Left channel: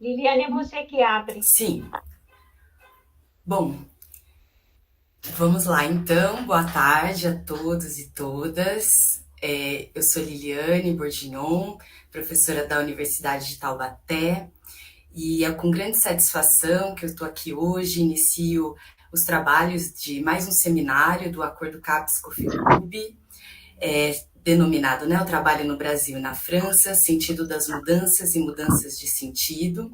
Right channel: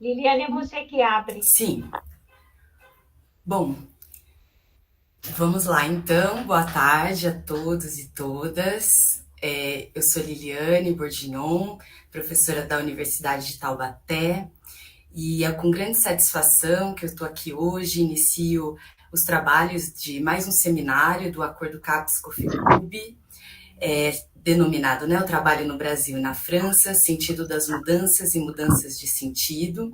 Liliane, é você que abre. Sim. Bom, vamos lá então. Boa tarde a todos e todas. Eu sou Liliane Bordignon, professora da Universidade de Taubaté, e é com grande satisfação que eu estou aqui hoje. Inicio os trabalhos de mais um seminário do Acordo CAPES-COFEPUB, denominado, né, o trabalho no Brasil e na França, sentido das mudanças e mudanças de sentido.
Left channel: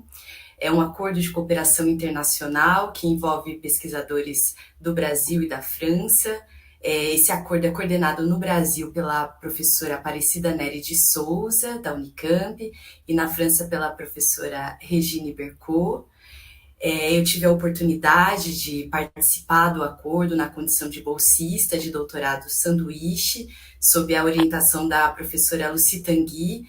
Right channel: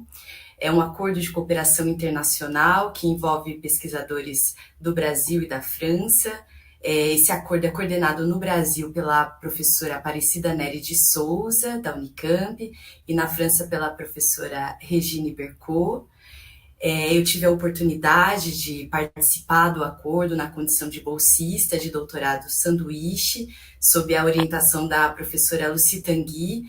É um acordo de cooperação internacional que envolve pesquisadores do Brasil e da França. Esse acordo é coordenado no Brasil pela professora Aparecida Nery de Souza, da Unicamp, e na França pela professora Regine Bercot. Eu tive a oportunidade de participar do acordo na condição de bolsista de doutorado sanduíche, sob a orientação da professora Lucy Tanguy,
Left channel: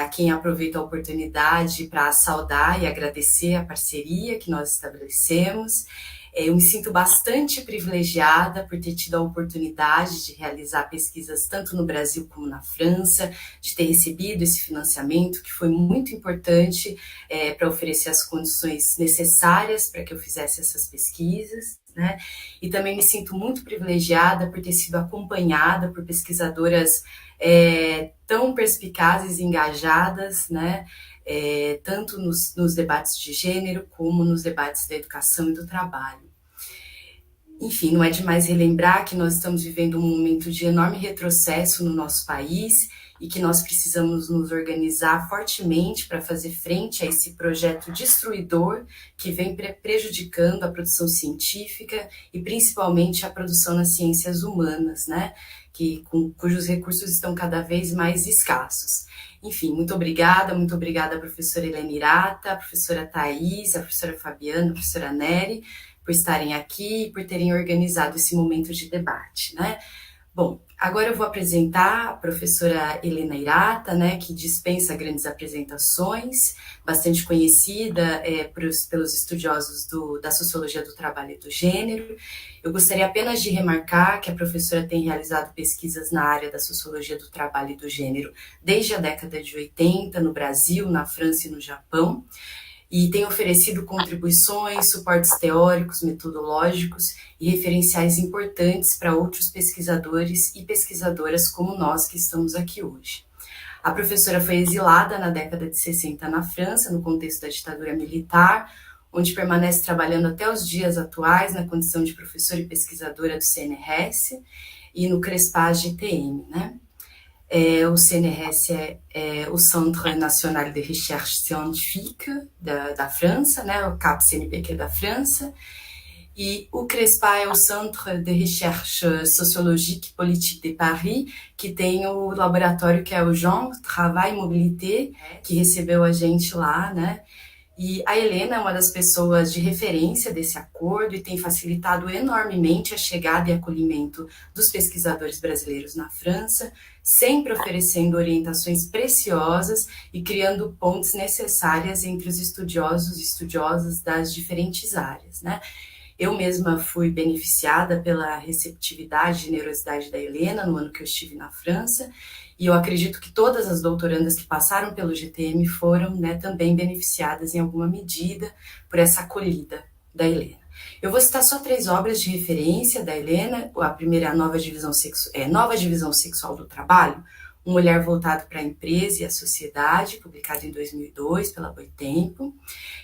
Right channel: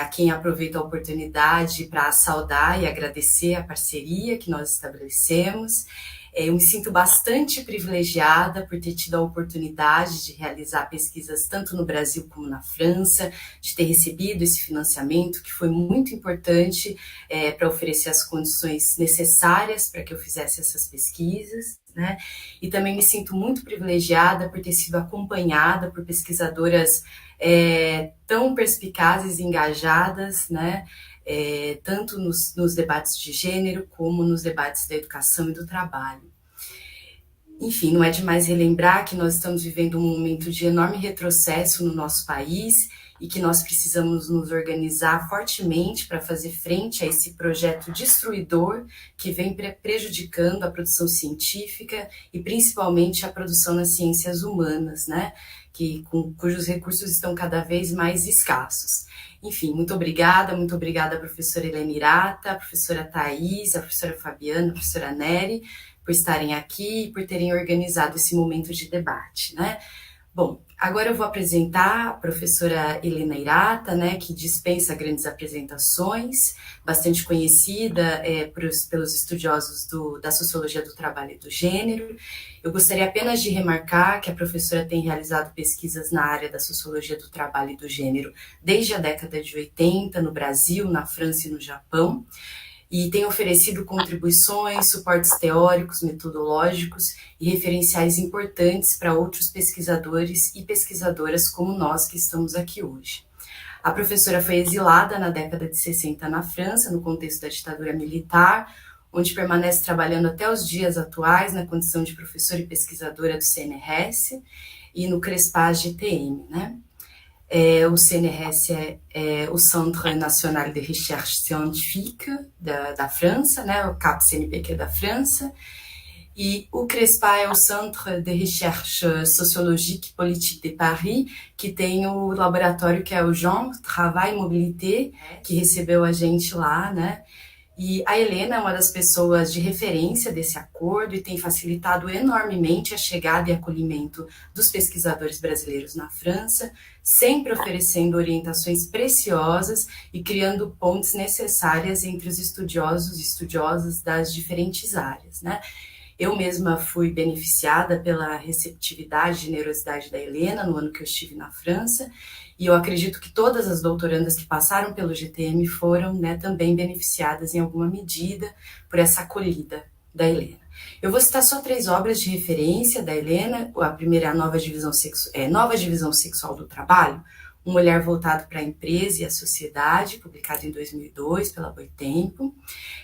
a quem aproveito a oportunidade para saudar e agradecer a parceria que nós estabelecemos. Eu me sinto bastante privilegiada por ter tido a oportunidade de realizar pesquisas tanto no Brasil como na França, de ter recebido esse financiamento, que foi muito importante para oferecer as condições necessárias para que eu fizesse essas pesquisas, né? E também me sinto muito privilegiada por ter sido acompanhada por pesquisadoras tão perspicazes e engajadas, né? Tanto nos debates de gênero como nos debates da educação e do trabalho. Enfim, não é demais relembrar que nós estamos vivendo um momento de enorme retrocesso no nosso país e que nós precisamos nos organizar fortemente para fazer frente a esse projeto destruidor que vem prejudicando a produção científica e principalmente a produção nas ciências humanas, né? Cujos recursos estão cada vez mais escassos. Enfim, muito obrigada, professora Helena Irata, a professora Thais, a professora Fabiana, a professora Nery, por estarem aqui e por terem organizado esse momento de debate, né? Bom, agora eu vou apresentar a professora Helena Irata, né, que dispensa grandes apresentações, bastante conhecida pelos estudiosos da sociologia do trabalho e do gênero. Eu gostaria apenas de remarcar que a professora tem realizado pesquisas na área da sociologia do trabalho e do gênero desde a década de 80, no Brasil, na França e no Japão, e tem oferecido contribuições, suportes teóricos, metodológicos e referenciais importantes para outros pesquisadores e pesquisadoras como nós que estamos aqui hoje. A professora foi exilada na década de 60 na França, no contexto da ditadura militar, onde permanece trabalhando até os dias atuais na condição de professora e pesquisadora do CNRS e no CRESPAS GTM, né? O CNRS o Centre National de Recherche Scientifique da França, né, o CAP-CNPq da França, e o CRESPA é o Centre de Recherche Sociologique et Politique de Paris, que tem o laboratório que é o Genre, Travail et Mobilité, que recebeu a gente lá, né? E a Helena é uma das pessoas de referência desse acordo e tem facilitado enormemente a chegada e acolhimento dos pesquisadores brasileiros na França, sempre oferecendo orientações preciosas e criando pontes necessárias entre os estudiosos e estudiosas das diferentes áreas, né? Eu mesma fui beneficiada pela receptividade e generosidade da Helena no ano que eu estive na França, e eu acredito que todas as doutorandas que passaram pelo GTM foram, né, também beneficiadas em alguma medida por essa acolhida da Helena. Eu vou citar só 3 obras de referência da Helena. A primeira é a Nova Divisão Sexual do Trabalho, um olhar voltado para a empresa e a sociedade, publicado em 2002 pela Boitempo.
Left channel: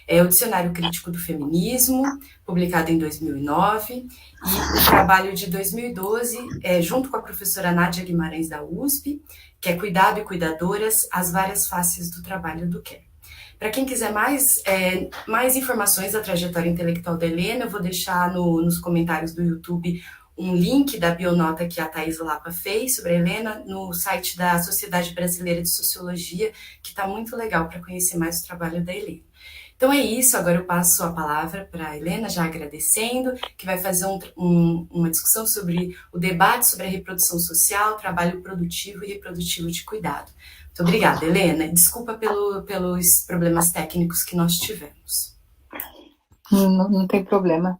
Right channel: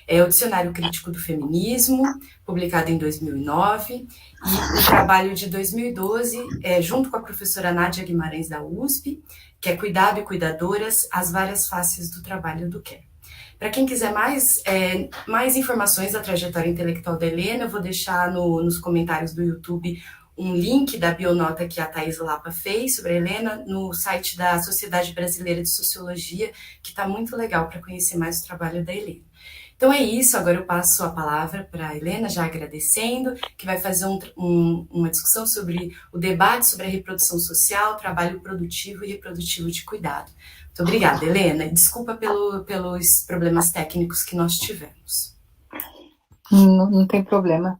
O Dicionário Crítico do Feminismo, publicado em 2009, e o trabalho de 2012, junto com a professora Nádia Guimarães da USP, que é Cuidado e Cuidadoras, as várias faces do trabalho do care. Para quem quiser mais informações da trajetória intelectual da Helena, eu vou deixar nos comentários do YouTube um link da bionota que a Thais Lapa fez sobre a Helena no site da Sociedade Brasileira de Sociologia, que está muito legal para conhecer mais o trabalho da Helena. Então é isso, agora eu passo a palavra para a Helena, já agradecendo, que vai fazer uma discussão sobre o debate sobre a reprodução social, trabalho produtivo e reprodutivo de cuidado. Muito obrigada, Helena. Desculpa pelos problemas técnicos que nós tivemos. Não tem problema.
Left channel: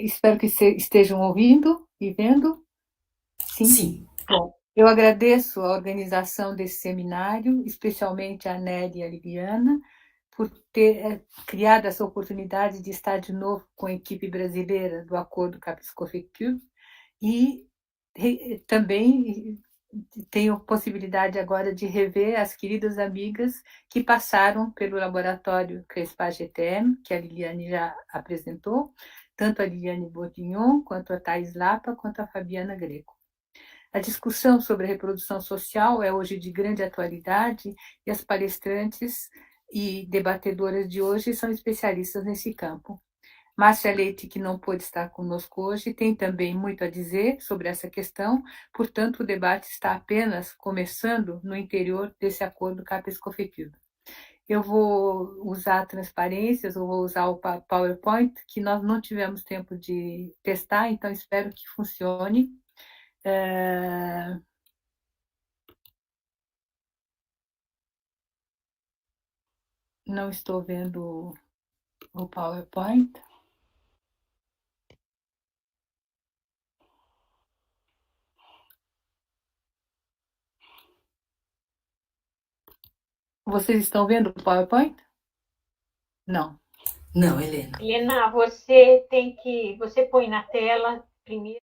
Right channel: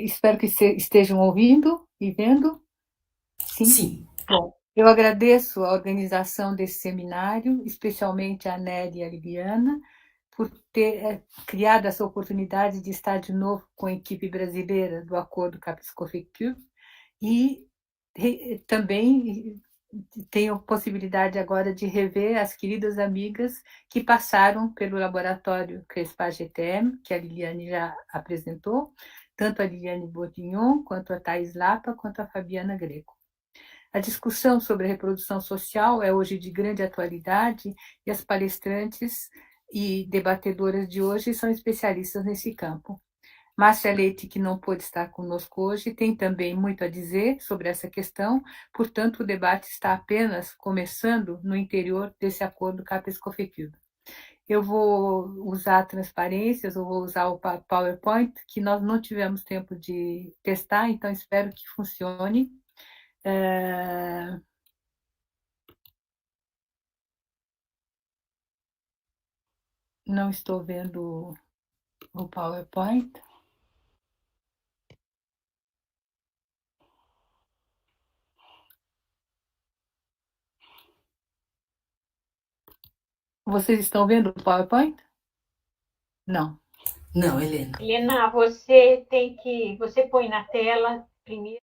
Espero que estejam ouvindo e vendo. Sim? Sim. Bom, eu agradeço a organização desse seminário, especialmente a Nélia e a Liliana, por ter criado essa oportunidade de estar de novo com a equipe brasileira do Acordo Capes-Cofecube e também tenho a possibilidade agora de rever as queridas amigas que passaram pelo laboratório CRESPAR-GTM, que a Liliane já apresentou, tanto a Liliane Bourguignon, quanto a Thais Lapa, quanto a Fabiana Greco. A discussão sobre a reprodução social é hoje de grande atualidade e as palestrantes e debatedoras de hoje são especialistas nesse campo. Márcia Leite, que não pôde estar conosco hoje, tem também muito a dizer sobre essa questão, portanto, o debate está apenas começando no interior desse acordo CAPES-COFECUB. Eu vou usar transparências, eu vou usar o PowerPoint, que nós não tivemos tempo de testar, então espero que funcione. Não estou vendo o PowerPoint. Vocês estão vendo o PowerPoint? Não. Não, Helena. Helena, você põe na tela primeiro.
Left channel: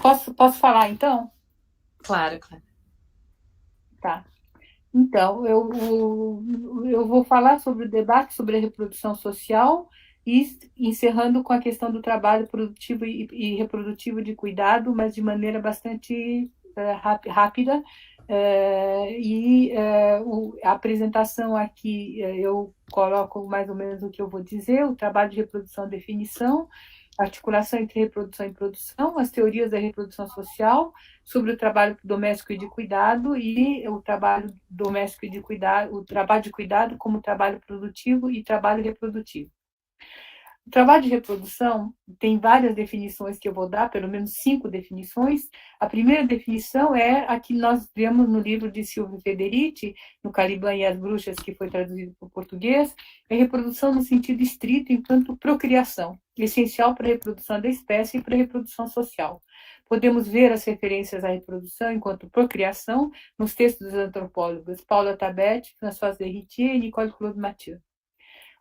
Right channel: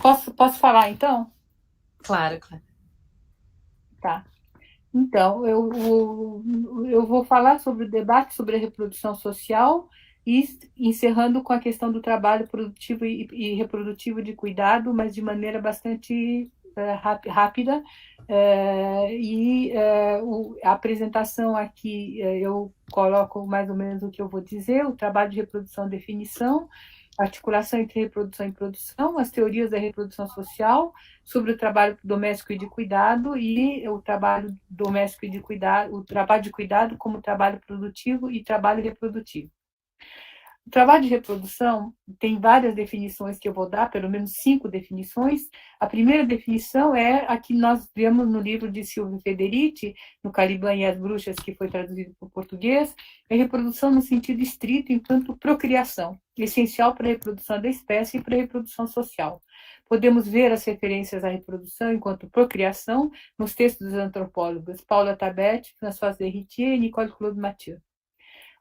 Posso falar, então? Claro, claro. Tá. Então, eu vou falar sobre o debate sobre a reprodução social e encerrando com a questão do trabalho produtivo e reprodutivo de cuidado, mas de maneira bastante rápida. A apresentação aqui, eu coloco mais ou menos o que eu vou dizer: o trabalho de reprodução, definição, articulação entre reprodução e produção, as teorias da reprodução social, sobre o trabalho doméstico e de cuidado e o trabalho doméstico e de cuidado, o trabalho de cuidado como trabalho produtivo e trabalho reprodutivo. O trabalho de reprodução tem várias definições que eu vou dar, pelo menos 5 definições. A primeira definição é a que nós vemos no livro de Silvio Federici, no Caliban e as Bruxas, que foi traduzido para o português, é reprodução no sentido estrito, enquanto procriação, essencial para a reprodução da espécie e para a reprodução social. Podemos ver as referências à reprodução enquanto procriação nos textos dos antropólogos Paula Tabet, Françoise Derritier e Nicole Claude Mathieu.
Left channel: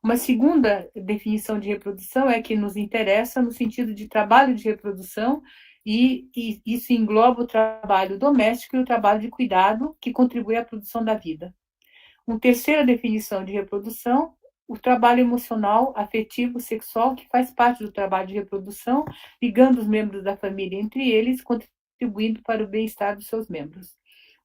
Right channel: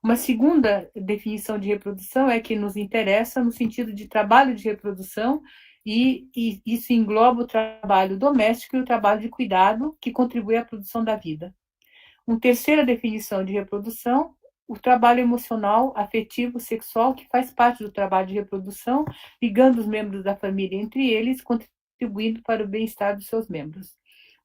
Uma segunda definição de reprodução é que nos interessa no sentido de trabalho de reprodução e isso engloba o trabalho doméstico e o trabalho de cuidado que contribui à produção da vida. Uma terceira definição de reprodução, o trabalho emocional, afetivo, sexual, que faz parte do trabalho de reprodução, ligando os membros da família entre eles, contribuindo para o bem-estar dos seus membros.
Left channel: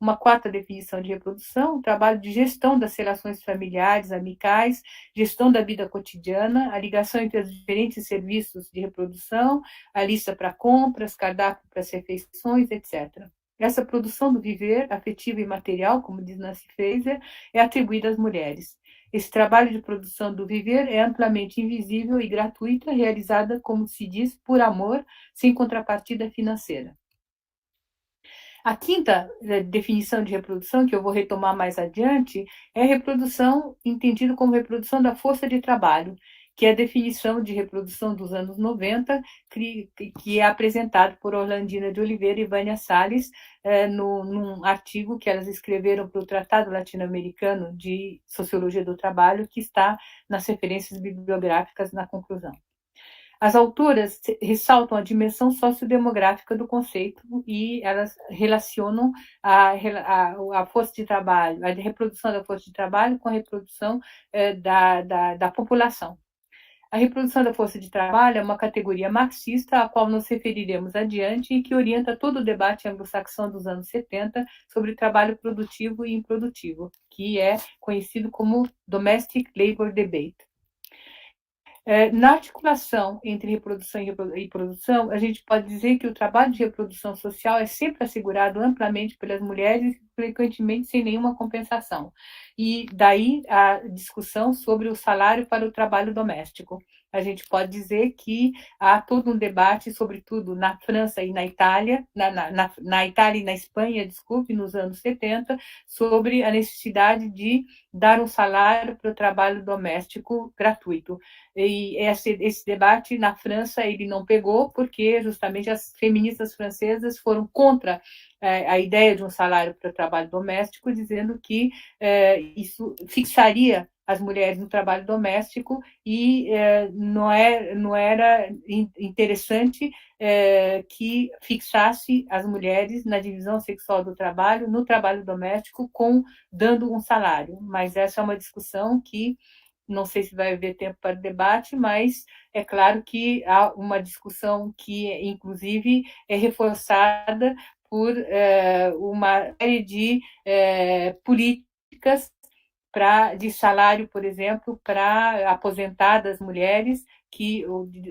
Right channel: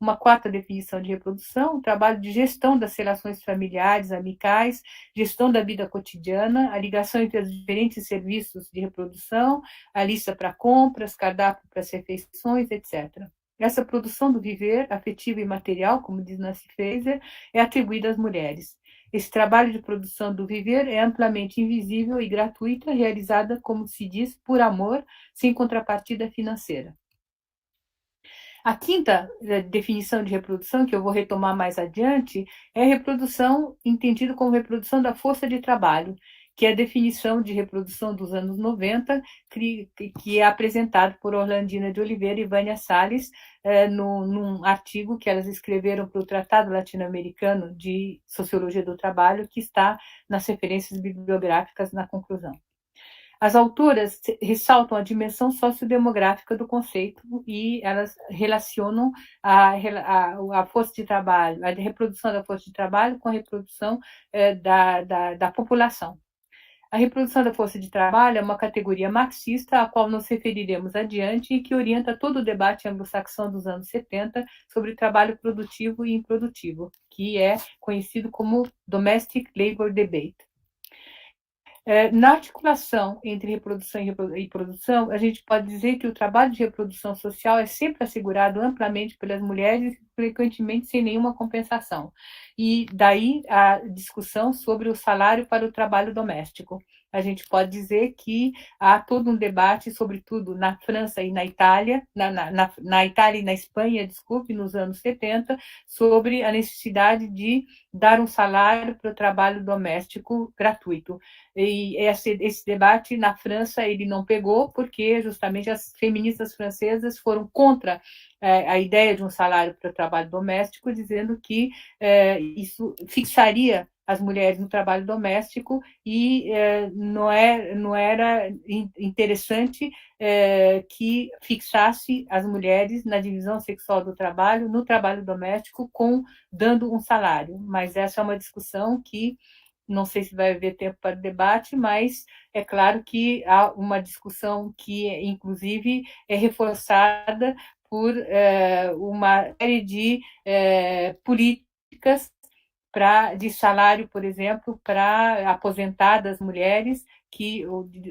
Uma quarta definição de reprodução, o trabalho de gestão das relações familiares, amicais, gestão da vida cotidiana, a ligação entre os diferentes serviços de reprodução, a lista para compras, cardápio para as refeições, etc. Essa produção do viver, afetivo e material, como diz Nancy Fraser, é atribuída às mulheres. Esse trabalho de produção do viver é amplamente invisível e gratuita, realizada, como se diz, por amor, sem contrapartida financeira. A quinta definição de reprodução, que eu vou retomar mais adiante, é reprodução entendido como reprodução da força de trabalho, que é a definição de reprodução dos anos 90, que é apresentado por Orlandina de Oliveira e Vânia Salles, num artigo que elas escreveram para o Tratado Latino-Americano de Sociologia do Trabalho, que está nas referências bibliográficas na conclusão. As autoras ressaltam a dimensão sociodemográfica do conceito e elas relacionam a força de trabalho, a reprodução da força de trabalho com a reprodução da população. A reprodução da força de trabalho é uma categoria marxista, a qual nos referiremos adiante e que orienta todo o debate anglo-saxão dos anos 70 sobre trabalho produtivo e improdutivo, que é conhecido como Domestic Labor Debate. Na articulação entre reprodução e produção, a gente pode dizer que o trabalho de reprodução social é sempre assegurado amplamente pelas mulheres, frequentemente sem nenhuma compensação. E daí a discussão sobre o salário para o trabalho doméstico. A gente pode dizer que há todo um debate, sobretudo na França e na Itália, na Itália e na Espanha, desculpe, nos anos 70, sobre a necessidade de dar um salário para o trabalho doméstico gratuito. E esse debate na França ele não pegou porque justamente as feministas francesas foram contra a ideia de um salário para o trabalho doméstico, dizendo que isso fixaria as mulheres no trabalho doméstico e não era interessante que fixasse as mulheres na divisão sexual do trabalho, no trabalho doméstico, dando um salário. Mas essa é uma discussão que não sei se vai haver tempo para debate, mas é claro que há uma discussão que, inclusive, é reforçada por uma série de políticas de salário, por exemplo, para aposentadas mulheres,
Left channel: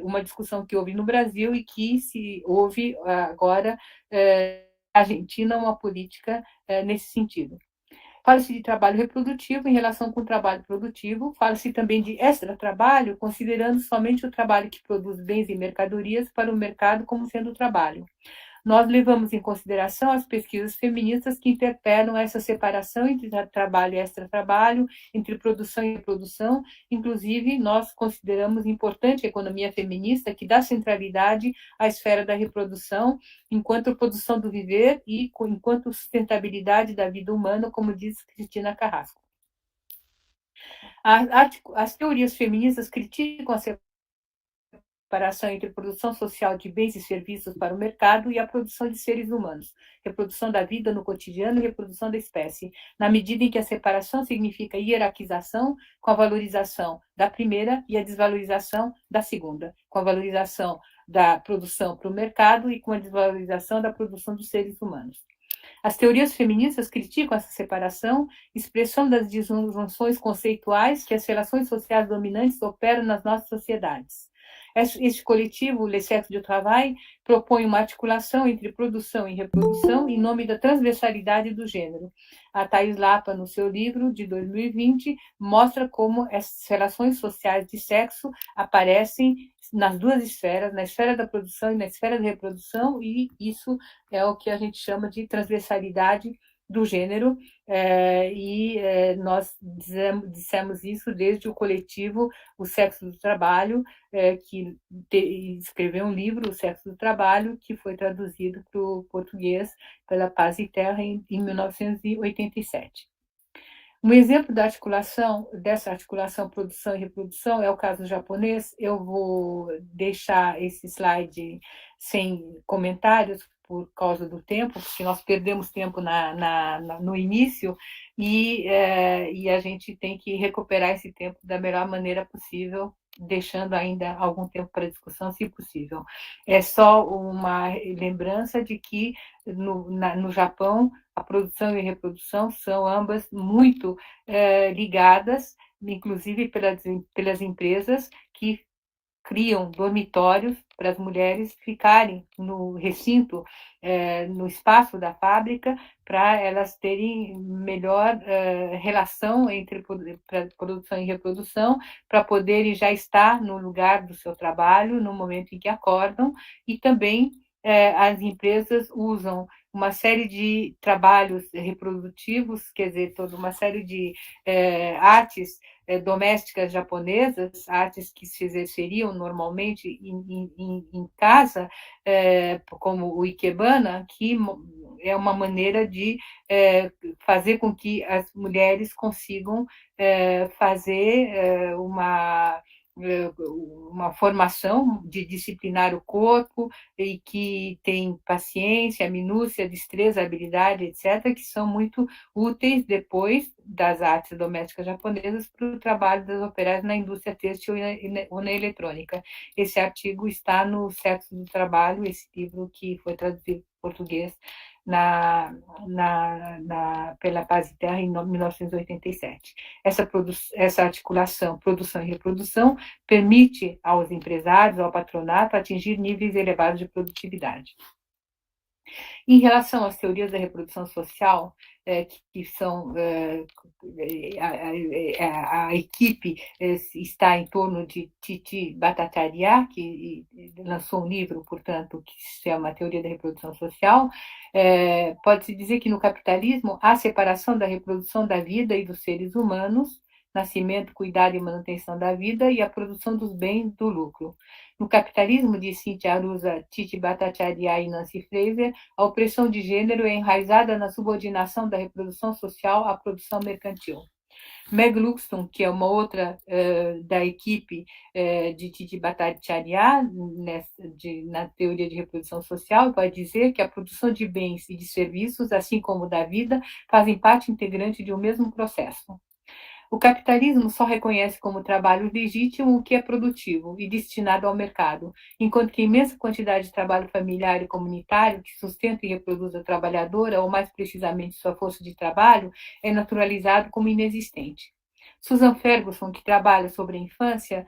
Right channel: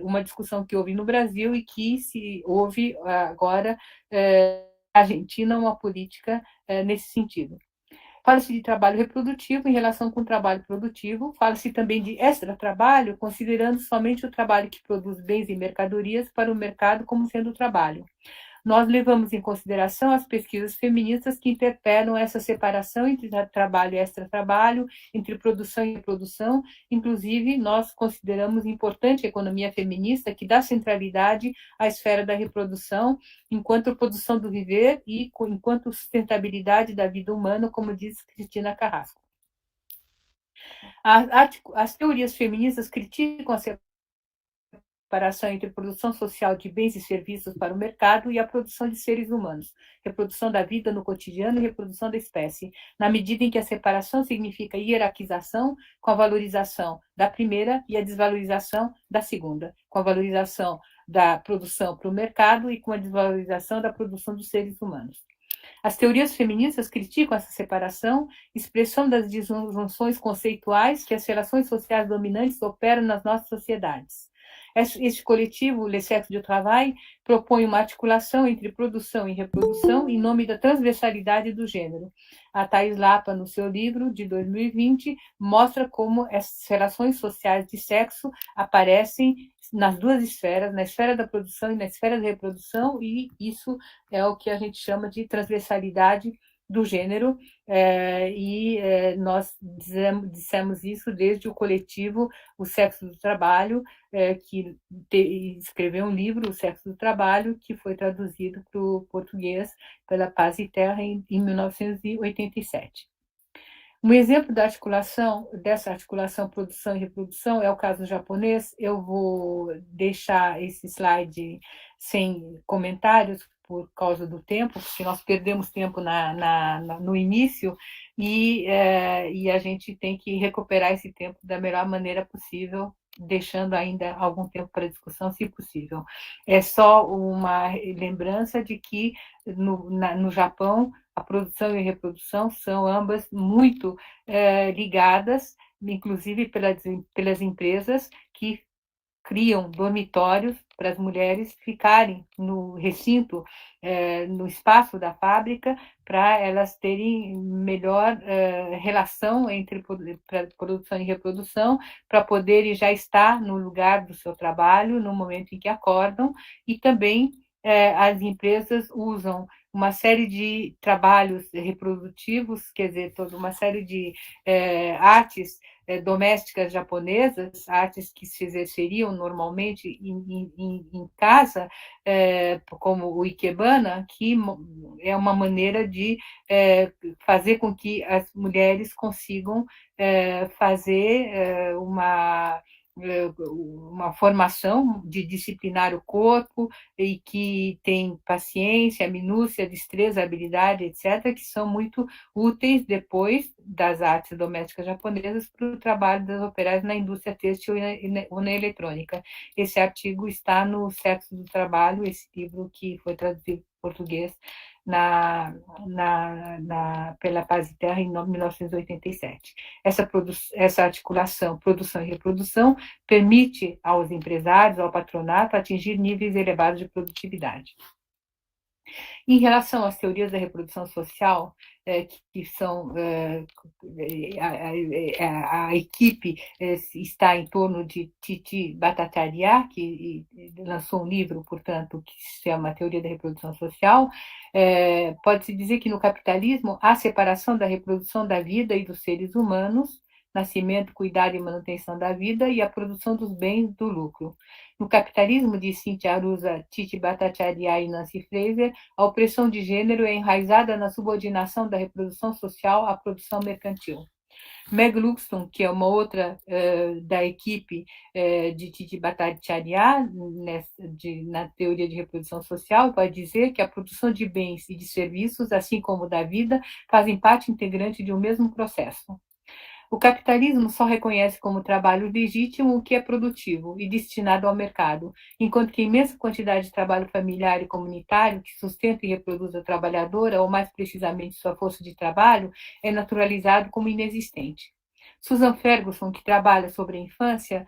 uma discussão que houve no Brasil e que se houve agora na Argentina uma política nesse sentido. Fala-se de trabalho reprodutivo em relação com o trabalho produtivo, fala-se também de extratrabalho, considerando somente o trabalho que produz bens e mercadorias para o mercado como sendo trabalho. Nós levamos em consideração as pesquisas feministas que interpelam essa separação entre trabalho e extratrabalho, entre produção e reprodução. Inclusive, nós consideramos importante a economia feminista, que dá centralidade à esfera da reprodução, enquanto produção do viver e enquanto sustentabilidade da vida humana, como diz Cristina Carrasco. As teorias feministas criticam a separação entre produção social de bens e serviços para o mercado e a produção de seres humanos, reprodução da vida no cotidiano e reprodução da espécie, na medida em que a separação significa hierarquização, com a valorização da primeira e a desvalorização da segunda, com a valorização da produção para o mercado e com a desvalorização da produção dos seres humanos. As teorias feministas criticam essa separação, expressão das disjunções conceituais que as relações sociais dominantes operam nas nossas sociedades. Este coletivo, Le Sexe du Travail, propõe uma articulação entre produção e reprodução em nome da transversalidade do gênero. A Thais Lapa, no seu livro de 2020, mostra como essas relações sociais de sexo aparecem nas duas esferas, na esfera da produção e na esfera da reprodução, e isso é o que a gente chama de transversalidade do gênero, nós dissemos isso desde o coletivo O Sexo do Trabalho, que escreveu um livro, O Sexo do Trabalho, que foi traduzido para o português pela Paz e Terra em 1987. Um exemplo dessa articulação produção e reprodução é o caso japonês. Eu vou deixar esse slide sem comentários por causa do tempo, porque nós perdemos tempo no início e a gente tem que recuperar esse tempo da melhor maneira possível, deixando ainda algum tempo para discussão, se possível. É só uma lembrança de que no Japão a produção e a reprodução são ambas muito ligadas, inclusive pelas empresas que criam dormitórios para as mulheres ficarem no recinto, no espaço da fábrica, para elas terem melhor relação entre produção e reprodução, para poderem já estar no lugar do seu trabalho no momento em que acordam, e também as empresas usam uma série de trabalhos reprodutivos, quer dizer, toda uma série de artes domésticas japonesas, artes que se exerceriam normalmente em casa, como o ikebana, que é uma maneira de fazer com que as mulheres consigam fazer uma formação de disciplinar o corpo e que tem paciência, minúcia, destreza, habilidade, etc., que são muito úteis depois das artes domésticas japonesas para o trabalho das operárias na indústria têxtil ou na eletrônica. Esse artigo está no Sexo do Trabalho, esse livro que foi traduzido para português pela Paz e Terra em 1987. Essa articulação, produção e reprodução, permite aos empresários, ao patronato, atingir níveis elevados de produtividade. Em relação às teorias da reprodução social, que são a equipe está em torno de Titi Bhattacharya, que lançou um livro, portanto, que se chama Teoria da Reprodução Social. Pode-se dizer que no capitalismo há separação da reprodução da vida e dos seres humanos, nascimento, cuidado e manutenção da vida, e a produção dos bens do lucro. No capitalismo, de Cynthia Arusa, Titi Bhattacharya e Nancy Fraser, a opressão de gênero é enraizada na subordinação da reprodução social à produção mercantil. Meg Luxton, que é uma outra da equipe de Titi Bhattacharya, na teoria de reprodução social, vai dizer que a produção de bens e de serviços, assim como da vida, fazem parte integrante de um mesmo processo. O capitalismo só reconhece como trabalho legítimo o que é produtivo e destinado ao mercado, enquanto que a imensa quantidade de trabalho familiar e comunitário que sustenta e reproduz a trabalhadora, ou mais precisamente sua força de trabalho, é naturalizado como inexistente. Susan Ferguson, que trabalha sobre a infância,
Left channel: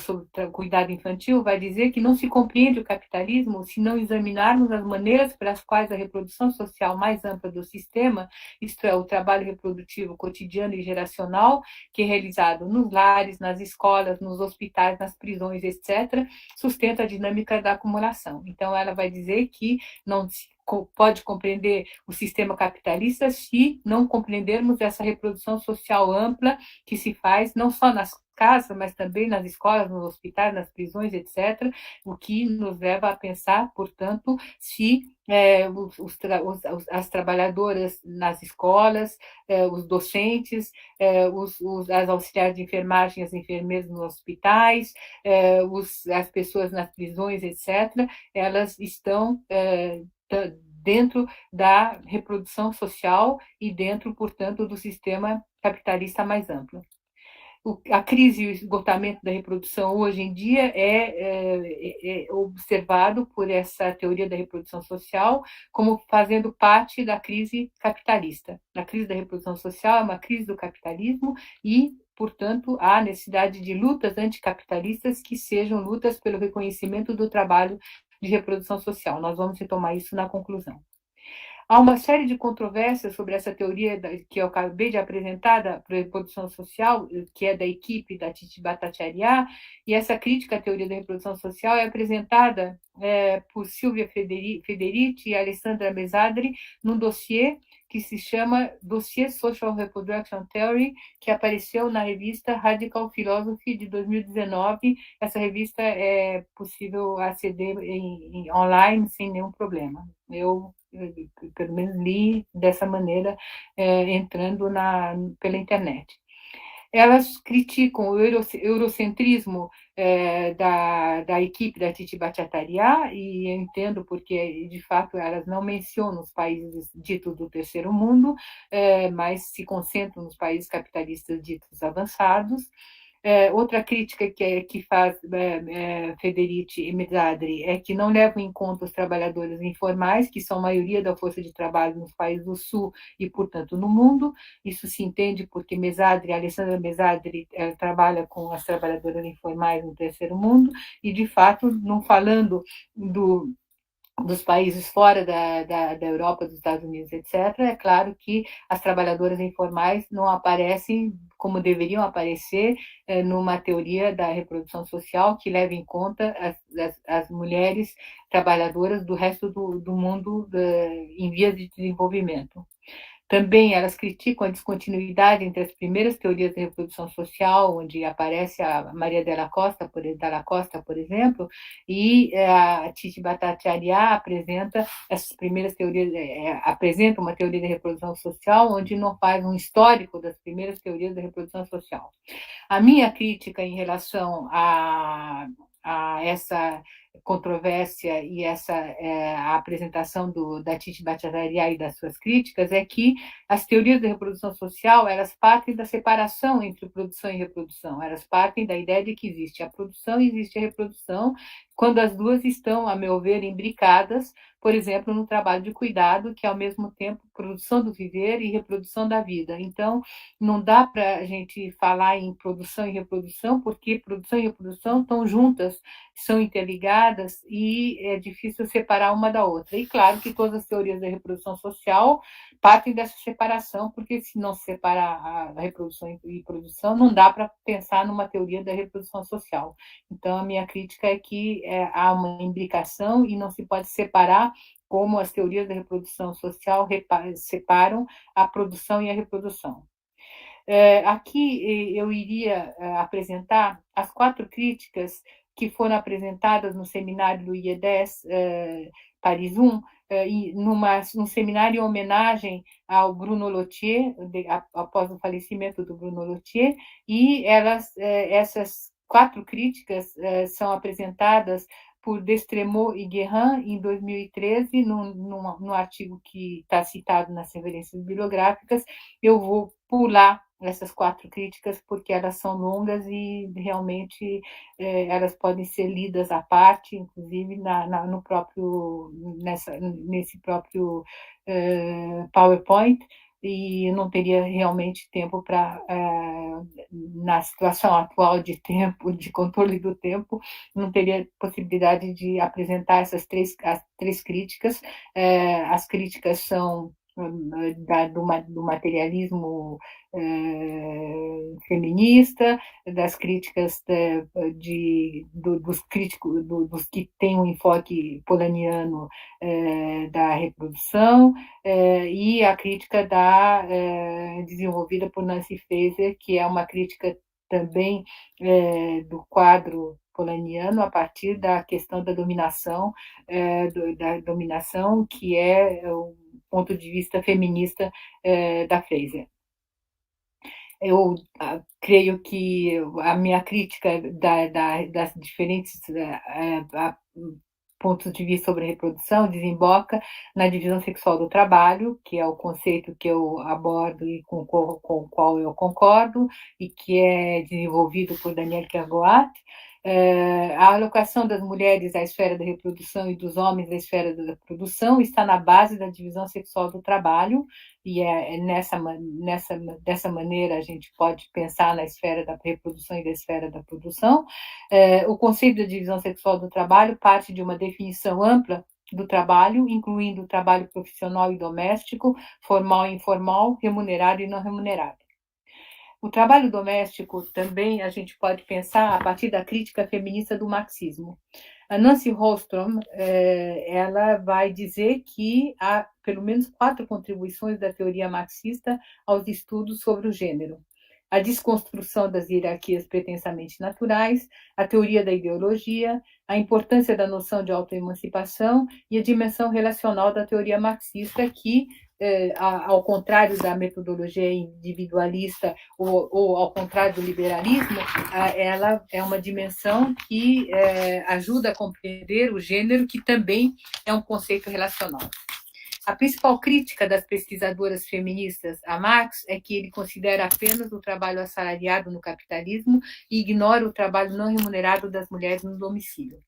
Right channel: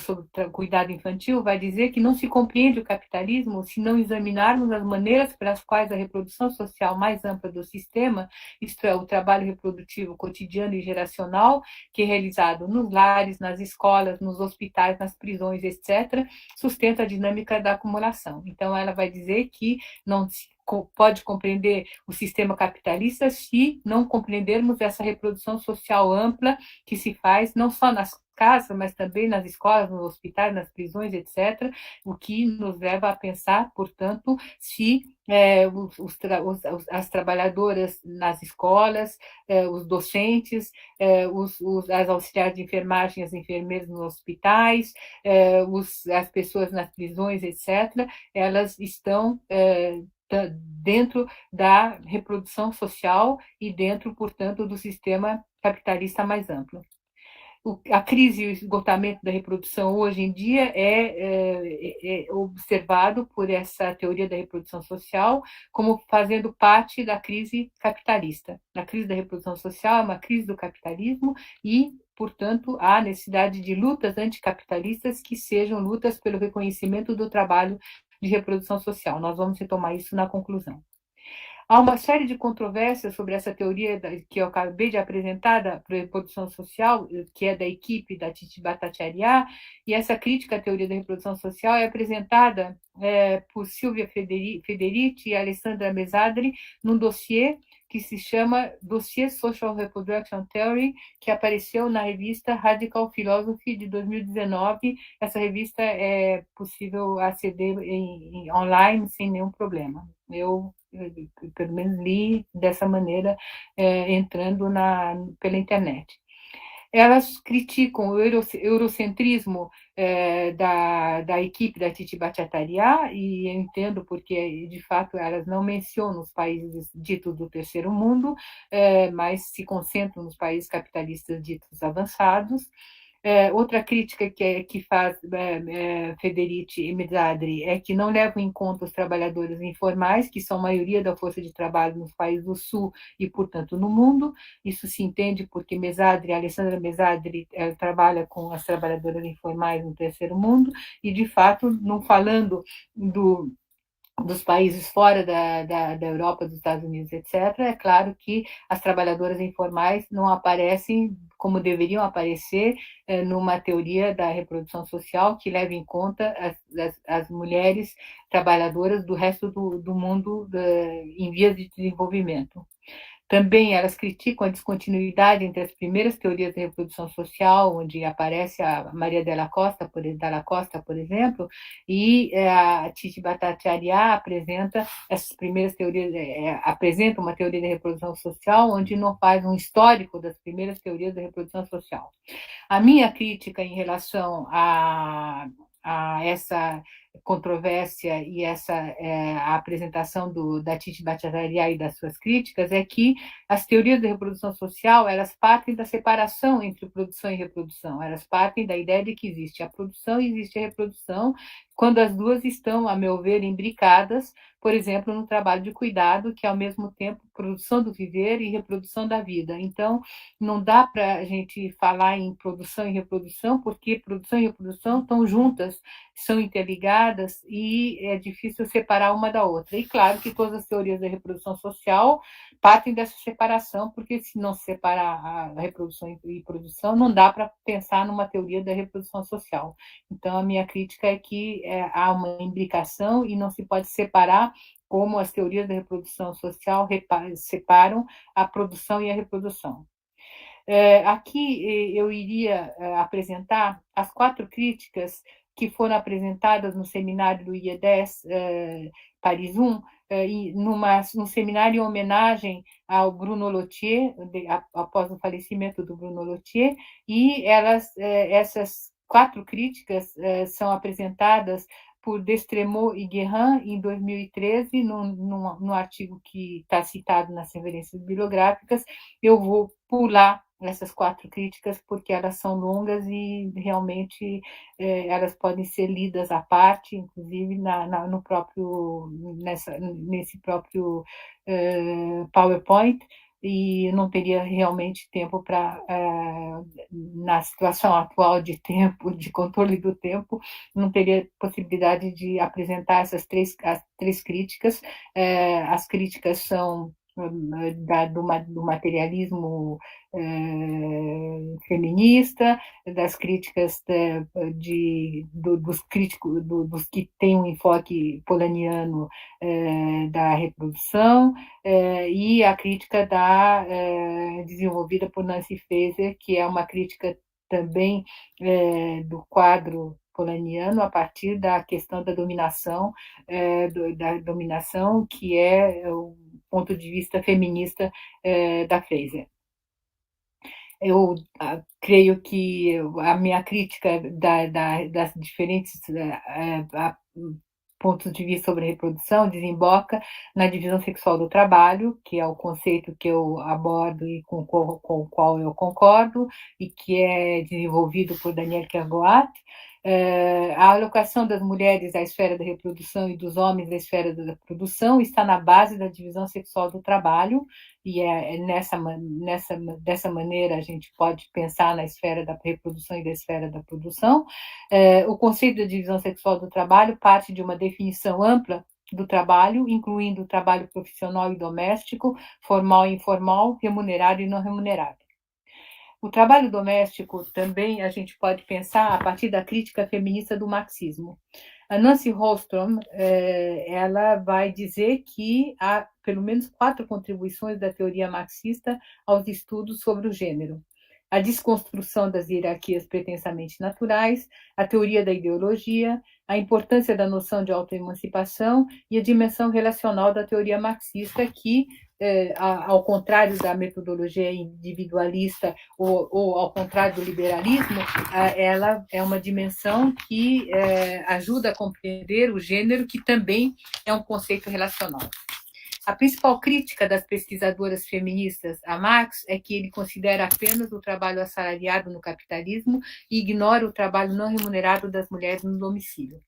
sobre o cuidado infantil, vai dizer que não se compreende o capitalismo se não examinarmos as maneiras pelas quais a reprodução social mais ampla do sistema, isto é, o trabalho reprodutivo cotidiano e geracional, que é realizado nos lares, nas escolas, nos hospitais, nas prisões, etc., sustenta a dinâmica da acumulação. Então, ela vai dizer que não se pode compreender o sistema capitalista se não compreendermos essa reprodução social ampla que se faz não só nas casas, mas também nas escolas, nos hospitais, nas prisões, etc., o que nos leva a pensar, portanto, se as trabalhadoras nas escolas, os docentes, as auxiliares de enfermagem, as enfermeiras nos hospitais, as pessoas nas prisões, etc., elas estão dentro da reprodução social e dentro, portanto, do sistema capitalista mais amplo. A crise e o esgotamento da reprodução hoje em dia é observado por essa teoria da reprodução social como fazendo parte da crise capitalista. A crise da reprodução social é uma crise do capitalismo e, portanto, há necessidade de lutas anticapitalistas que sejam lutas pelo reconhecimento do trabalho de reprodução social. Nós vamos retomar isso na conclusão. Há uma série de controvérsias sobre essa teoria que eu acabei de apresentar da reprodução social, que é da equipe da Titi Bhattacharya, e essa crítica à teoria da reprodução social é apresentada por Silvia Federici e Alessandra Mesadri num dossiê que se chama Dossier Social Reproduction Theory, que apareceu na revista Radical Philosophy de 2019. Essa revista é possível aceder online sem nenhum problema. Eu pelo menos li dessa maneira, entrando pela internet. Elas criticam o eurocentrismo da equipe da Titi Bhattacharya, e eu entendo porque, de fato, elas não mencionam os países ditos do terceiro mundo, mas se concentram nos países capitalistas ditos avançados. Outra crítica que faz Federici e Mezzadri é que não levam em conta os trabalhadores informais, que são a maioria da força de trabalho nos países do Sul e, portanto, no mundo. Isso se entende porque Alessandra Mezzadri, trabalha com as trabalhadoras informais no terceiro mundo e, de fato, não falando dos países fora da Europa, dos Estados Unidos, etc., é claro que as trabalhadoras informais não aparecem como deveriam aparecer numa teoria da reprodução social que leve em conta as mulheres trabalhadoras do resto do mundo em vias de desenvolvimento. Também elas criticam a descontinuidade entre as primeiras teorias da reprodução social, onde aparece a Maria Della Costa, por exemplo, e a Titi Bhattacharya apresenta essas primeiras teorias, apresenta uma teoria da reprodução social, onde não faz um histórico das primeiras teorias da reprodução social. A minha crítica em relação a essa controvérsia e a apresentação da Titi Bhattacharya e das suas críticas é que as teorias da reprodução social, elas partem da separação entre produção e reprodução, elas partem da ideia de que existe a produção e existe a reprodução, quando as duas estão, a meu ver, imbricadas, por exemplo, no trabalho de cuidado, que é ao mesmo tempo produção do viver e reprodução da vida. Então, não dá para a gente falar em produção e reprodução, porque produção e reprodução estão juntas, são interligadas e é difícil separar uma da outra. E claro que todas as teorias da reprodução social partem dessa separação, porque se não separar a reprodução e produção, não dá para pensar numa teoria da reprodução social. Então, a minha crítica é que há uma imbricação e não se pode separar como as teorias da reprodução social separam a produção e a reprodução. Aqui eu iria apresentar as 4 críticas que foram apresentadas no seminário do IE10 Paris 1, num seminário em homenagem ao Bruno Lottier, após o falecimento do Bruno Lottier, e essas 4 críticas são apresentadas por Destremaux e Guérin em 2013, num artigo que está citado nas referências bibliográficas. Eu vou pular essas 4 críticas porque elas são longas e realmente elas podem ser lidas à parte, inclusive nesse próprio PowerPoint, e não teria realmente tempo para, na situação atual de tempo, de controle do tempo, não teria possibilidade de apresentar as três críticas. As críticas são do materialismo feminista, das críticas dos críticos, dos que têm um enfoque polanyiano da reprodução, e a crítica desenvolvida por Nancy Fraser, que é uma crítica também do quadro polanyiano a partir da questão da dominação, que é o ponto de vista feminista da Fraser. Eu creio que a minha crítica das diferentes pontos de vista sobre a reprodução desemboca na divisão sexual do trabalho, que é o conceito que eu abordo e com o qual eu concordo, e que é desenvolvido por Daniel Kergoat. A alocação das mulheres à esfera da reprodução e dos homens à esfera da produção está na base da divisão sexual do trabalho, e dessa maneira a gente pode pensar na esfera da reprodução e da esfera da produção. O conceito da divisão sexual do trabalho parte de uma definição ampla do trabalho, incluindo o trabalho profissional e doméstico, formal e informal, remunerado e não remunerado. O trabalho doméstico também a gente pode pensar a partir da crítica feminista do marxismo. A Nancy Holmstrom, ela vai dizer que há pelo menos 4 contribuições da teoria marxista aos estudos sobre o gênero: a desconstrução das hierarquias pretensamente naturais, a teoria da ideologia, a importância da noção de autoemancipação e a dimensão relacional da teoria marxista, que, ao contrário da metodologia individualista ou ao contrário do liberalismo, ela é uma dimensão que ajuda a compreender o gênero, que também é um conceito relacional. A principal crítica das pesquisadoras feministas a Marx é que ele considera apenas o trabalho assalariado no capitalismo e ignora o trabalho não remunerado das mulheres no domicílio.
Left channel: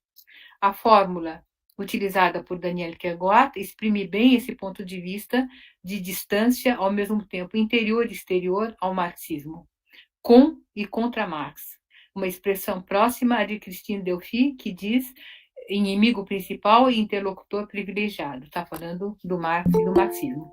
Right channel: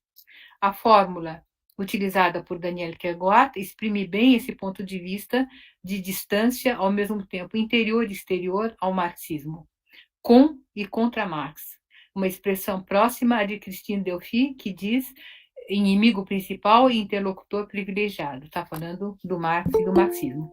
A fórmula utilizada por Daniel Kergoat exprime bem esse ponto de vista de distância, ao mesmo tempo interior e exterior ao marxismo, com e contra Marx. Uma expressão próxima à de Christine Delphi, que diz inimigo principal e interlocutor privilegiado. Está falando do Marx e do marxismo.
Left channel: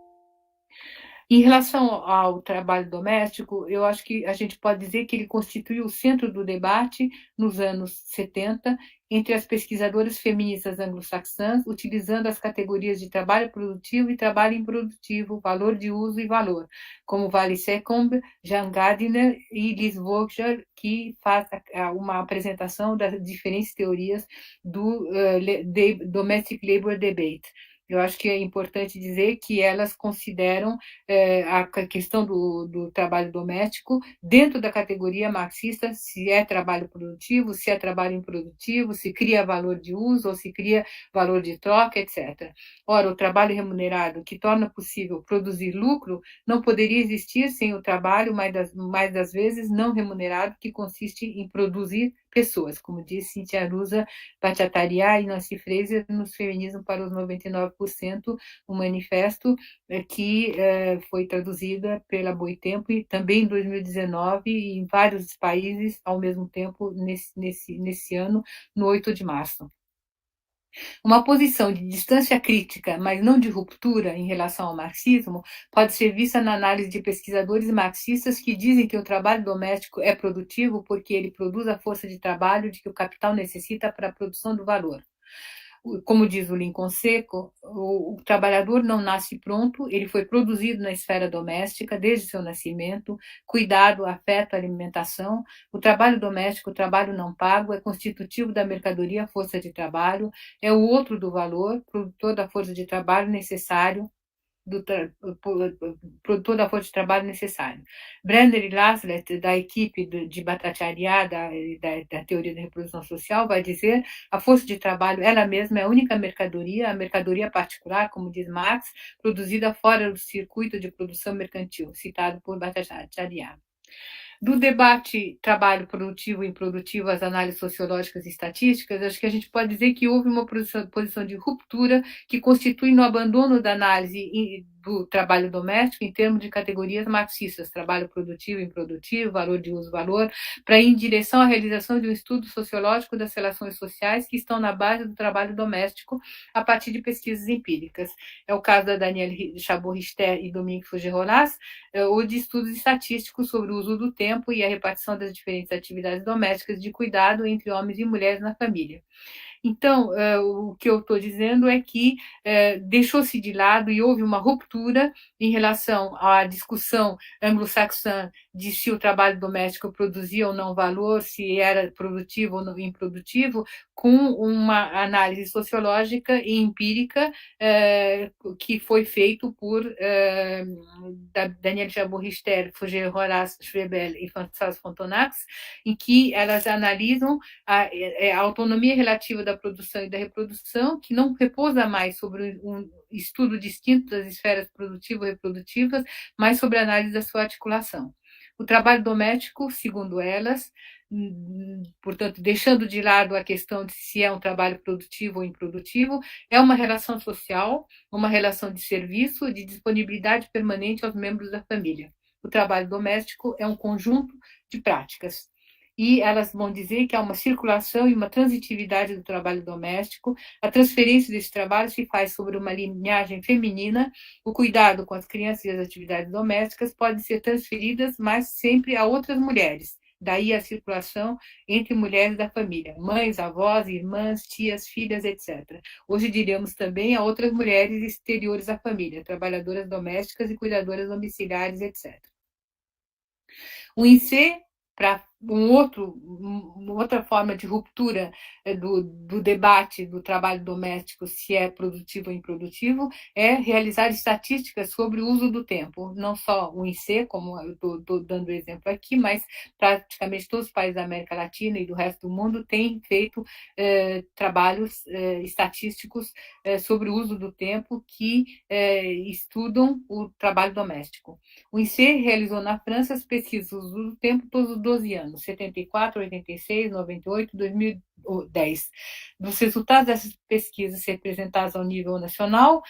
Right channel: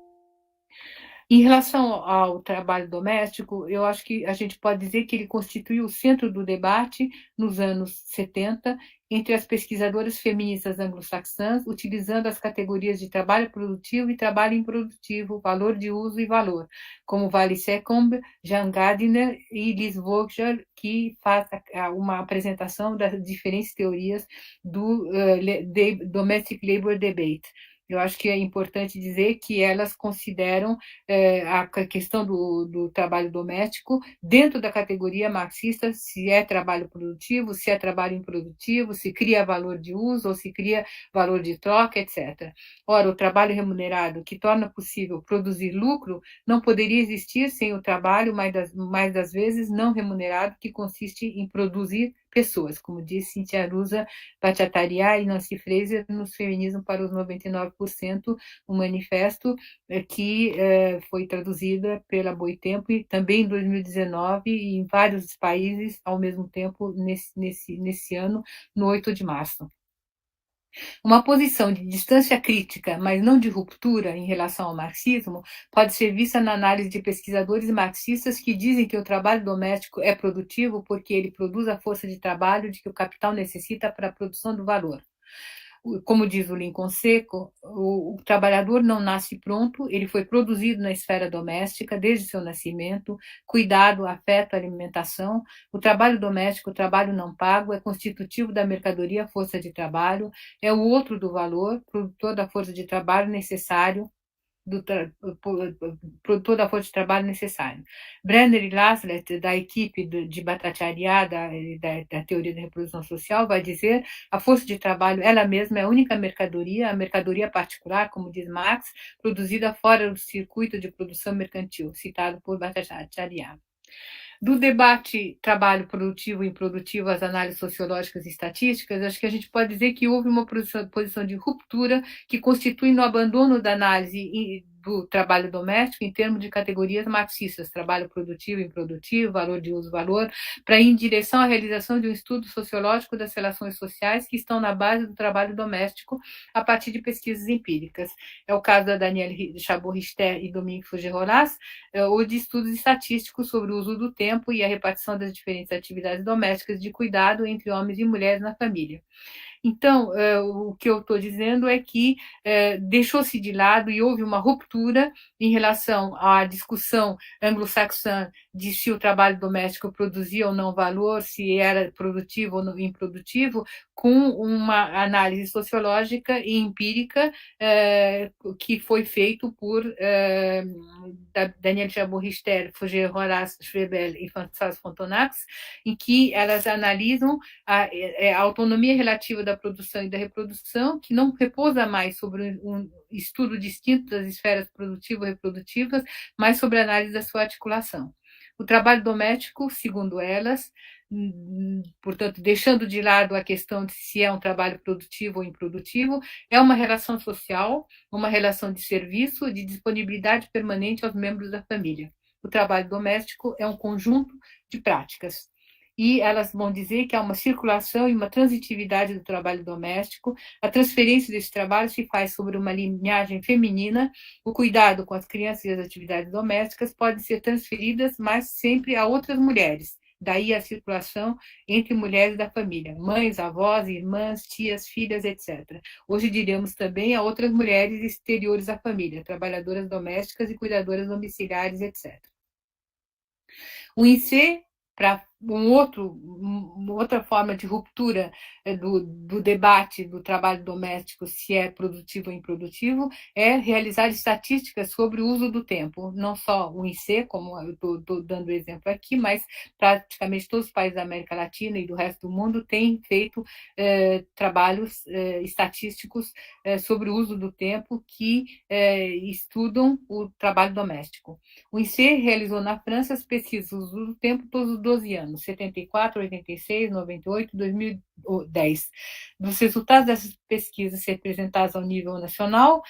Em relação ao trabalho doméstico, eu acho que a gente pode dizer que ele constituiu o centro do debate nos anos 70 entre as pesquisadoras feministas anglo-saxãs, utilizando as categorias de trabalho produtivo e trabalho improdutivo, valor de uso e valor, como Vali Seccombe, Jean Gardiner e Liz Vogler, que faz uma apresentação das diferentes teorias do Domestic Labor Debate. Eu acho que é importante dizer que elas consideram a questão do trabalho doméstico dentro da categoria marxista, se é trabalho produtivo, se é trabalho improdutivo, se cria valor de uso ou se cria valor de troca, etc. Ora, o trabalho remunerado, que torna possível produzir lucro, não poderia existir sem o trabalho, mais das vezes, não remunerado, que consiste em produzir pessoas, como disse Cynthia Arusa Bhattacharya e Nancy Fraser nos Feminismo para os 99%, um manifesto que foi traduzida pela Boitempo e também em 2019 e em vários países ao mesmo tempo nesse ano, no 8 de março. Uma posição de distância crítica, mas não de ruptura em relação ao marxismo, pode ser vista na análise de pesquisadores marxistas que dizem que o trabalho doméstico é produtivo porque ele produz a força de trabalho de que o capital necessita para a produção do valor. Como diz o Lincoln Seco, o trabalhador não nasce pronto, ele foi produzido na esfera doméstica desde seu nascimento, cuidado, afeto, alimentação. O trabalho doméstico, o trabalho não pago, é constitutivo da mercadoria força de trabalho, é o outro do valor, produtor da força de trabalho necessário, produtor da força de trabalho necessário. Brenner e Laslett, da equipe de Bhattacharya, da teoria da reprodução social, vai dizer a força de trabalho, ela mesma é a única mercadoria, a mercadoria particular, como diz Marx, produzida fora do circuito de produção mercantil, citado por Bhattacharya. Do debate trabalho produtivo e improdutivo, as análises sociológicas e estatísticas, acho que a gente pode dizer que houve uma posição de ruptura que constitui no abandono da análise do trabalho doméstico em termos de categorias marxistas, trabalho produtivo e improdutivo, valor de uso, valor, para ir em direção à realização de um estudo sociológico das relações sociais que estão na base do trabalho doméstico a partir de pesquisas empíricas. É o caso da Danielle Chabot-Richter e Dominique Fougerolas, ou de estudos estatísticos sobre o uso do tempo e a repartição das diferentes atividades domésticas de cuidado entre homens e mulheres na família. Então, o que eu estou dizendo é que deixou-se de lado e houve uma ruptura em relação à discussão anglo-saxã de se o trabalho doméstico produzia ou não valor, se era produtivo ou não improdutivo, com uma análise sociológica e empírica que foi feito por Danielle Chabot-Richter, Fougerolas, Schwebel e Françoise Frontenac, em que elas analisam a autonomia relativa da produção e da reprodução, que não repousa mais sobre um estudo distinto das esferas produtivo-reprodutivas, mas sobre a análise da sua articulação. O trabalho doméstico, segundo elas, portanto, deixando de lado a questão de se é um trabalho produtivo ou improdutivo, é uma relação social, uma relação de serviço, de disponibilidade permanente aos membros da família. O trabalho doméstico é um conjunto de práticas. E elas vão dizer que há uma circulação e uma transitividade do trabalho doméstico. A transferência desse trabalho se faz sobre uma linhagem feminina. O cuidado com as crianças e as atividades domésticas pode ser transferidas, mas sempre a outras mulheres. Daí a circulação entre mulheres da família, mães, avós, irmãs, tias, filhas, etc. Hoje diríamos também a outras mulheres exteriores à família, trabalhadoras domésticas e cuidadoras domiciliares, etc. O INSEE, para uma outra forma de ruptura do debate do trabalho doméstico, se é produtivo ou improdutivo, é realizar estatísticas sobre o uso do tempo, não só o INSEE, como eu estou dando exemplo aqui, mas praticamente todos os países da América Latina e do resto do mundo têm feito trabalhos estatísticos sobre o uso do tempo que estudam o trabalho doméstico. O INSEE realizou na França as pesquisas do tempo todos os 12 anos, 74, 86, 98, 2010. Dos resultados dessas pesquisas representadas ao nível nacional,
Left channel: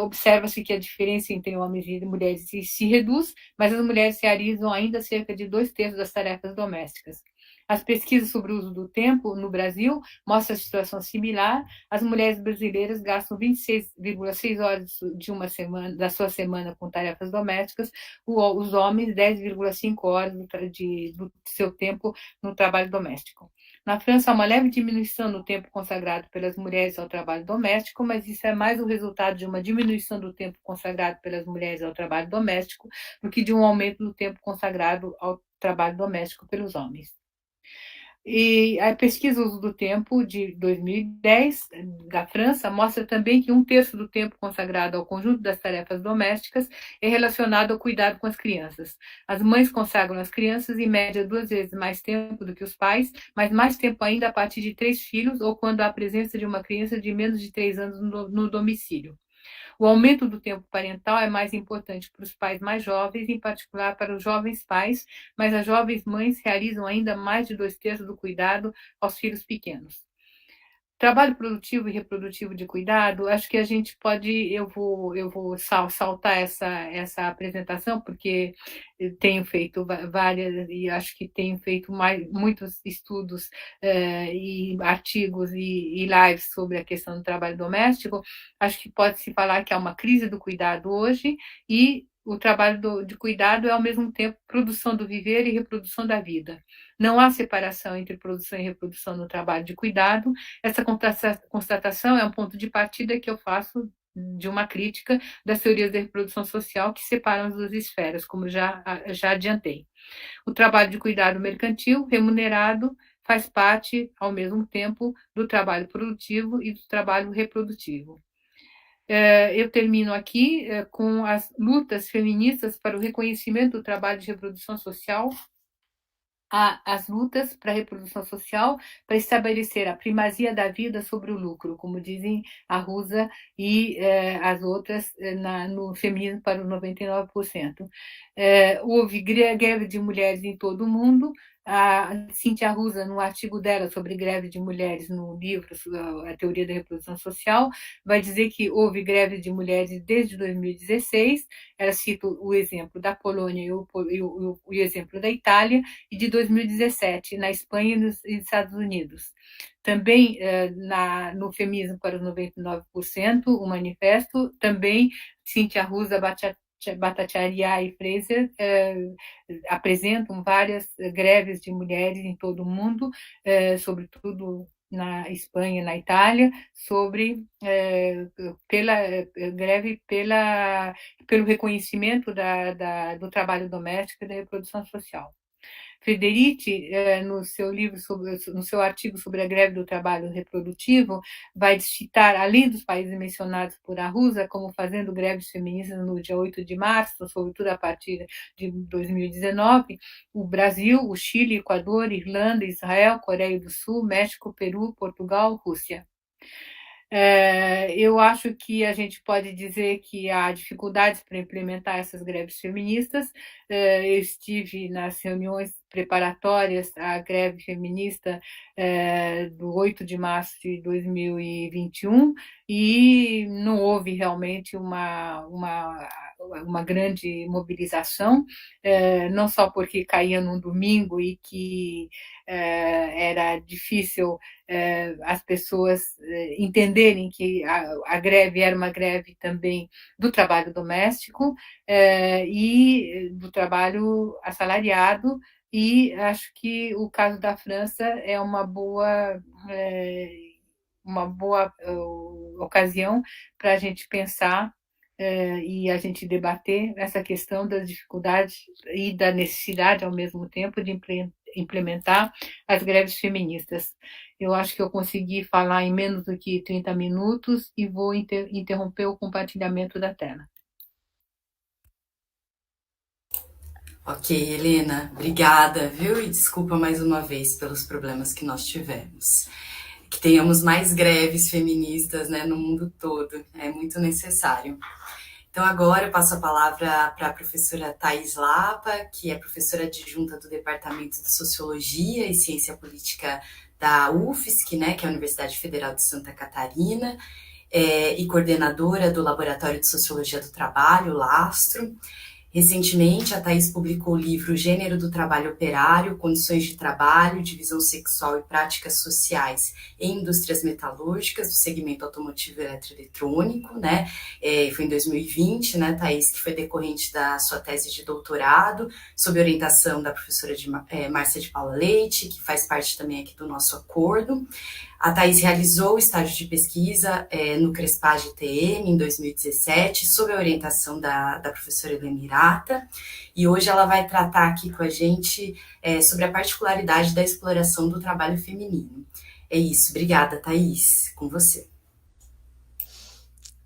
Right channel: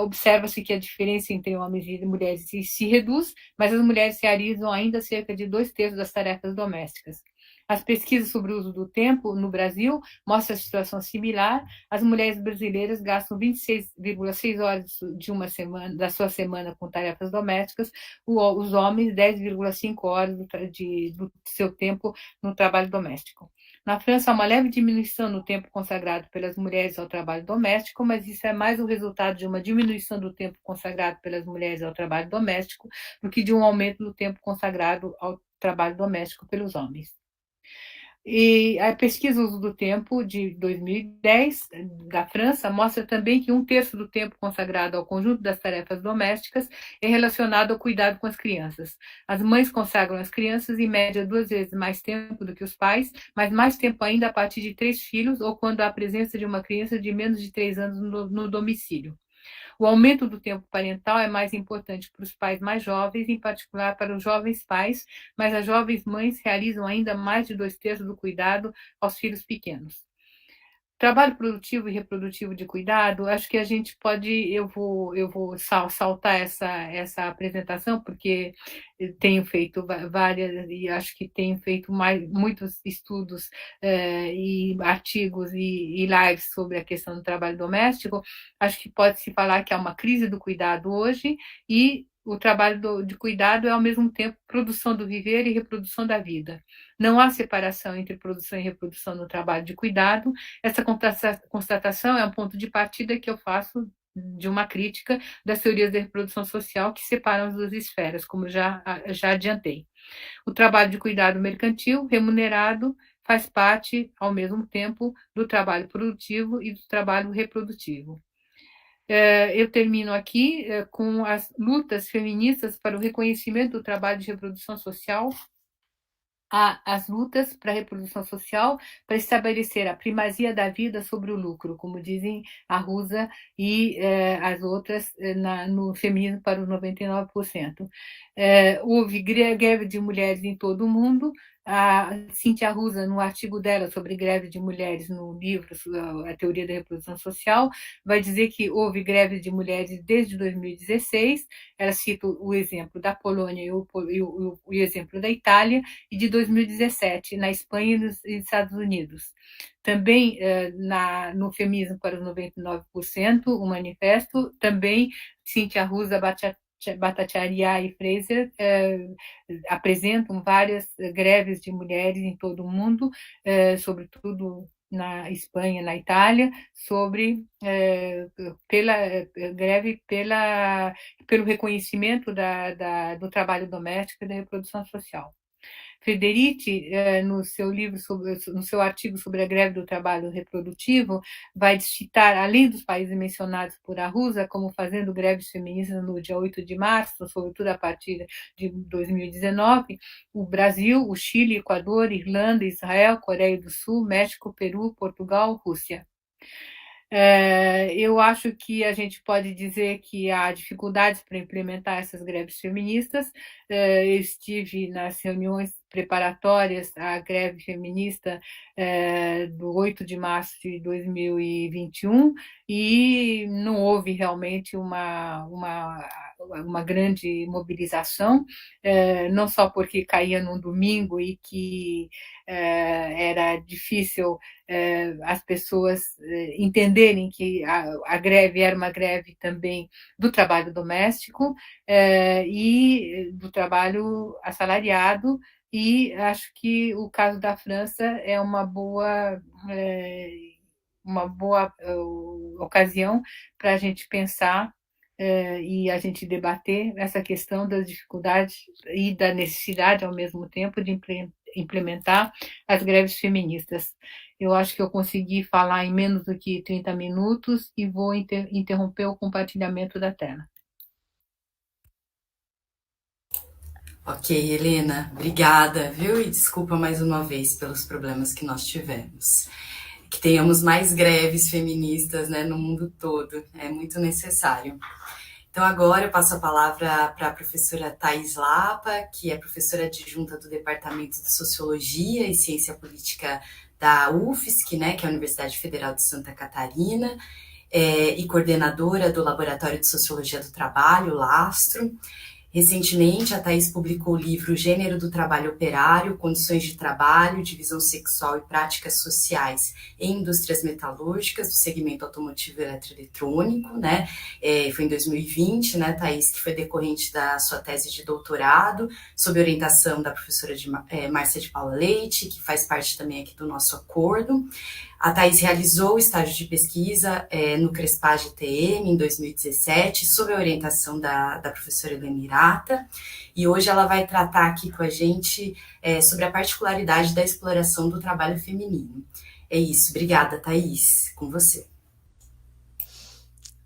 observa-se que a diferença entre homens e mulheres se reduz, mas as mulheres realizam ainda cerca de 2/3 das tarefas domésticas. As pesquisas sobre o uso do tempo no Brasil mostram a situação similar. As mulheres brasileiras gastam 26,6 horas de uma semana, da sua semana com tarefas domésticas, os homens 10,5 horas do seu tempo no trabalho doméstico. Na França, há uma leve diminuição no tempo consagrado pelas mulheres ao trabalho doméstico, mas isso é mais o resultado de uma diminuição do tempo consagrado pelas mulheres ao trabalho doméstico do que de um aumento do tempo consagrado ao trabalho doméstico pelos homens. E a pesquisa Uso do Tempo de 2010 da França mostra também que 1/3 do tempo consagrado ao conjunto das tarefas domésticas é relacionado ao cuidado com as crianças. As mães consagram às crianças em média 2 vezes mais tempo do que os pais, mas mais tempo ainda a partir de 3 filhos ou quando há a presença de uma criança de menos de 3 anos no domicílio. O aumento do tempo parental é mais importante para os pais mais jovens, em particular para os jovens pais, mas as jovens mães realizam ainda mais de 2/3 do cuidado aos filhos pequenos. Trabalho produtivo e reprodutivo de cuidado, acho que a gente pode, eu vou saltar essa apresentação, porque eu tenho feito várias, e acho que tenho feito muitos estudos e artigos e lives sobre a questão do trabalho doméstico. Acho que pode-se falar que há uma crise do cuidado hoje, e o trabalho de cuidado é, ao mesmo tempo, produção do viver e reprodução da vida. Não há separação entre produção e reprodução no trabalho de cuidado. Essa constatação é um ponto de partida que eu faço de uma crítica das teorias da reprodução social que separam as duas esferas, como já adiantei. O trabalho de cuidado mercantil, remunerado, faz parte, ao mesmo tempo, do trabalho produtivo e do trabalho reprodutivo. Eu termino aqui com as lutas feministas para o reconhecimento do trabalho de reprodução social, as lutas para a reprodução social, para estabelecer a primazia da vida sobre o lucro, como dizem a Rusa e as outras no Feminismo para os 99%. Houve greve de mulheres em todo o mundo. A Cíntia Rusa, no artigo dela sobre greve de mulheres no livro A Teoria da Reprodução Social, vai dizer que houve greve de mulheres desde 2016. Ela cita o exemplo da Polônia e o exemplo da Itália, e de 2017, na Espanha e nos Estados Unidos. Também no Feminismo para os 99%, o manifesto, também Cíntia Rusa, Bhattacharya e Fraser apresentam várias greves de mulheres em todo o mundo, sobretudo na Espanha e na Itália, pela greve pelo reconhecimento do trabalho doméstico e da reprodução social. Frederici, no seu artigo sobre a greve do trabalho reprodutivo, vai citar, além dos países mencionados por Arruza, como fazendo greves feministas no dia 8 de março, sobretudo a partir de 2019, o Brasil, o Chile, Equador, Irlanda, Israel, Coreia do Sul, México, Peru, Portugal, Rússia. Eu acho que a gente pode dizer que há dificuldades para implementar essas greves feministas. Eu estive nas reuniões preparatórias à greve feminista do 8 de março de 2021 e não houve realmente uma grande mobilização, não só porque caía num domingo e que era difícil as pessoas entenderem que a greve era uma greve também do trabalho doméstico e do trabalho assalariado, e acho que o caso da França é uma boa ocasião para a gente pensar e a gente debater essa questão das dificuldades e da necessidade, ao mesmo tempo, de implementar as greves feministas. Eu acho que eu consegui falar em menos do que 30 minutos e vou interromper o compartilhamento da tela. Ok, Helena, obrigada, viu? E desculpa mais uma vez pelos problemas que nós tivemos. Que tenhamos mais greves feministas, né, no mundo todo, é muito necessário. Então agora eu passo a palavra para a professora Thais Lapa, que é professora adjunta do Departamento de Sociologia e Ciência Política da UFSC, né, que é a Universidade Federal de Santa Catarina, e coordenadora do Laboratório de Sociologia do Trabalho, Lastro. Recentemente, a Thais publicou o livro Gênero do Trabalho Operário, Condições de Trabalho, Divisão Sexual e Práticas Sociais em Indústrias Metalúrgicas, do segmento automotivo e eletroeletrônico, né? Foi em 2020, né, Thais, que foi decorrente da sua tese de doutorado, sob orientação da professora Márcia de Paula Leite, que faz parte também aqui do nosso acordo. A Thais realizou o estágio de pesquisa no Crespage TM em 2017, sob a orientação da professora Helena Hirata, e hoje ela vai tratar aqui com a gente sobre a particularidade da exploração do trabalho feminino. É isso, obrigada, Thais, com você.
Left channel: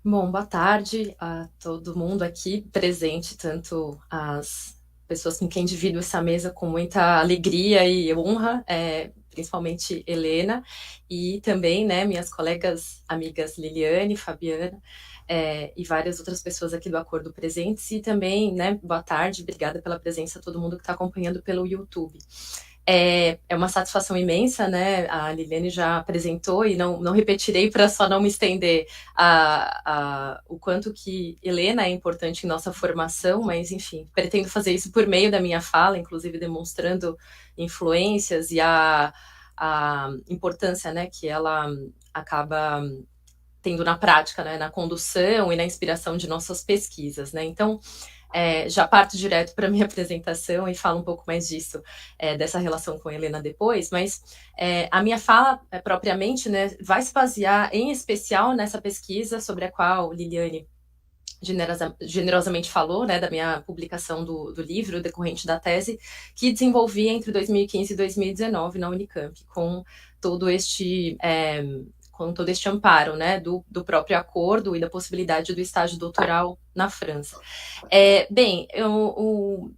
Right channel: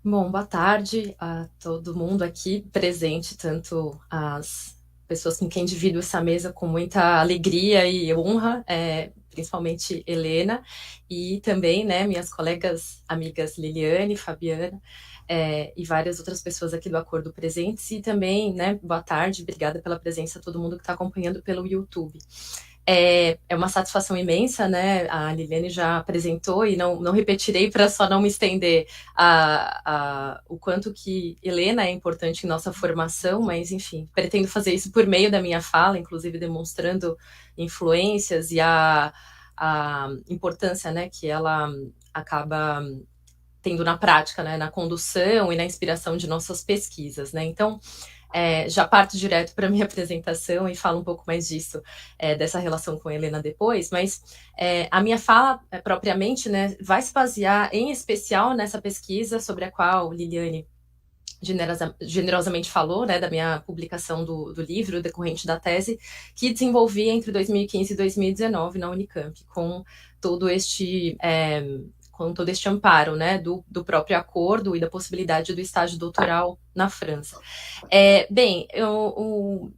Bom, boa tarde a todo mundo aqui presente, tanto as pessoas com quem divido essa mesa com muita alegria e honra, principalmente Helena, e também, né, minhas colegas, amigas Liliane, Fabiana, e várias outras pessoas aqui do Acordo presentes, e também, né, boa tarde, obrigada pela presença a todo mundo que está acompanhando pelo YouTube. É uma satisfação imensa, né? A Liliane já apresentou e não repetirei para só não me estender o quanto que Helena é importante em nossa formação, mas, enfim, pretendo fazer isso por meio da minha fala, inclusive demonstrando influências e a importância, né, que ela acaba tendo na prática, né, na condução e na inspiração de nossas pesquisas, né? Então, já parto direto para a minha apresentação e falo um pouco mais disso, dessa relação com a Helena depois, mas a minha fala, propriamente, né, vai se basear em especial nessa pesquisa sobre a qual Liliane generosamente falou, né, da minha publicação do livro decorrente da tese, que desenvolvi entre 2015 e 2019 na Unicamp, com todo este amparo, né, do próprio acordo e da possibilidade do estágio doutoral na França. Bem, eu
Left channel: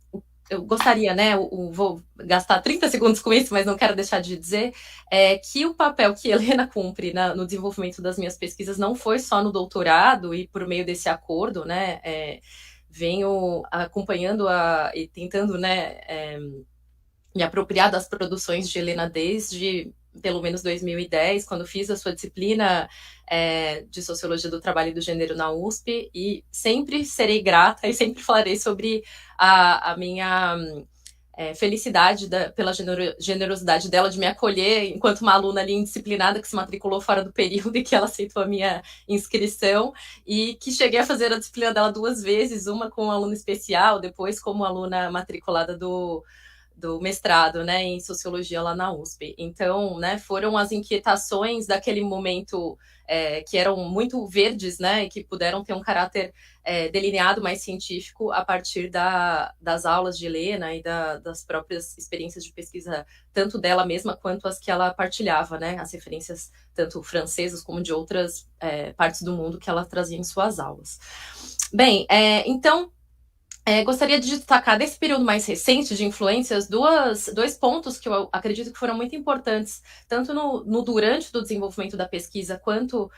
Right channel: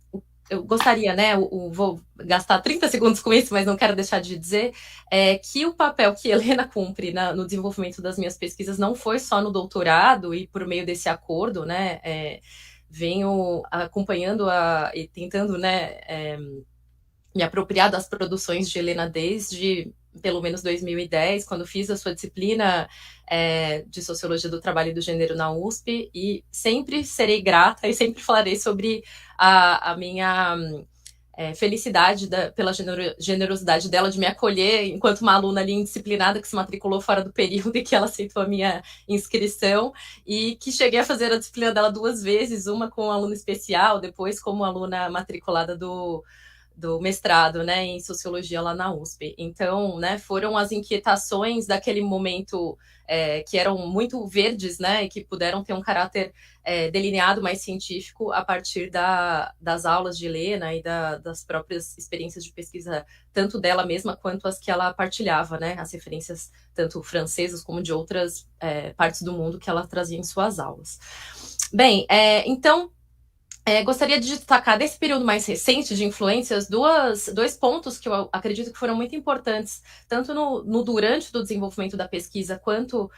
gostaria, né, vou gastar 30 segundos com isso, mas não quero deixar de dizer que o papel que Helena cumpre no desenvolvimento das minhas pesquisas não foi só no doutorado e por meio desse acordo, né, venho acompanhando e tentando, né, me apropriar das produções de Helena desde pelo menos 2010, quando fiz a sua disciplina de Sociologia do Trabalho e do Gênero na USP, e sempre serei grata e sempre falarei sobre a minha felicidade pela generosidade dela de me acolher enquanto uma aluna ali indisciplinada que se matriculou fora do período e que ela aceitou a minha inscrição, e que cheguei a fazer a disciplina dela 2 vezes, uma como aluna especial, depois como aluna matriculada do mestrado, né, em sociologia lá na USP. Então, né, foram as inquietações daquele momento que eram muito verdes, né, e que puderam ter um caráter delineado mais científico a partir das aulas de Helena e das próprias experiências de pesquisa, tanto dela mesma quanto as que ela partilhava, né, as referências tanto francesas como de outras partes do mundo que ela trazia em suas aulas. Bem, então, gostaria de destacar desse período mais recente de influências dois pontos que eu acredito que foram muito importantes, tanto no durante do desenvolvimento da pesquisa, quanto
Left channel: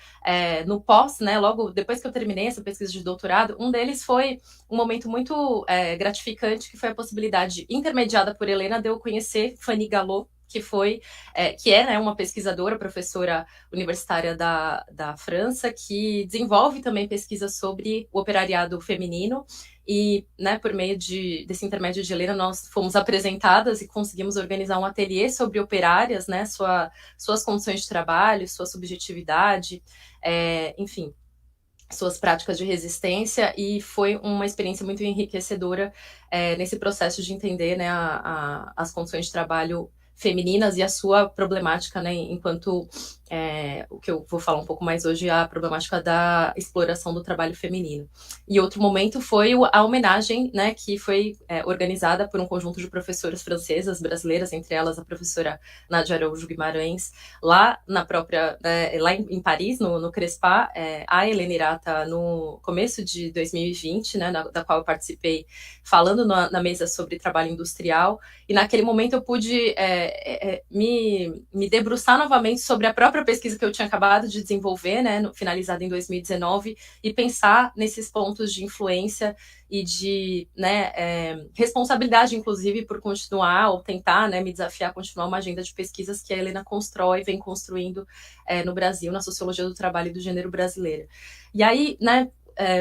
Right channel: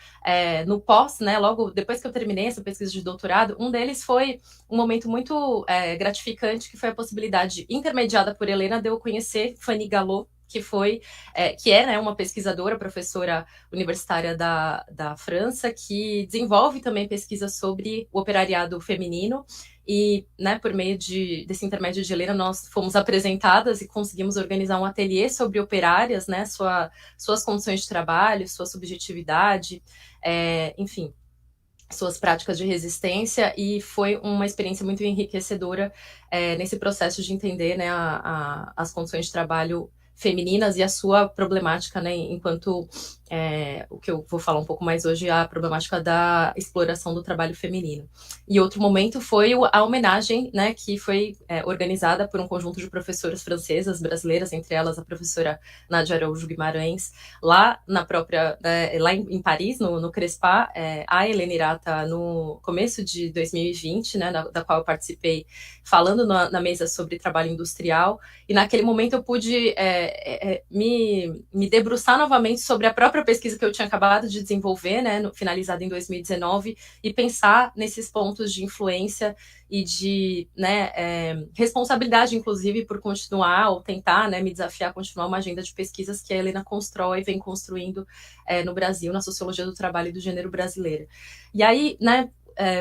no pós, né, logo depois que eu terminei essa pesquisa de doutorado. Um deles foi um momento muito gratificante, que foi a possibilidade, intermediada por Helena, de eu conhecer Fanny Galop, que é, né, uma pesquisadora, professora universitária da França, que desenvolve também pesquisa sobre o operariado feminino. E, né, por meio desse intermédio de Helena, nós fomos apresentadas e conseguimos organizar um ateliê sobre operárias, né, suas condições de trabalho, sua subjetividade, enfim, suas práticas de resistência, e foi uma experiência muito enriquecedora nesse processo de entender, né, as condições de trabalho femininas e a sua problemática, né, enquanto o que eu vou falar um pouco mais hoje é a problemática da exploração do trabalho feminino. E outro momento foi a homenagem, né, que foi organizada por um conjunto de professoras francesas, brasileiras, entre elas a professora Nádia Araújo Guimarães, lá na própria, lá em Paris, no Crespa, a Helena Irata, no começo de 2020, né, da qual eu participei, falando na mesa sobre trabalho industrial, e naquele momento eu pude me debruçar novamente sobre a própria pesquisa que eu tinha acabado de desenvolver, né, finalizada em 2019, e pensar nesses pontos de influência e de, né, responsabilidade, inclusive, por continuar ou tentar, né, me desafiar a continuar uma agenda de pesquisas que a Helena constrói, vem construindo no Brasil, na sociologia do trabalho e do gênero brasileira. E aí, né,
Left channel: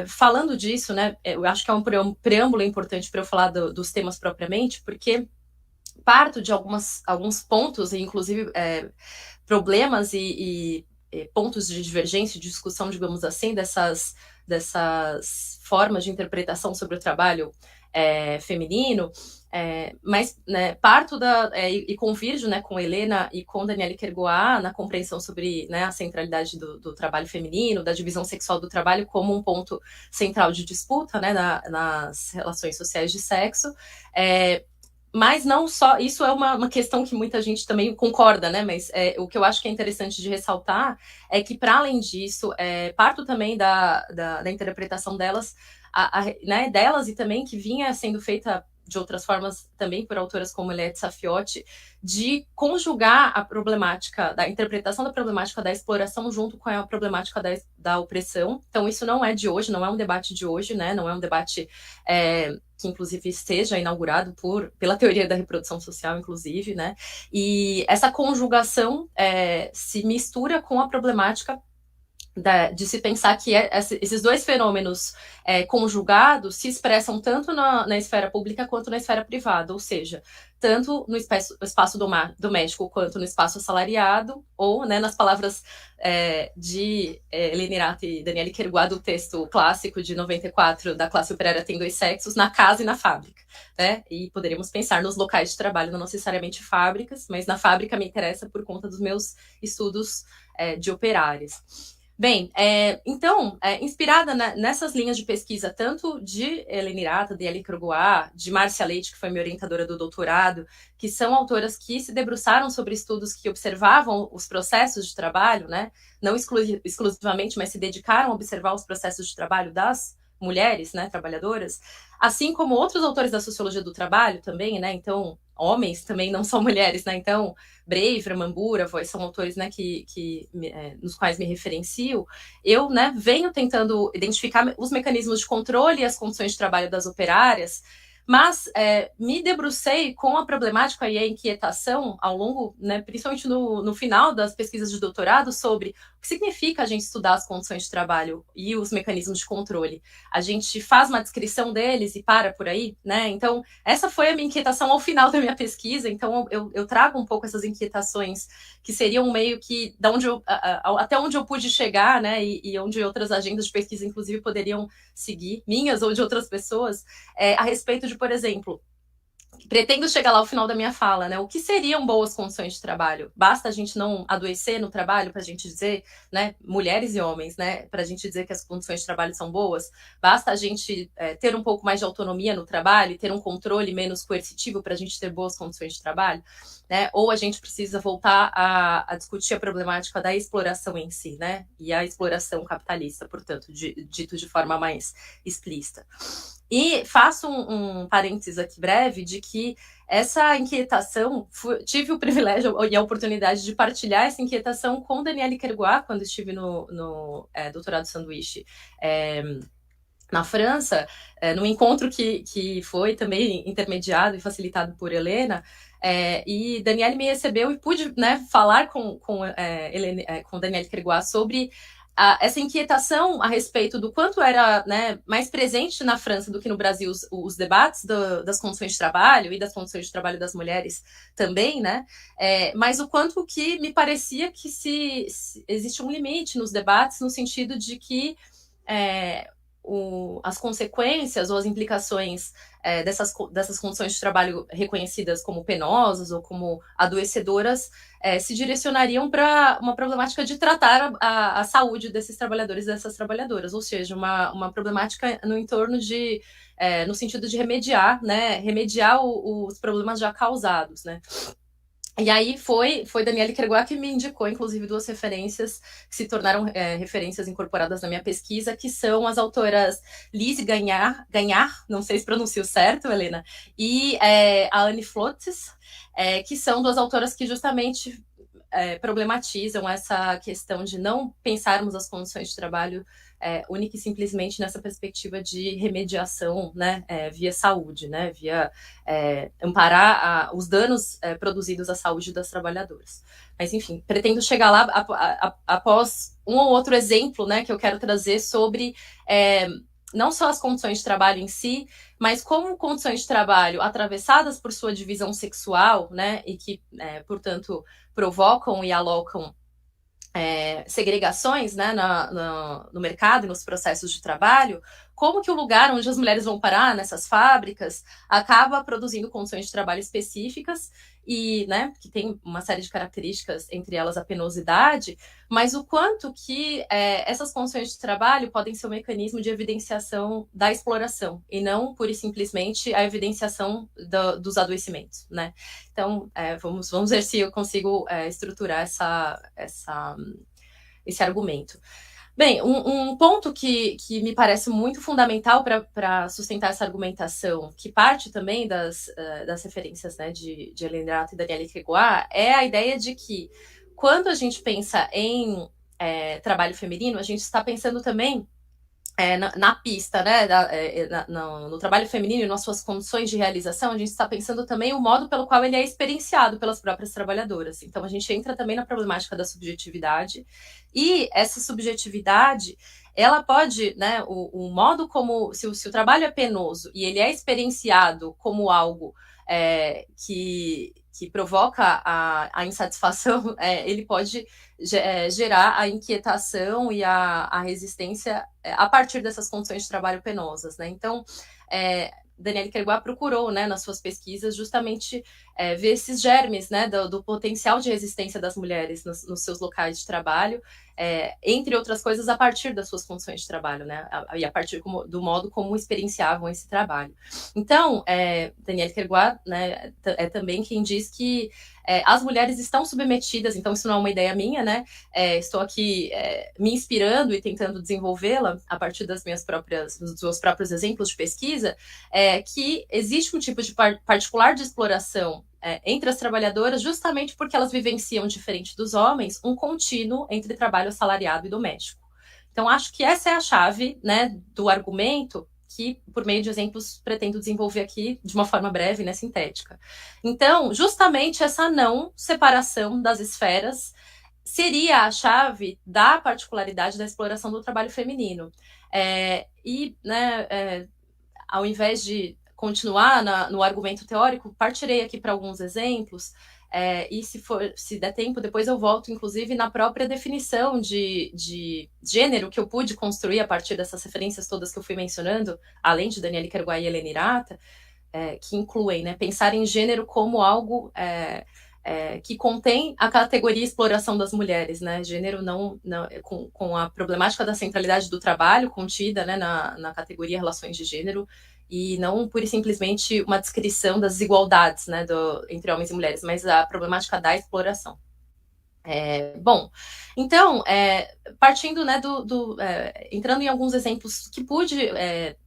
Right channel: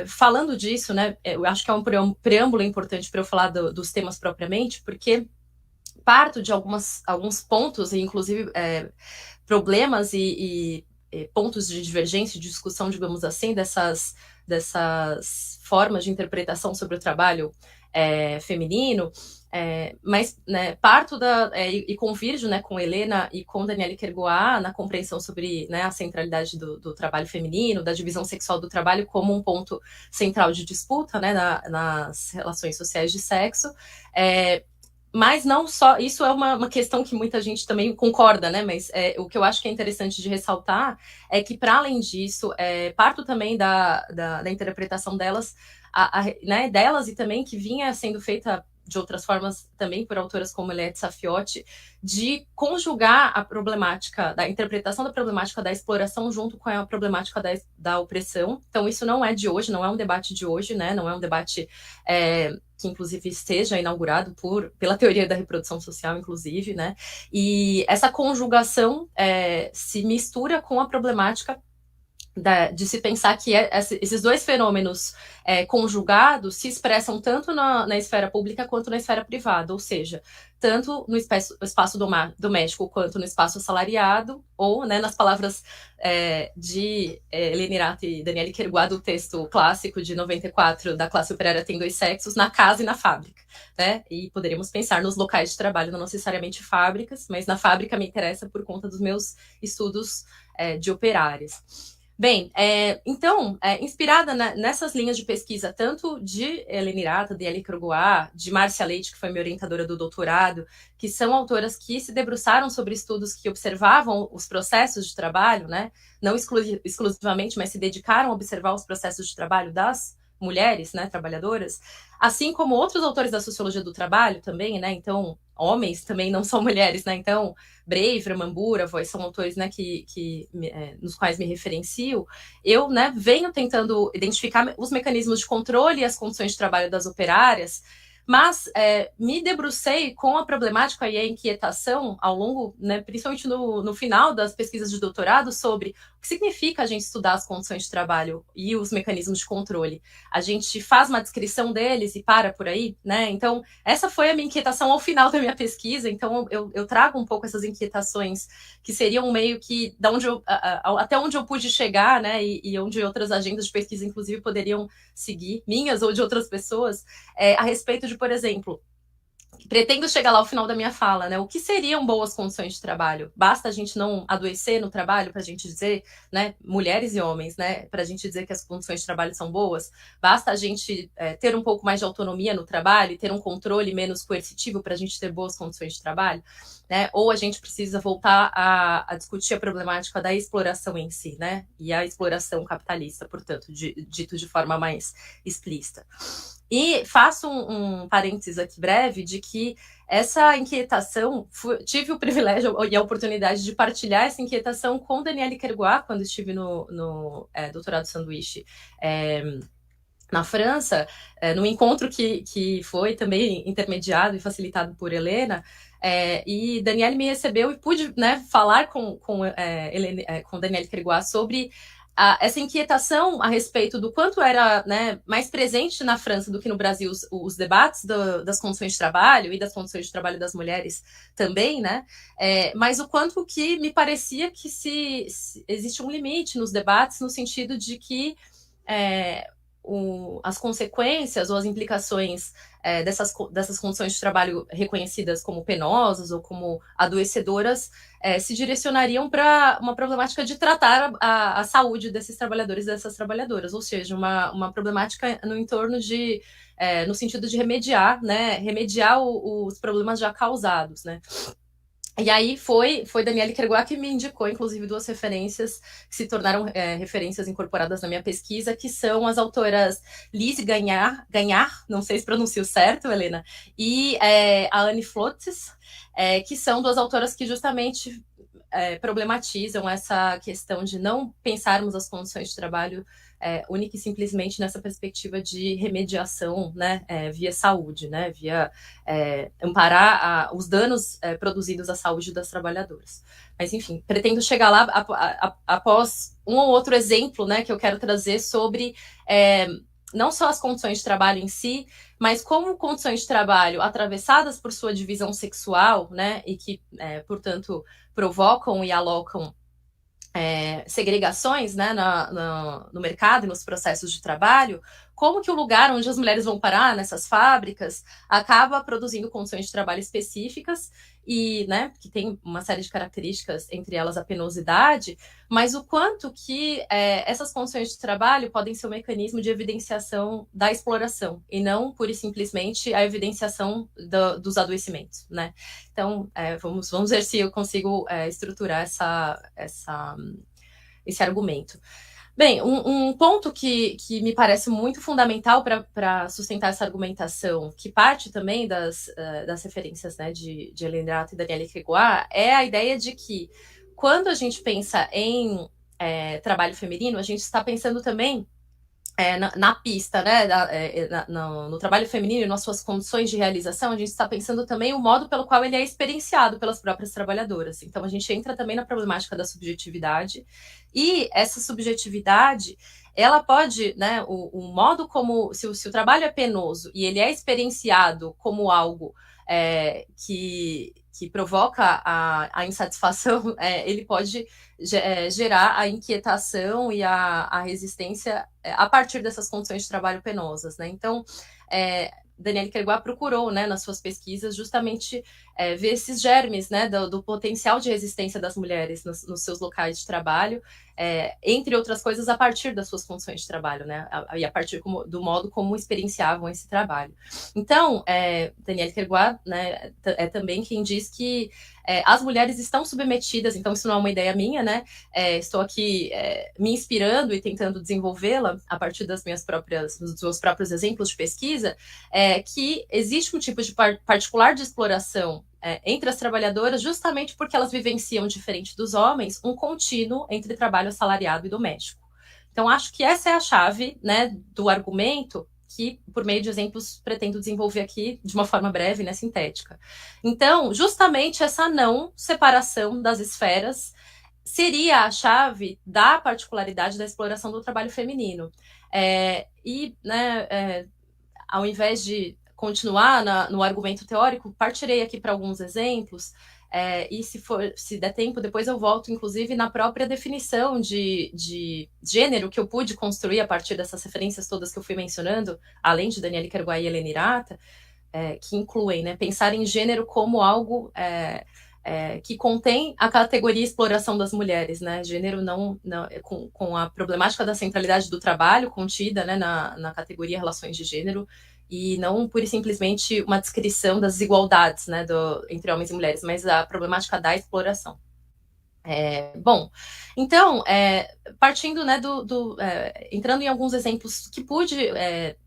falando disso, né, eu acho que é um preâmbulo importante para eu falar dos temas propriamente, porque parto de alguns pontos, inclusive problemas e pontos de divergência, de discussão, digamos assim, dessas formas de interpretação sobre o trabalho feminino, mas, né, parto e convirjo, né, com Helena e com Danielle Kergoat na compreensão sobre, né, a centralidade do trabalho feminino, da divisão sexual do trabalho como um ponto central de disputa, né, nas relações sociais de sexo. Mas não só, isso é uma questão que muita gente também concorda, né? Mas o que eu acho que é interessante de ressaltar é que, para além disso, parto também da interpretação delas, né, delas, e também que vinha sendo feita de outras formas também por autoras como Eliette Safiotti, de conjugar a problemática, da interpretação da problemática da exploração junto com a problemática da opressão. Então, isso não é de hoje, não é um debate de hoje, né? Não é um debate que, inclusive, esteja inaugurado pela teoria da reprodução social, inclusive, né? E essa conjugação se mistura com a problemática de se pensar que esses dois fenômenos conjugados se expressam tanto na esfera pública quanto na esfera privada, ou seja, tanto no espaço doméstico quanto no espaço assalariado, ou, né, nas palavras de Helena Irata e Danielle Kergoat, do texto clássico de 94 da Classe Operária Tem Dois Sexos, na casa e na fábrica, né? E poderíamos pensar nos locais de trabalho, não necessariamente fábricas, mas na fábrica me interessa por conta dos meus estudos de operárias. Bem, então, inspirada nessas linhas de pesquisa, tanto de Helena Irata, de Danielle Kergoat, de Márcia Leite, que foi minha orientadora do doutorado, que são autoras que se debruçaram sobre estudos que observavam os processos de trabalho, né? Não exclusivamente, mas se dedicaram a observar os processos de trabalho das mulheres, né, trabalhadoras, assim como outros autores da sociologia do trabalho também, né? Então, homens também não são mulheres, né? Então, Breivre, Mambura, são autores, né, nos quais me referencio. Eu, né, venho tentando identificar os mecanismos de controle e as condições de trabalho das operárias, mas me debrucei com a problemática e a inquietação ao longo, né, principalmente no final das pesquisas de doutorado, sobre o que significa a gente estudar as condições de trabalho e os mecanismos de controle. A gente faz uma descrição deles e para por aí, né? Então, essa foi a minha inquietação ao final da minha pesquisa. Então, eu trago um pouco essas inquietações que seriam meio que até onde eu pude chegar, né? E onde outras agendas de pesquisa, inclusive, poderiam seguir, minhas ou de outras pessoas, a respeito de, por exemplo, pretendo chegar lá ao final da minha fala, né? O que seriam boas condições de trabalho? Basta a gente não adoecer no trabalho para a gente dizer, né, mulheres e homens, né, para a gente dizer que as condições de trabalho são boas? Basta a gente ter um pouco mais de autonomia no trabalho e ter um controle menos coercitivo para a gente ter boas condições de trabalho? Né? Ou a gente precisa voltar a discutir a problemática da exploração em si, né? E a exploração capitalista, portanto, dito de forma mais explícita. E faço um parênteses aqui breve de que essa inquietação, tive o privilégio e a oportunidade de partilhar essa inquietação com Danielle Kergoat quando estive no doutorado sanduíche na França, num encontro que foi também intermediado e facilitado por Helena, e Danielle me recebeu e pude, né, falar com Danielle Kergoat sobre essa inquietação a respeito do quanto era, né, mais presente na França do que no Brasil os debates das condições de trabalho e das condições de trabalho das mulheres também, né? Mas o quanto que me parecia que se existe um limite nos debates no sentido de que as consequências ou as implicações dessas condições de trabalho reconhecidas como penosas ou como adoecedoras se direcionariam para uma problemática de tratar a saúde desses trabalhadores e dessas trabalhadoras, ou seja, uma problemática no entorno de, no sentido de remediar, né, os problemas já causados, né. E aí foi Daniele Kerguá que me indicou, inclusive, 2 referências que se tornaram referências incorporadas na minha pesquisa, que são as autoras Lise Gagnard, não sei se pronuncio certo, Helena, e a Anne Flottes, que são 2 autoras que justamente problematizam essa questão de não pensarmos as condições de trabalho única e simplesmente nessa perspectiva de remediação, né, via saúde, né, via amparar os danos produzidos à saúde das trabalhadoras. Mas, enfim, pretendo chegar lá após um ou outro exemplo, né, que eu quero trazer sobre não só as condições de trabalho em si, mas como condições de trabalho atravessadas por sua divisão sexual, né, e que, portanto, provocam e alocam segregações, né, no mercado e nos processos de trabalho, como que o lugar onde as mulheres vão parar, nessas fábricas, acaba produzindo condições de trabalho específicas e, né, que tem uma série de características, entre elas a penosidade, mas o quanto que essas condições de trabalho podem ser um mecanismo de evidenciação da exploração e não, pura e simplesmente, a evidenciação dos adoecimentos, né? Então, vamos ver se eu consigo estruturar esse argumento. Bem, um ponto que me parece muito fundamental para sustentar essa argumentação, que parte também das referências, né, de Hélène Irata e Daniele Kerguá, é a ideia de que quando a gente pensa em trabalho feminino, a gente está pensando também na pista, né, no trabalho feminino e nas suas condições de realização, a gente está pensando também o modo pelo qual ele é experienciado pelas próprias trabalhadoras. Então, a gente entra também na problemática da subjetividade, e essa subjetividade, ela pode, né, o modo como, se o trabalho é penoso e ele é experienciado como algo que provoca a insatisfação, ele pode gerar a inquietação e a resistência a partir dessas condições de trabalho penosas, né? Então, Daniele Kerguá procurou, né, nas suas pesquisas, justamente ver esses germes, né, do potencial de resistência das mulheres nos seus locais de trabalho, entre outras coisas, a partir das suas condições de trabalho, né, e a partir do modo como experienciavam esse trabalho. Então, Daniele Kerguá, né, é também quem diz que as mulheres estão submetidas, então isso não é uma ideia minha, né? Estou aqui me inspirando e tentando desenvolvê-la a partir dos meus próprios exemplos de pesquisa, que existe um tipo de particular de exploração entre as trabalhadoras, justamente porque elas vivenciam, diferente dos homens, um contínuo entre trabalho assalariado e doméstico. Então, acho que essa é a chave, né, do argumento que, por meio de exemplos, pretendo desenvolver aqui de uma forma breve, né, sintética. Então, justamente essa não separação das esferas seria a chave da particularidade da exploração do trabalho feminino. E, né, ao invés de continuar no argumento teórico, partirei aqui para alguns exemplos, e se der tempo, depois eu volto, inclusive, na própria definição de gênero que eu pude construir a partir dessas referências todas que eu fui mencionando, além de Daniele Kerguá e Hélène Irata, que incluem, né, pensar em gênero como algo que contém a categoria exploração das mulheres, né? Gênero não com a problemática da centralidade do trabalho contida, né, na categoria relações de gênero, e não pura e simplesmente uma descrição das desigualdades, né, entre homens e mulheres, mas a problemática da exploração. Bom, então, partindo, né, entrando em alguns exemplos que pude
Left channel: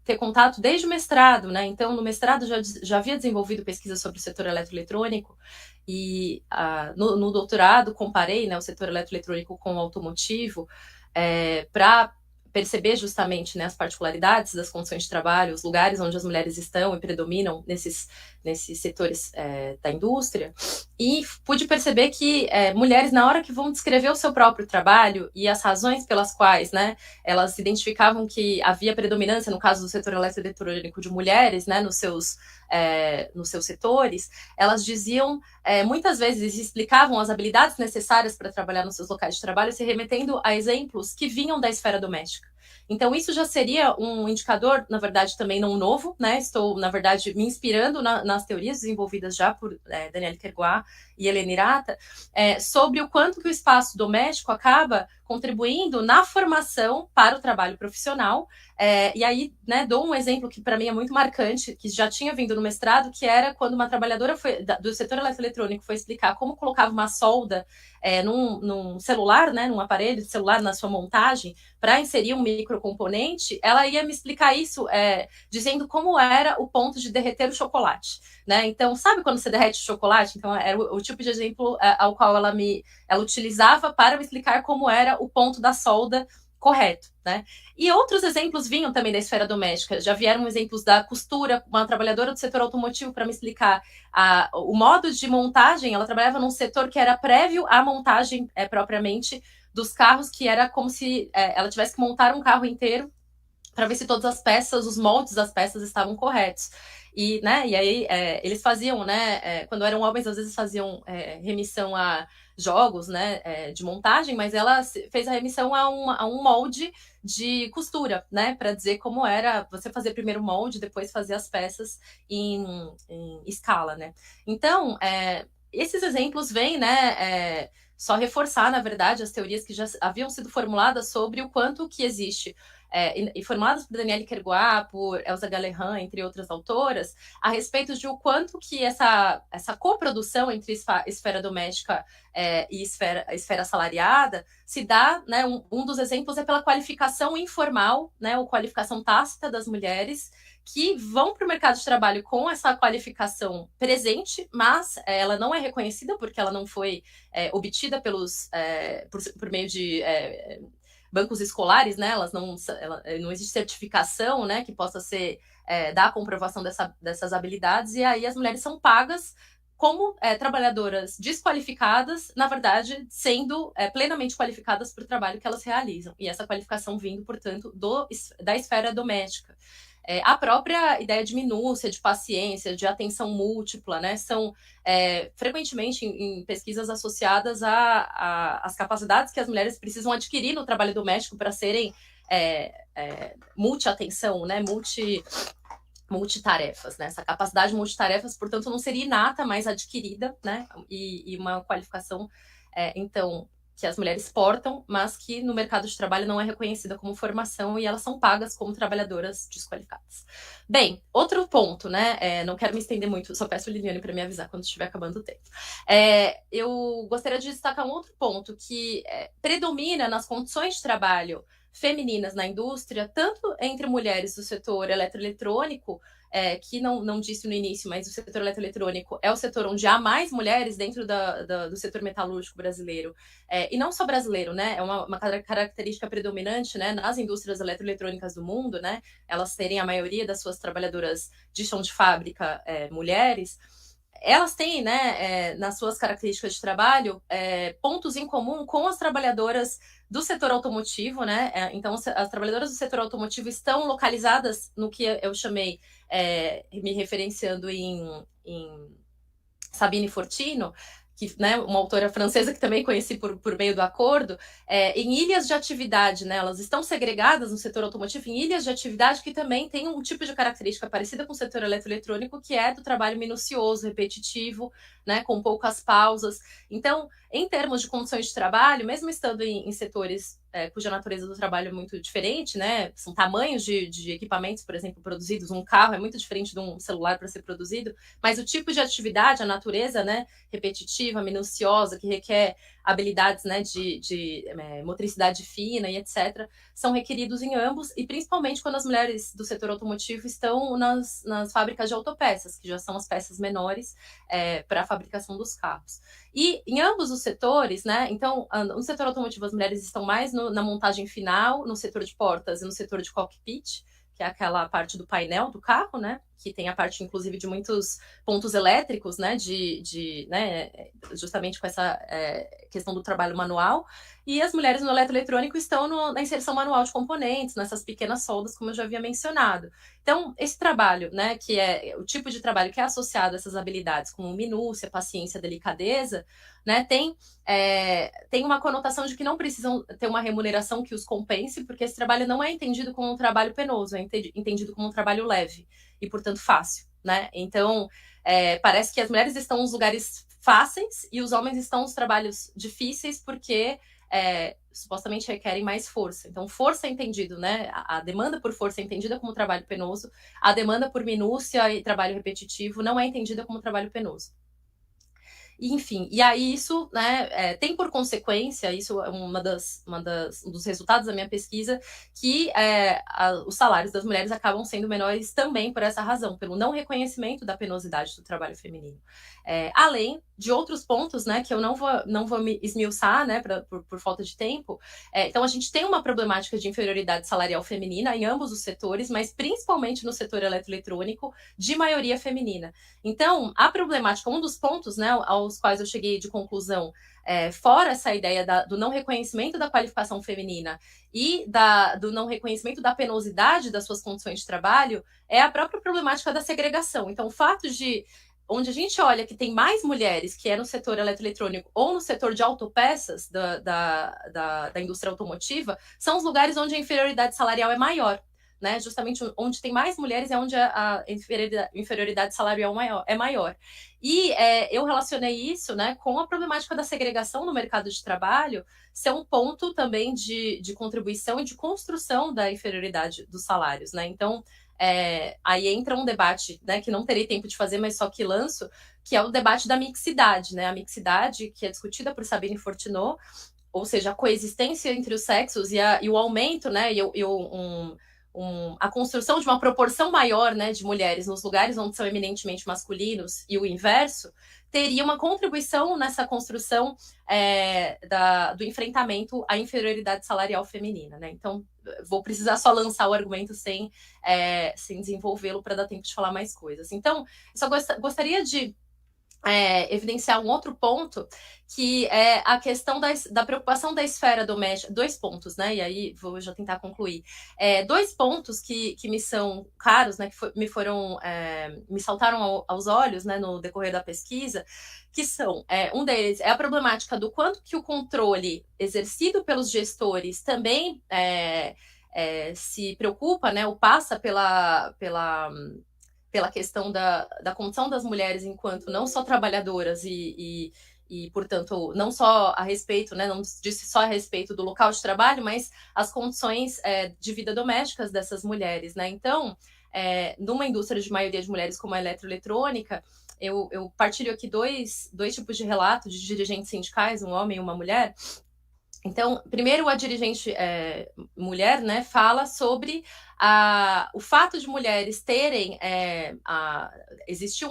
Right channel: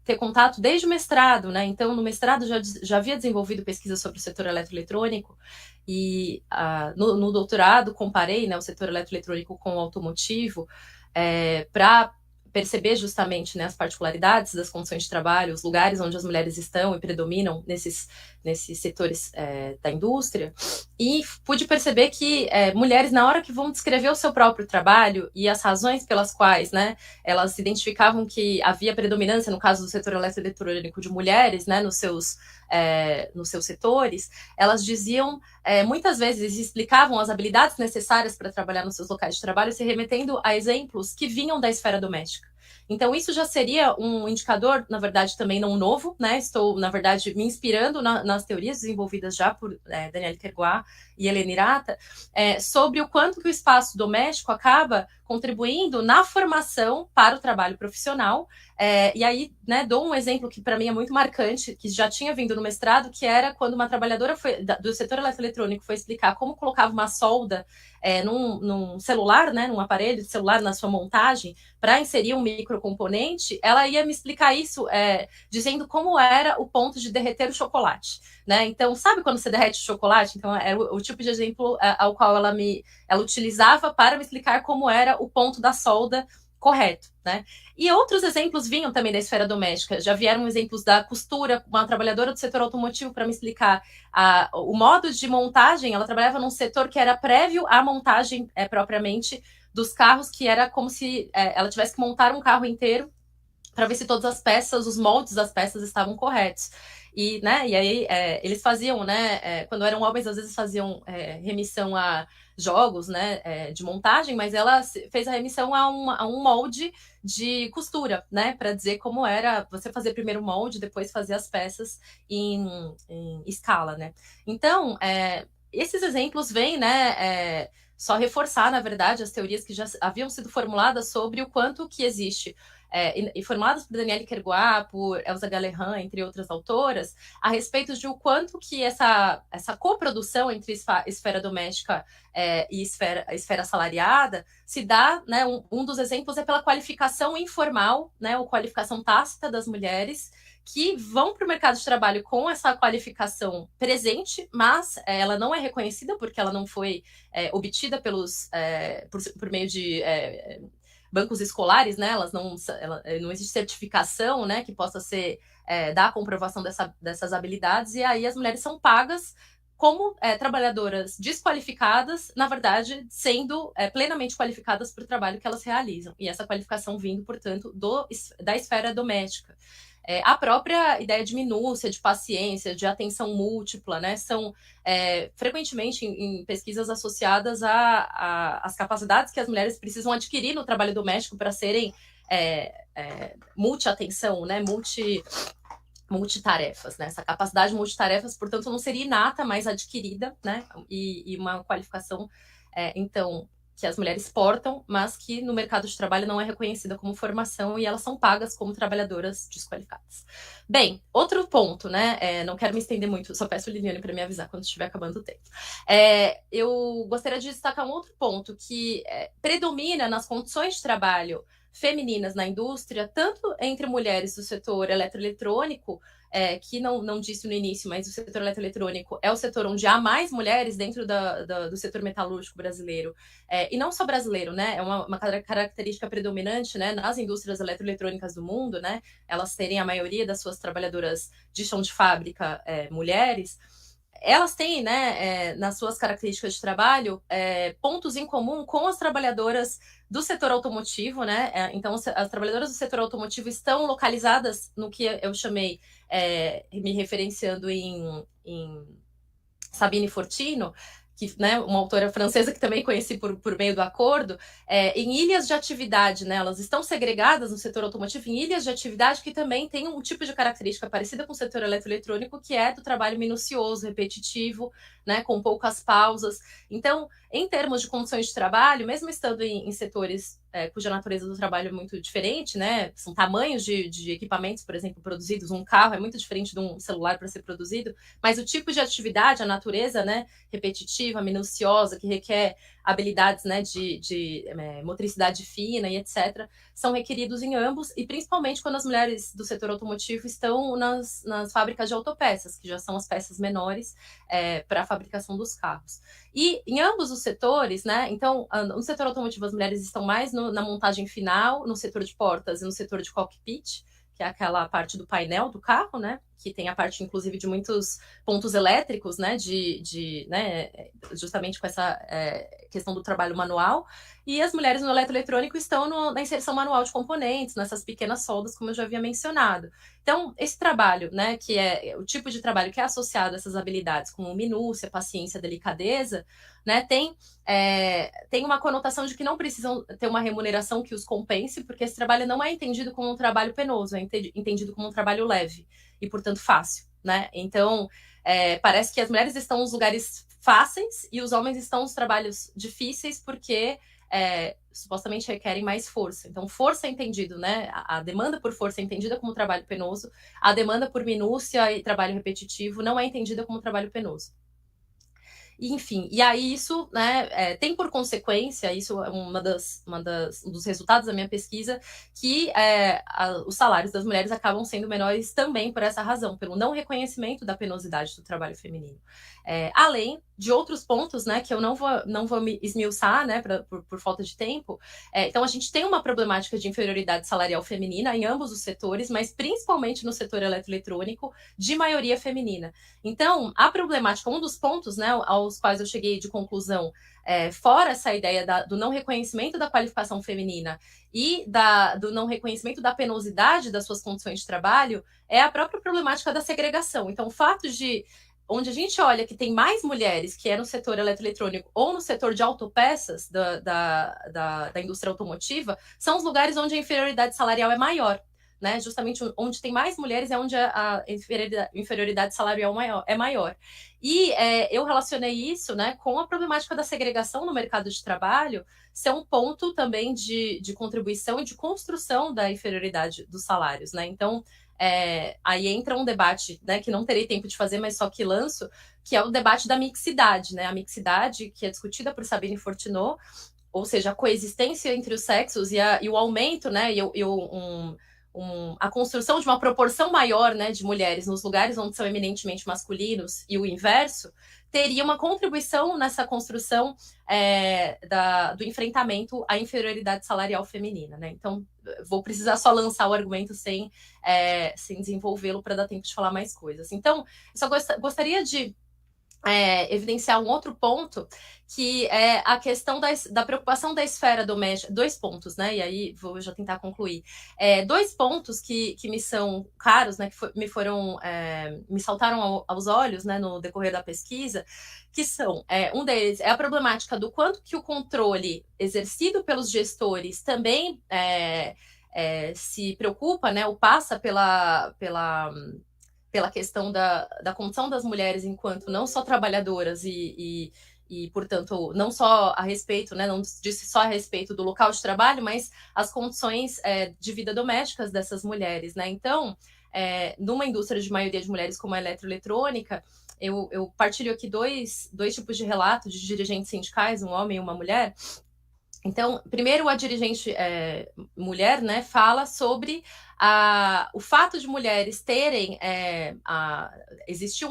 ter contato desde o mestrado, né? Então, no mestrado já havia desenvolvido pesquisa sobre o setor eletroeletrônico, e no doutorado comparei, né, o setor eletroeletrônico com o automotivo para perceber justamente, né, as particularidades das condições de trabalho, os lugares onde as mulheres estão e predominam nesses setores da indústria, e pude perceber que mulheres, na hora que vão descrever o seu próprio trabalho e as razões pelas quais, né, elas identificavam que havia predominância, no caso do setor eletroeletrônico, de mulheres, né, nos seus setores, elas diziam, muitas vezes explicavam as habilidades necessárias para trabalhar nos seus locais de trabalho, se remetendo a exemplos que vinham da esfera doméstica. Então, isso já seria um indicador, na verdade, também não novo, né? Estou, na verdade, me inspirando nas teorias desenvolvidas já por Danielle Kerguá e Helena Hirata, sobre o quanto que o espaço doméstico acaba contribuindo na formação para o trabalho profissional. E aí, né, dou um exemplo que para mim é muito marcante, que já tinha vindo no mestrado, que era quando uma trabalhadora do setor eletroeletrônico foi explicar como colocava uma solda num celular, né, num aparelho de celular na sua montagem, para inserir um microcomponente, ela ia me explicar isso dizendo como era o ponto de derreter o chocolate. Né? Então, sabe quando você derrete o chocolate? Então, era o tipo de exemplo ao qual ela utilizava para me explicar como era o ponto da solda correto, né? E outros exemplos vinham também da esfera doméstica. Já vieram exemplos da costura, uma trabalhadora do setor automotivo para me explicar o modo de montagem. Ela trabalhava num setor que era prévio à montagem propriamente dos carros, que era como se ela tivesse que montar um carro inteiro para ver se todas as peças, os moldes das peças estavam corretos. E, né, e aí eles faziam, né, quando eram homens, às vezes faziam remissão a jogos, né, de montagem, mas ela fez a remissão a um molde de costura, né, para dizer como era você fazer primeiro o molde, depois fazer as peças em escala, né. Então, esses exemplos vêm, né, só reforçar, na verdade, as teorias que já haviam sido formuladas sobre o quanto que existe e formuladas por Danielle Kerguá, por Elsa Galehan, entre outras autoras, a respeito de o quanto que essa coprodução entre esfera doméstica e esfera assalariada se dá, né, um dos exemplos é pela qualificação informal, né, ou qualificação tácita das mulheres, que vão para o mercado de trabalho com essa qualificação presente, mas ela não é reconhecida porque ela não foi obtida por meio de bancos escolares, né? Não existe certificação, né, que possa ser dar a comprovação dessas habilidades, e aí as mulheres são pagas como trabalhadoras desqualificadas, na verdade, sendo plenamente qualificadas para o trabalho que elas realizam. E essa qualificação vindo, portanto, da esfera doméstica. A própria ideia de minúcia, de paciência, de atenção múltipla, né, são frequentemente em pesquisas associadas às capacidades que as mulheres precisam adquirir no trabalho doméstico para serem multi-atenção, né, multitarefas, né? Essa capacidade de multitarefas, portanto, não seria inata, mas adquirida, né? E uma qualificação, então, que as mulheres portam, mas que no mercado de trabalho não é reconhecida como formação e elas são pagas como trabalhadoras desqualificadas. Bem, outro ponto, né? Não quero me estender muito, só peço a Liliane para me avisar quando estiver acabando o tempo. Eu gostaria de destacar um outro ponto que predomina nas condições de trabalho femininas na indústria, tanto entre mulheres do setor eletroeletrônico, que não disse no início, mas o setor eletroeletrônico é o setor onde há mais mulheres dentro do setor metalúrgico brasileiro, e não só brasileiro, né? É uma característica predominante, né, nas indústrias eletroeletrônicas do mundo, né? Elas terem a maioria das suas trabalhadoras de chão de fábrica mulheres. Elas têm, né, nas suas características de trabalho, pontos em comum com as trabalhadoras do setor automotivo, né? Então, as trabalhadoras do setor automotivo estão localizadas no que eu chamei, me referenciando em Sabine Fortino, que, né, uma autora francesa que também conheci por meio do acordo, em ilhas de atividade, né, elas estão segregadas no setor automotivo em ilhas de atividade que também tem um tipo de característica parecida com o setor eletroeletrônico, que é do trabalho minucioso, repetitivo, né, com poucas pausas. Então, em termos de condições de trabalho, mesmo estando em setores cuja natureza do trabalho é muito diferente, né, são tamanhos de equipamentos, por exemplo, produzidos, um carro é muito diferente de um celular para ser produzido, mas o tipo de atividade, a natureza, né, repetitiva, minuciosa, que requer habilidades, né, de motricidade fina e etc., são requeridos em ambos, e principalmente quando as mulheres do setor automotivo estão nas fábricas de autopeças, que já são as peças menores para a fabricação dos carros. E em ambos os setores, né, então, no setor automotivo as mulheres estão mais na montagem final, no setor de portas e no setor de cockpit, que é aquela parte do painel do carro, né, que tem a parte, inclusive, de muitos pontos elétricos, né, né, justamente com essa questão do trabalho manual, e as mulheres no eletroeletrônico estão na inserção manual de componentes, nessas pequenas soldas, como eu já havia mencionado. Então, esse trabalho, né, que é o tipo de trabalho que é associado a essas habilidades, como minúcia, paciência, delicadeza, né, tem uma conotação de que não precisam ter uma remuneração que os compense, porque esse trabalho não é entendido como um trabalho penoso, é entendido como um trabalho leve e, portanto, fácil, né? Então, parece que as mulheres estão nos lugares fáceis e os homens estão nos trabalhos difíceis porque supostamente requerem mais força. Então, força é entendido, né? A demanda por força é entendida como trabalho penoso, a demanda por minúcia e trabalho repetitivo não é entendida como trabalho penoso. Enfim, e aí isso, né, tem por consequência, isso é um dos resultados da minha pesquisa, que os salários das mulheres acabam sendo menores também por essa razão, pelo não reconhecimento da penosidade do trabalho feminino. Além de outros pontos, né, que eu não vou me esmiuçar, né, por falta de tempo. Então, a gente tem uma problemática de inferioridade salarial feminina em ambos os setores, mas principalmente no setor eletroeletrônico, de maioria feminina. Então, a problemática, um dos pontos, né, aos quais eu cheguei de conclusão, fora essa ideia do não reconhecimento da qualificação feminina e do não reconhecimento da penosidade das suas condições de trabalho, é a própria problemática da segregação. Então, o fato de onde a gente olha que tem mais mulheres que é no setor eletroeletrônico ou no setor de autopeças da indústria automotiva, são os lugares onde a inferioridade salarial é maior, né? Justamente onde tem mais mulheres é onde a inferioridade salarial é maior. E eu relacionei isso, né, com a problemática da segregação no mercado de trabalho ser um ponto também de contribuição e de construção da inferioridade dos salários, né? Então, aí entra um debate, né, que não terei tempo de fazer, mas só que lanço, que é o debate da mixidade, né? A mixidade que é discutida por Sabine Fortunot, ou seja, a coexistência entre os sexos e o aumento, né, a construção de uma proporção maior, né, de mulheres nos lugares onde são eminentemente masculinos e o inverso, teria uma contribuição nessa construção do enfrentamento à inferioridade salarial feminina, né? Então, vou precisar só lançar o argumento sem desenvolvê-lo para dar tempo de falar mais coisas. Então, só gostaria de evidenciar um outro ponto, que é a questão da preocupação da esfera doméstica. 2 pontos, né? E aí vou já tentar concluir. 2 pontos que me são caros, né? Que me saltaram aos olhos, né, no decorrer da pesquisa, que são, um deles é a problemática do quanto que o controle exercido pelos gestores também se preocupa, né? Ou passa pela questão da condição das mulheres enquanto não só trabalhadoras e portanto, não só a respeito, né, não disse só a respeito do local de trabalho, mas as condições de vida domésticas dessas mulheres, né? Então, numa indústria de maioria de mulheres como a eletroeletrônica, eu partilho aqui dois tipos de relatos de dirigentes sindicais, um homem e uma mulher. Então, primeiro, a dirigente mulher, né, fala sobre o fato de mulheres terem... existir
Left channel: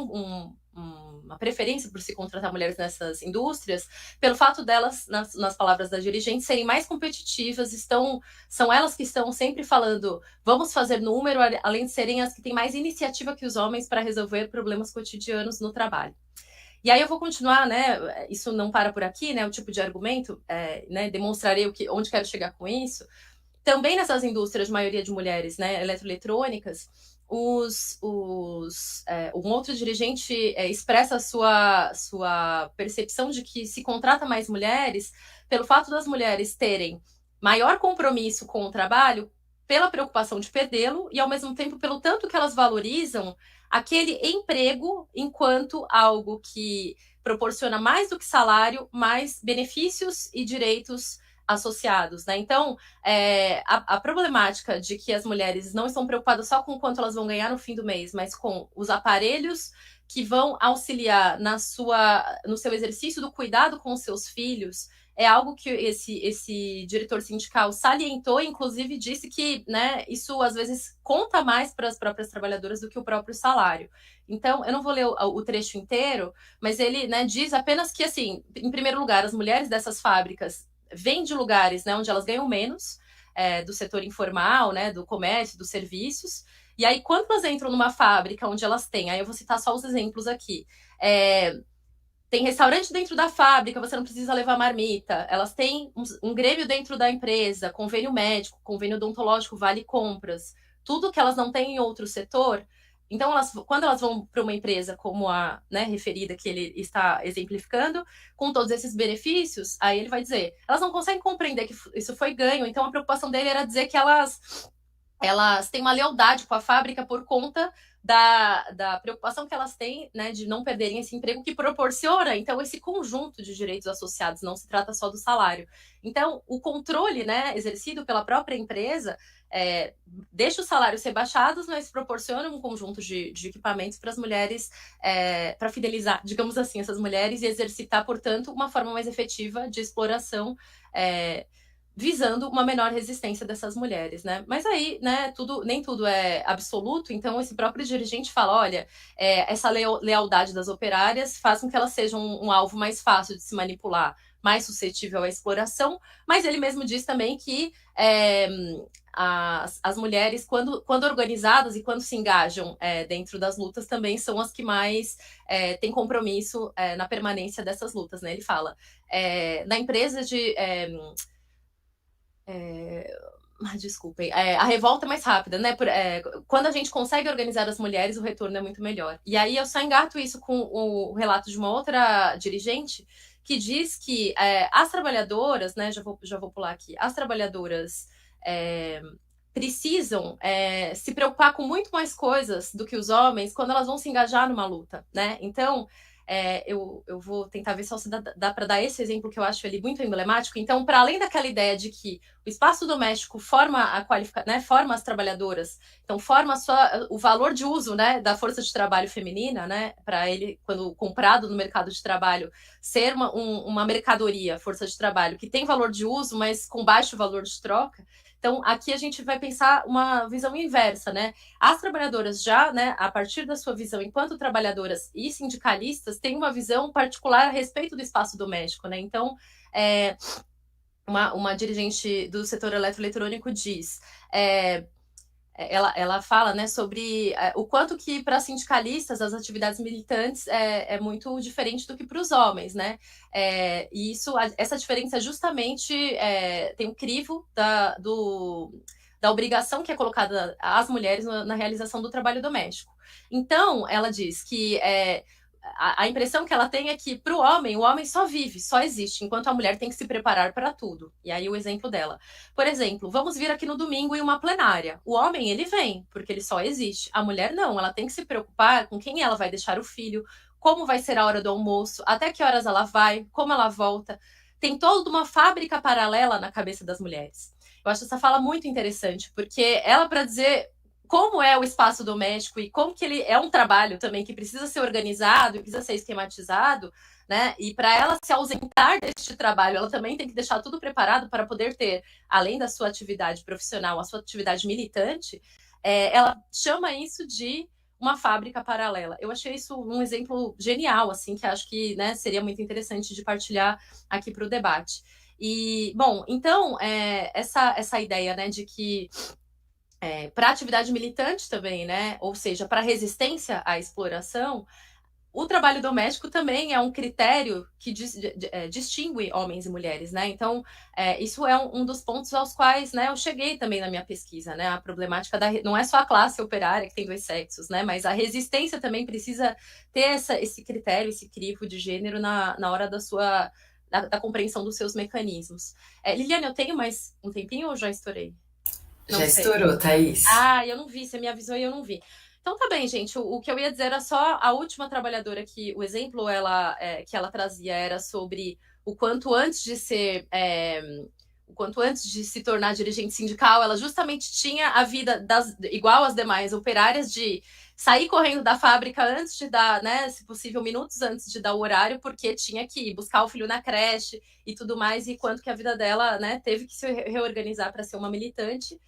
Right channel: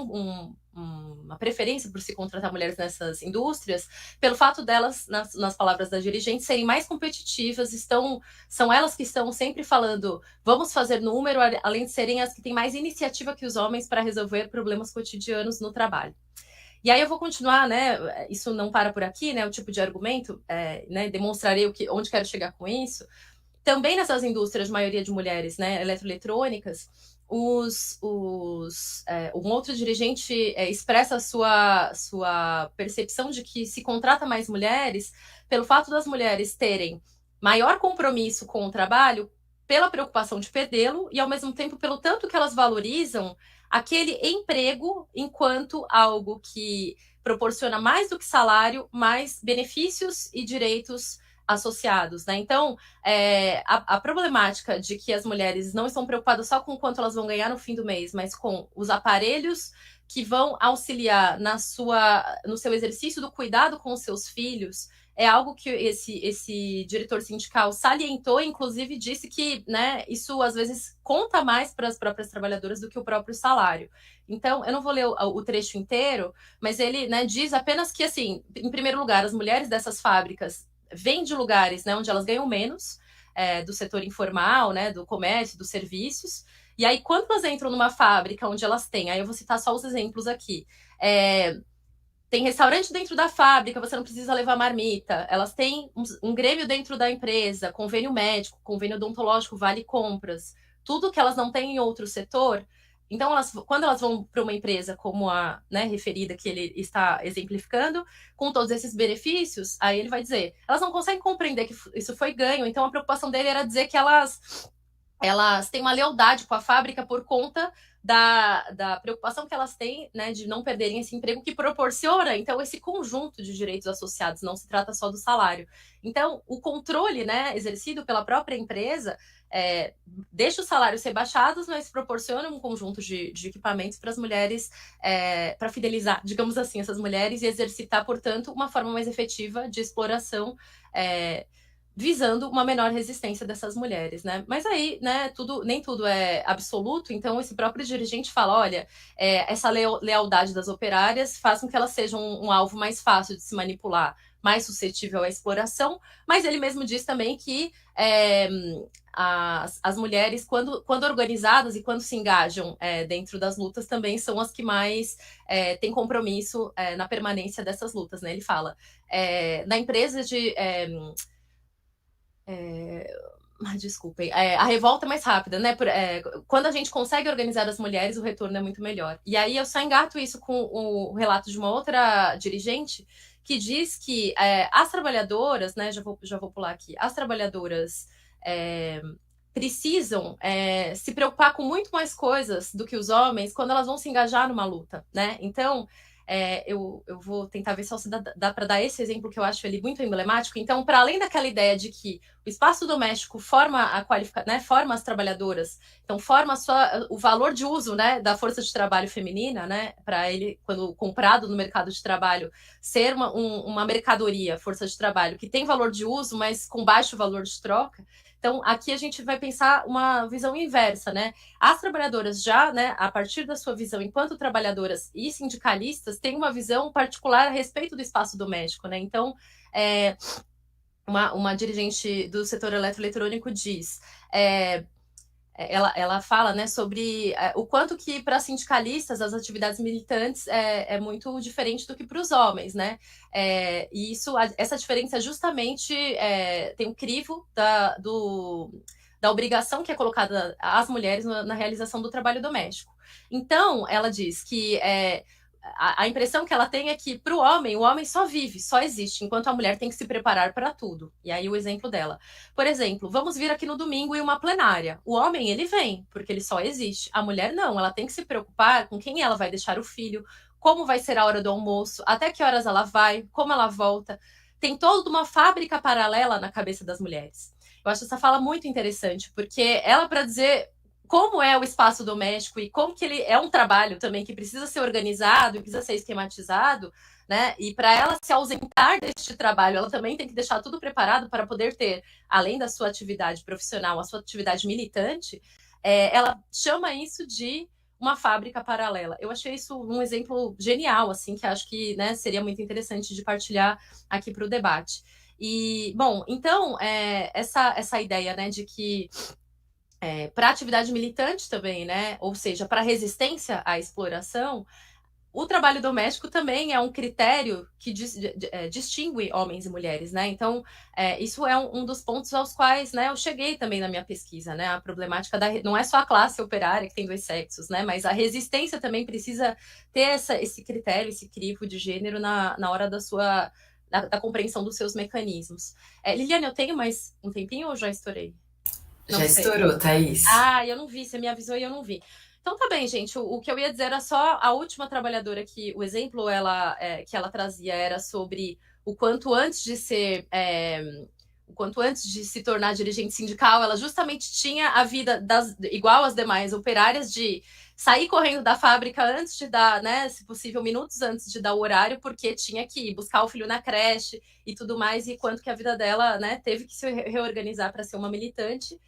uma preferência por se contratar mulheres nessas indústrias, pelo fato delas, nas palavras da dirigente, serem mais competitivas, são elas que estão sempre falando, vamos fazer número, além de serem as que têm mais iniciativa que os homens para resolver problemas cotidianos no trabalho. E aí eu vou continuar, né? Isso não para por aqui, né? O tipo de argumento, né? Demonstrarei onde quero chegar com isso. Também nessas indústrias de maioria de mulheres, né? Eletroeletrônicas, um outro dirigente expressa a sua percepção de que se contrata mais mulheres pelo fato das mulheres terem maior compromisso com o trabalho, pela preocupação de perdê-lo e, ao mesmo tempo, pelo tanto que elas valorizam aquele emprego enquanto algo que proporciona mais do que salário, mais benefícios e direitos associados, né? Então, a problemática de que as mulheres não estão preocupadas só com quanto elas vão ganhar no fim do mês, mas com os aparelhos que vão auxiliar no seu exercício do cuidado com os seus filhos, é algo que esse diretor sindical salientou, inclusive disse que, né, isso às vezes conta mais para as próprias trabalhadoras do que o próprio salário. Então, eu não vou ler o trecho inteiro, mas ele, né, diz apenas que, assim, em primeiro lugar, as mulheres dessas fábricas vêm de lugares, né, onde elas ganham menos, do setor informal, né, do comércio, dos serviços, e aí quando elas entram numa fábrica onde elas têm, aí eu vou citar só os exemplos aqui, tem restaurante dentro da fábrica, você não precisa levar marmita. Elas têm um grêmio dentro da empresa, convênio médico, convênio odontológico, vale compras. Tudo que elas não têm em outro setor. Então, quando elas vão para uma empresa como a, né, referida que ele está exemplificando, com todos esses benefícios, aí ele vai dizer, elas não conseguem compreender que isso foi ganho. Então, a preocupação dele era dizer que elas têm uma lealdade com a fábrica por conta da preocupação que elas têm, né, de não perderem esse emprego que proporciona, então, esse conjunto de direitos associados, não se trata só do salário. Então, o controle, né, exercido pela própria empresa deixa os salários rebaixados, mas proporciona um conjunto de equipamentos para as mulheres, para fidelizar, digamos assim, essas mulheres e exercitar, portanto, uma forma mais efetiva de exploração, visando uma menor resistência dessas mulheres, né? Mas aí, né, nem tudo é absoluto, então esse próprio dirigente fala, olha, essa lealdade das operárias faz com que elas sejam um alvo mais fácil de se manipular, mais suscetível à exploração, mas ele mesmo diz também que as mulheres, quando organizadas e quando se engajam dentro das lutas, também são as que mais têm compromisso na permanência dessas lutas, né? Ele fala, na empresa de... desculpem, a revolta é mais rápida, né? Quando a gente consegue organizar as mulheres, o retorno é muito melhor. E aí eu só engato isso com o relato de uma outra dirigente que diz que as trabalhadoras, né? Já vou pular aqui. As trabalhadoras precisam se preocupar com muito mais coisas do que os homens quando elas vão se engajar numa luta, né? Então, eu vou tentar ver se dá para dar esse exemplo que eu acho ele muito emblemático. Então, para além daquela ideia de que o espaço doméstico forma né, forma as trabalhadoras, então forma o valor de uso, né, da força de trabalho feminina, né, para ele, quando comprado no mercado de trabalho, ser uma mercadoria, força de trabalho, que tem valor de uso, mas com baixo valor de troca. Então, aqui a gente vai pensar uma visão inversa, né? As trabalhadoras já, né, a partir da sua visão enquanto trabalhadoras e sindicalistas, têm uma visão particular a respeito do espaço doméstico, né? Então, uma dirigente do setor eletroeletrônico diz... Ela fala, né, sobre o quanto que para sindicalistas as atividades militantes é muito diferente do que para os homens, né? E essa diferença justamente tem um crivo da obrigação que é colocada às mulheres na realização do trabalho doméstico. Então, ela diz que a impressão que ela tem é que para o homem só vive, só existe, enquanto a mulher tem que se preparar para tudo. E aí o exemplo dela. Por exemplo, vamos vir aqui no domingo em uma plenária. O homem, ele vem, porque ele só existe. A mulher não, ela tem que se preocupar com quem ela vai deixar o filho, como vai ser a hora do almoço, até que horas ela vai, como ela volta. Tem toda uma fábrica paralela na cabeça das mulheres. Eu acho essa fala muito interessante, porque ela, para dizer como é o espaço doméstico e como que ele é um trabalho também que precisa ser organizado e precisa ser esquematizado, né? E para ela se ausentar deste trabalho, ela também tem que deixar tudo preparado para poder ter, além da sua atividade profissional, a sua atividade militante. Ela chama isso de uma fábrica paralela. Eu achei isso um exemplo genial, assim, que acho que, né, seria muito interessante de partilhar aqui para o debate. E, bom, então, essa ideia, né, de que para atividade militante também, né? Ou seja, para resistência à exploração, o trabalho doméstico também é um critério que distingue homens e mulheres, né? Então, isso é um dos pontos aos quais, né, eu cheguei também na minha pesquisa, né? A problemática não é só a classe operária que tem dois sexos, né? Mas a resistência também precisa ter esse critério, esse crivo de gênero na hora da compreensão dos seus mecanismos. Liliane, eu tenho mais um tempinho ou já estourei? Não já sei. Estourou, Thaís. Eu não vi, você me avisou e eu não vi. Então tá bem, gente, o que eu ia dizer era só a última trabalhadora que o exemplo que ela trazia era sobre o quanto antes de se tornar dirigente sindical, ela justamente tinha a vida igual às demais operárias de sair correndo da fábrica antes de dar, né, se possível, minutos antes de dar o horário, porque tinha que ir buscar o filho na creche e tudo mais, e quanto que a vida dela, né, teve que se reorganizar para ser uma militante.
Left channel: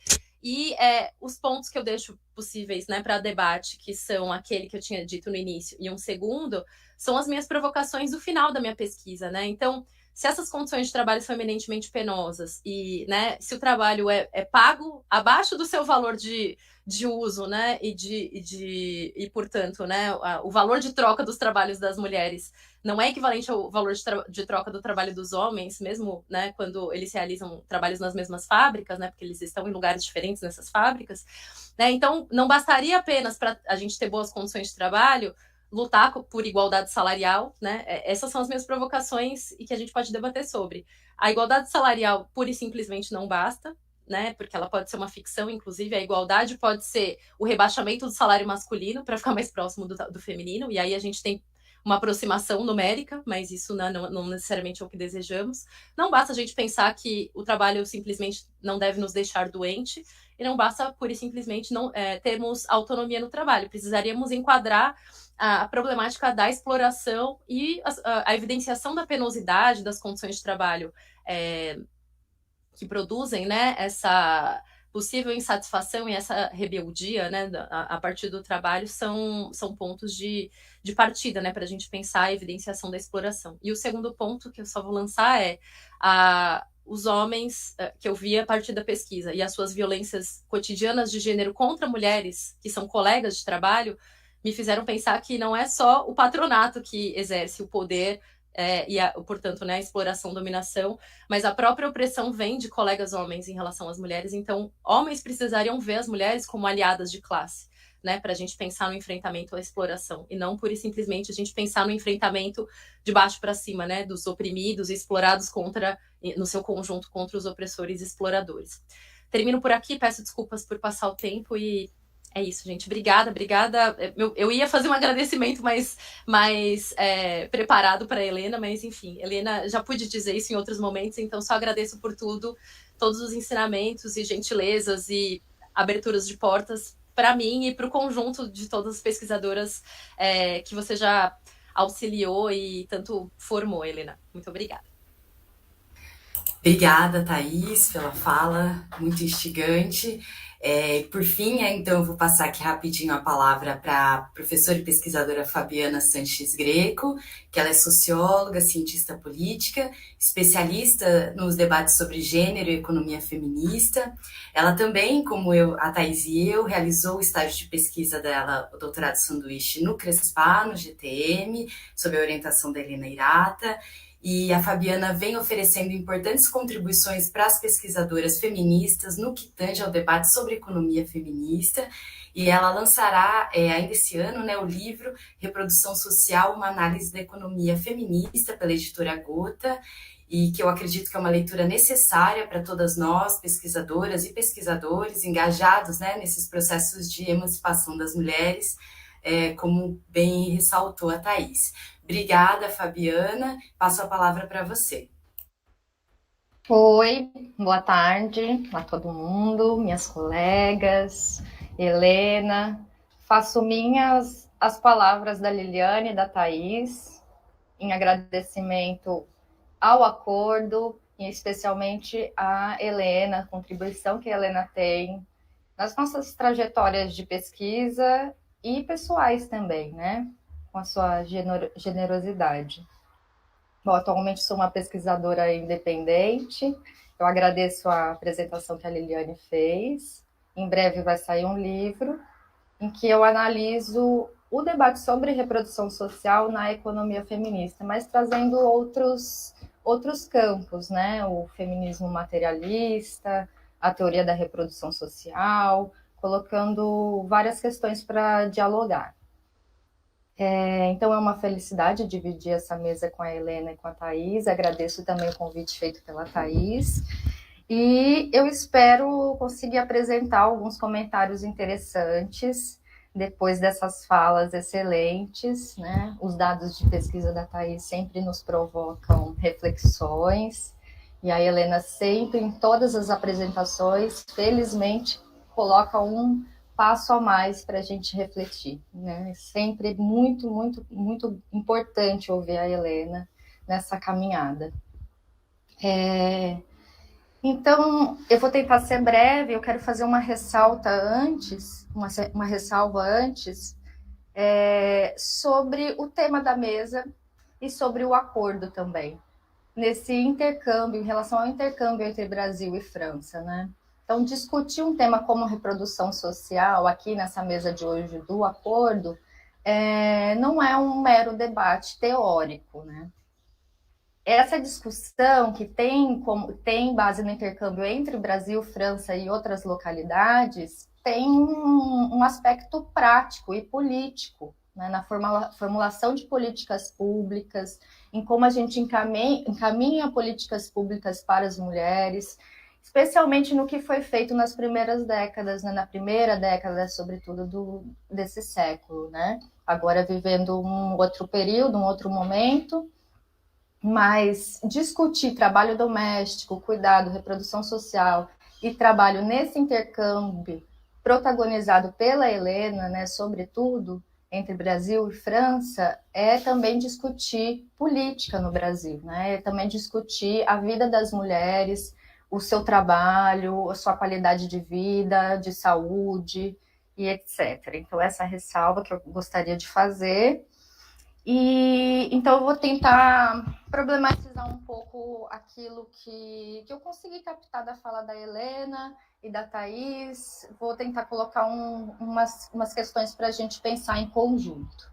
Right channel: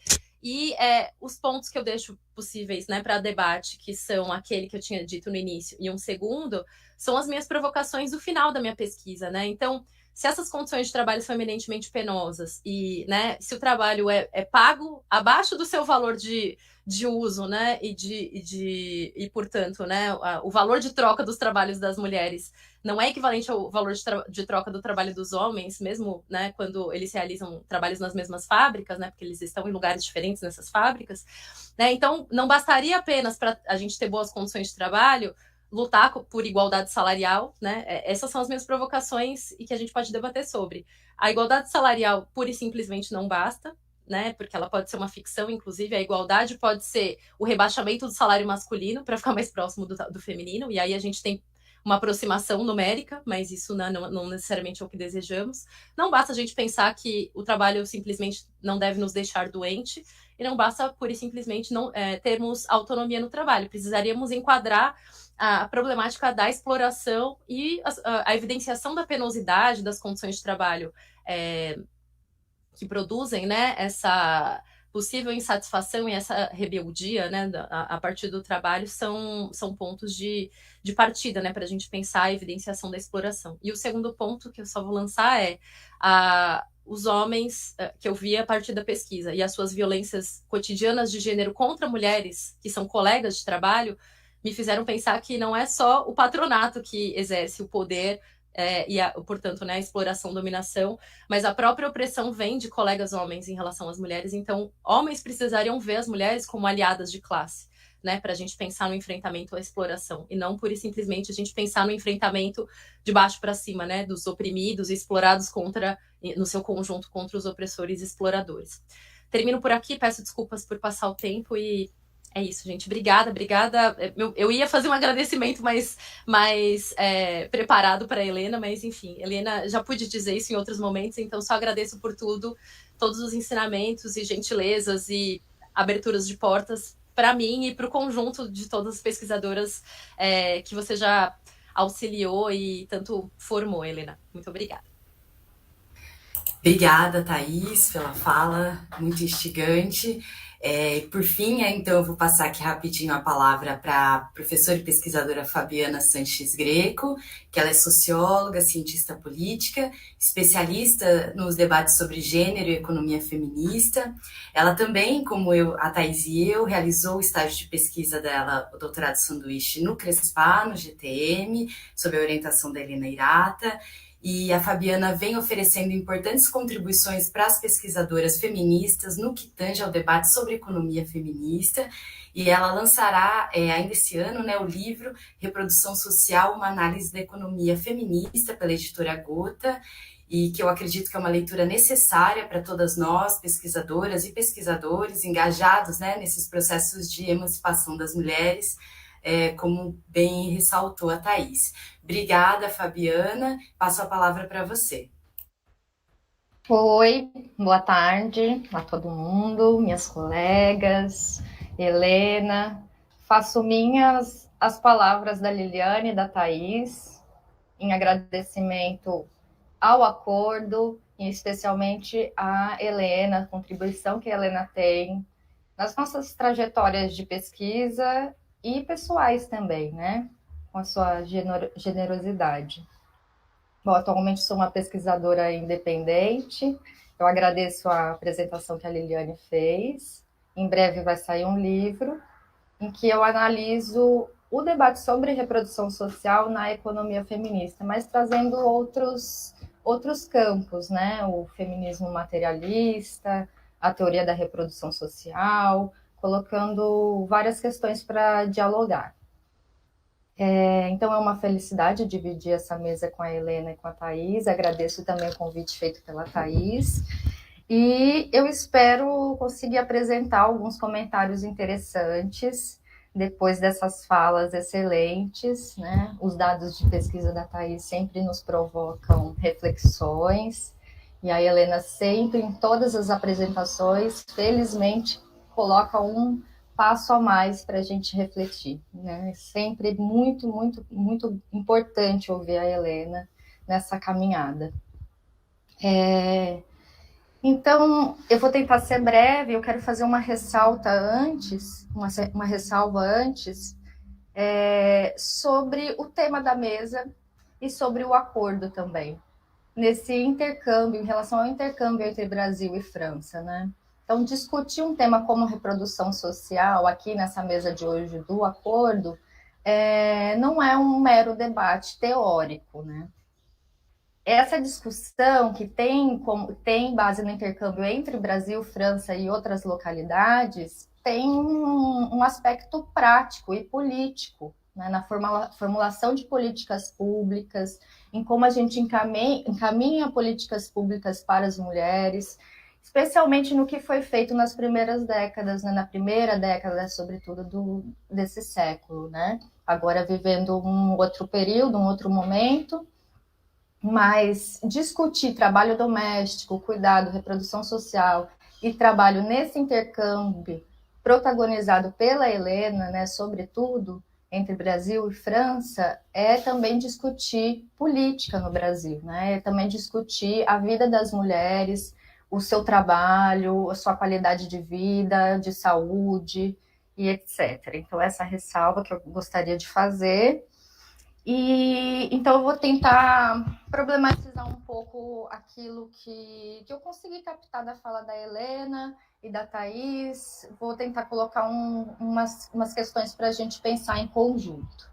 E os pontos que eu deixo possíveis, né, para debate, que são aquele que eu tinha dito no início, e um segundo, são as minhas provocações do final da minha pesquisa, né? Então, se essas condições de trabalho são eminentemente penosas e, né, se o trabalho é pago abaixo do seu valor de uso, né, e portanto, né, o valor de troca dos trabalhos das mulheres não é equivalente ao valor de troca do trabalho dos homens, mesmo, né, quando eles realizam trabalhos nas mesmas fábricas, né, porque eles estão em lugares diferentes nessas fábricas, né, então não bastaria apenas para a gente ter boas condições de trabalho lutar por igualdade salarial, né? Essas são as minhas provocações e que a gente pode debater sobre. A igualdade salarial pura e simplesmente não basta, né? Porque ela pode ser uma ficção, inclusive a igualdade pode ser o rebaixamento do salário masculino para ficar mais próximo do feminino, e aí a gente tem uma aproximação numérica, mas isso não necessariamente é o que desejamos. Não basta a gente pensar que o trabalho simplesmente não deve nos deixar doente, e não basta pura e simplesmente não termos autonomia no trabalho. Precisaríamos enquadrar a problemática da exploração e a evidenciação da penosidade das condições de trabalho que produzem, né, essa possível insatisfação e essa rebeldia, né, a partir do trabalho são pontos de partida, né, para a gente pensar a evidenciação da exploração. E o segundo ponto que eu só vou lançar é os homens que eu vi a partir da pesquisa e as suas violências cotidianas de gênero contra mulheres que são colegas de trabalho me fizeram pensar que não é só o patronato que exerce o poder portanto, né, a exploração, dominação, mas a própria opressão vem de colegas homens em relação às mulheres. Então, homens precisariam ver as mulheres como aliadas de classe, né, para a gente pensar no enfrentamento à exploração, e não pura e simplesmente a gente pensar no enfrentamento de baixo para cima, né, dos oprimidos e explorados no seu conjunto contra os opressores e exploradores. Termino por aqui, peço desculpas por passar o tempo e é isso, gente. Obrigada. Eu ia fazer um agradecimento mais preparado para a Helena, mas enfim, Helena já pude dizer isso em outros momentos, então só agradeço por tudo, todos os ensinamentos e gentilezas e aberturas de portas para mim e para o conjunto de todas as pesquisadoras que você já auxiliou e tanto formou, Helena. Muito obrigada. Obrigada, Thaís, pela fala muito instigante. Por fim, então, eu vou passar aqui rapidinho a palavra para a professora e pesquisadora Fabiana Sanches Greco, que ela é socióloga, cientista política, especialista nos debates sobre gênero e economia feminista. Ela também, como a Thaís e eu, realizou o estágio de pesquisa dela, o doutorado sanduíche, no CRESPA, no GTM, sob a orientação da Helena Hirata. E a Fabiana vem oferecendo importantes contribuições para as pesquisadoras feministas no que tange ao debate sobre economia feminista, e ela lançará ainda esse ano, né, o livro Reprodução Social, uma análise da economia feminista, pela editora Gota, e que eu acredito que é uma leitura necessária para todas nós, pesquisadoras e pesquisadores engajados, né, nesses processos de emancipação das mulheres, como bem ressaltou a Thaís. Obrigada, Fabiana. Passo a palavra para você. Oi, boa tarde a todo mundo, minhas colegas, Helena. Faço minhas as palavras da Liliane e da Thaís, em agradecimento ao acordo, e especialmente a Helena, a contribuição que a Helena tem nas nossas trajetórias de pesquisa e pessoais também, né? Com a sua generosidade. Bom, atualmente sou uma pesquisadora independente. Eu agradeço a apresentação que a Liliane fez. Em breve vai sair um livro em que eu analiso o debate sobre reprodução social na economia feminista, mas trazendo outros campos, né? O feminismo materialista, a teoria da reprodução social, colocando várias questões para dialogar. Então é uma felicidade dividir essa mesa com a Helena e com a Thaís. Agradeço também o convite feito pela Thaís. E eu espero conseguir apresentar alguns comentários interessantes depois dessas falas excelentes, né? Os dados de pesquisa da Thaís sempre nos provocam reflexões. E a Helena sempre, em todas as apresentações, felizmente, coloca um passo a mais para a gente refletir, né? Sempre muito, muito, muito importante ouvir a Helena nessa caminhada. Então, eu vou tentar ser breve, eu quero fazer uma ressalva antes, sobre o tema da mesa e sobre o acordo também. nesse intercâmbio, em relação ao intercâmbio entre Brasil e França, né? Então, discutir um tema como reprodução social aqui nessa mesa de hoje do acordo não é um mero debate teórico, né? Essa discussão que tem base no intercâmbio entre Brasil, França e outras localidades tem um aspecto prático e político, né, na formulação de políticas públicas, em como a gente encaminha políticas públicas para as mulheres, especialmente no que foi feito nas primeiras décadas, né, na primeira década, sobretudo, desse século, né? Agora vivendo um outro período, um outro momento, mas discutir trabalho doméstico, cuidado, reprodução social e trabalho nesse intercâmbio protagonizado pela Helena, né, sobretudo, entre Brasil e França, é também discutir política no Brasil, né? É também discutir a vida das mulheres, o seu trabalho, a sua qualidade de vida, de saúde e etc. Então, essa ressalva que eu gostaria de fazer. E então eu vou tentar problematizar um pouco aquilo que eu consegui captar da fala da Helena e da Thaís. Vou tentar colocar umas questões para a gente pensar em conjunto.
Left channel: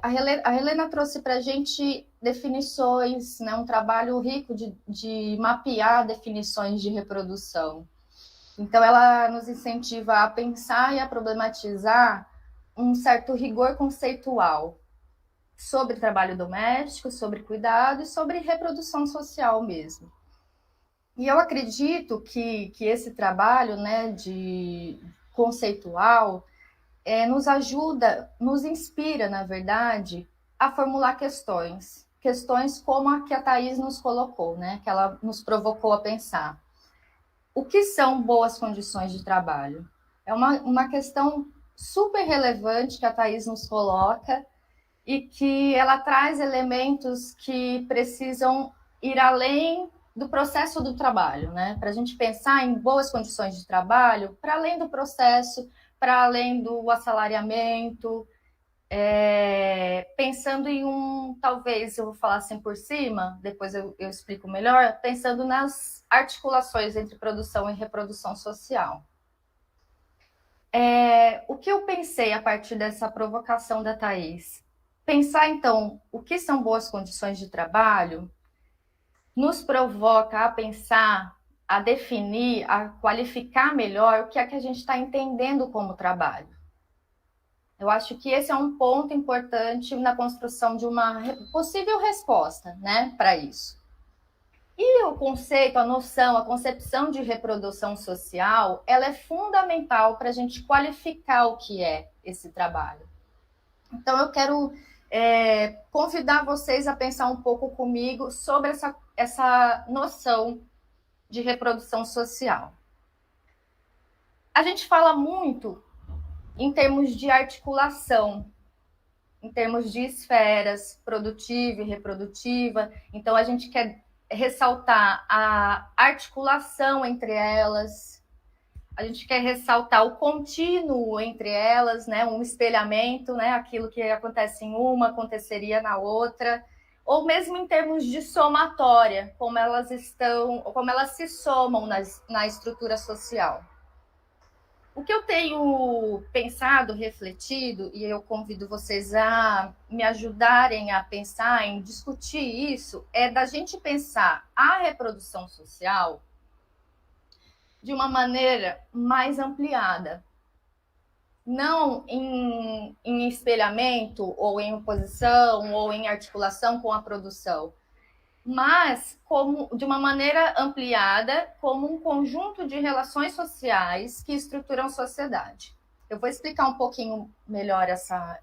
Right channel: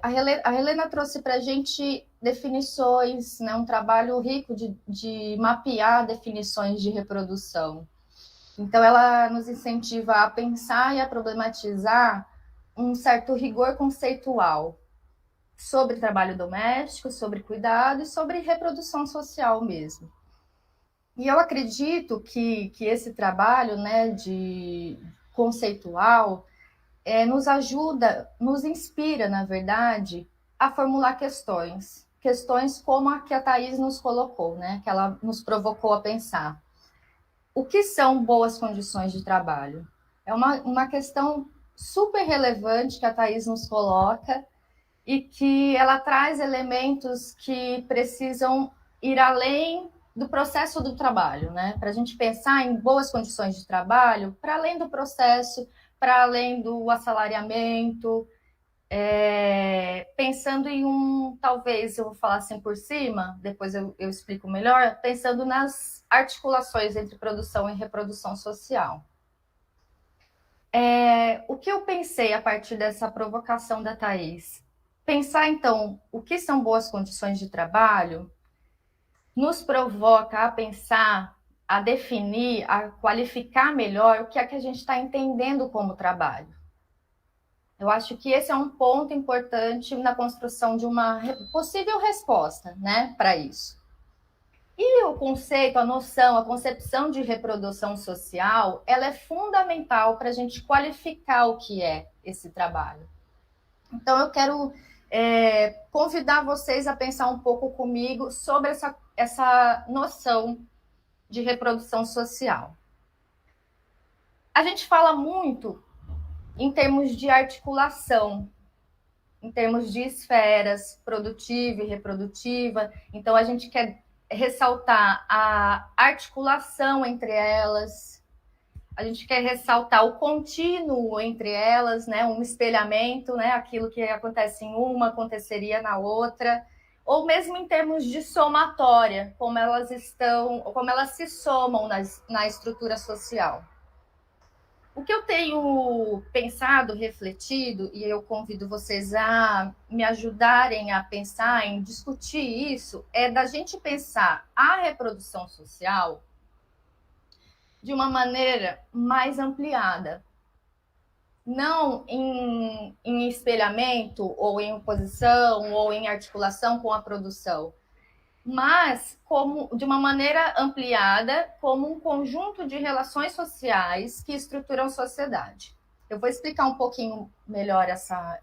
A Helena trouxe para a gente definições, né, um trabalho rico de mapear definições de reprodução. Então, ela nos incentiva a pensar e a problematizar um certo rigor conceitual sobre trabalho doméstico, sobre cuidado e sobre reprodução social mesmo. E eu acredito que esse trabalho, né, de conceitual nos ajuda, nos inspira, na verdade, a formular questões como a que a Thaís nos colocou, né, que ela nos provocou a pensar. O que são boas condições de trabalho? É uma questão super relevante que a Thaís nos coloca e que ela traz elementos que precisam ir além do processo do trabalho, né? Para a gente pensar em boas condições de trabalho, para além do processo, para além do assalariamento, pensando em talvez eu vou falar assim por cima, depois eu explico melhor, pensando nas articulações entre produção e reprodução social. O que eu pensei a partir dessa provocação da Thaís? Pensar, então, o que são boas condições de trabalho nos provoca a pensar, a definir, a qualificar melhor o que é que a gente está entendendo como trabalho. Eu acho que esse é um ponto importante na construção de uma possível resposta, né, para isso. E o conceito, a noção, a concepção de reprodução social, ela é fundamental para a gente qualificar o que é esse trabalho. Então, eu quero convidar vocês a pensar um pouco comigo sobre essa noção de reprodução social. A gente fala muito em termos de articulação, em termos de esferas produtiva e reprodutiva. Então, a gente quer ressaltar a articulação entre elas, a gente quer ressaltar o contínuo entre elas, né, um espelhamento, né, aquilo que acontece em uma aconteceria na outra, ou mesmo em termos de somatória, como elas se somam na estrutura social. O que eu tenho pensado, refletido, e eu convido vocês a me ajudarem a pensar, em discutir isso, é da gente pensar a reprodução social de uma maneira mais ampliada. Não em espelhamento, ou em oposição, ou em articulação com a produção, mas de uma maneira ampliada, como um conjunto de relações sociais que estruturam sociedade. Eu vou explicar um pouquinho melhor essa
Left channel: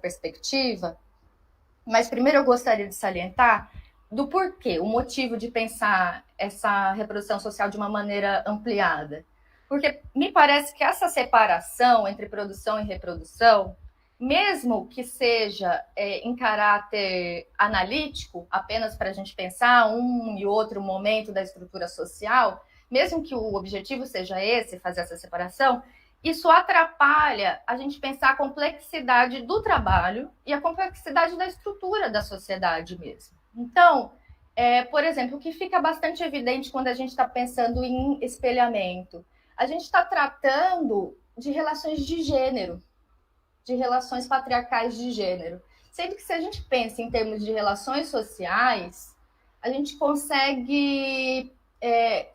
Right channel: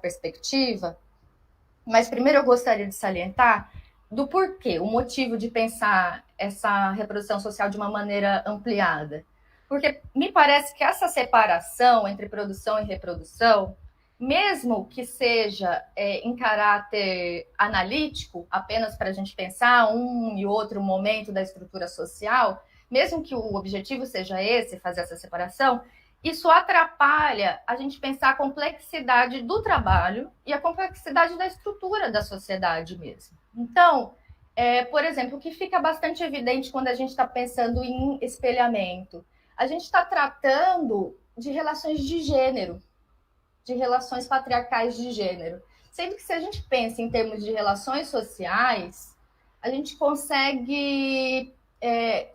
perspectiva, mas primeiro eu gostaria de salientar do porquê, o motivo de pensar essa reprodução social de uma maneira ampliada. Porque me parece que essa separação entre produção e reprodução, mesmo que seja em caráter analítico, apenas para a gente pensar um e outro momento da estrutura social, mesmo que o objetivo seja esse, fazer essa separação, isso atrapalha a gente pensar a complexidade do trabalho e a complexidade da estrutura da sociedade mesmo. Então, por exemplo, o que fica bastante evidente quando a gente está pensando em espelhamento, a gente está tratando de relações de gênero, de relações patriarcais de gênero. Sendo que se a gente pensa em termos de relações sociais, a gente consegue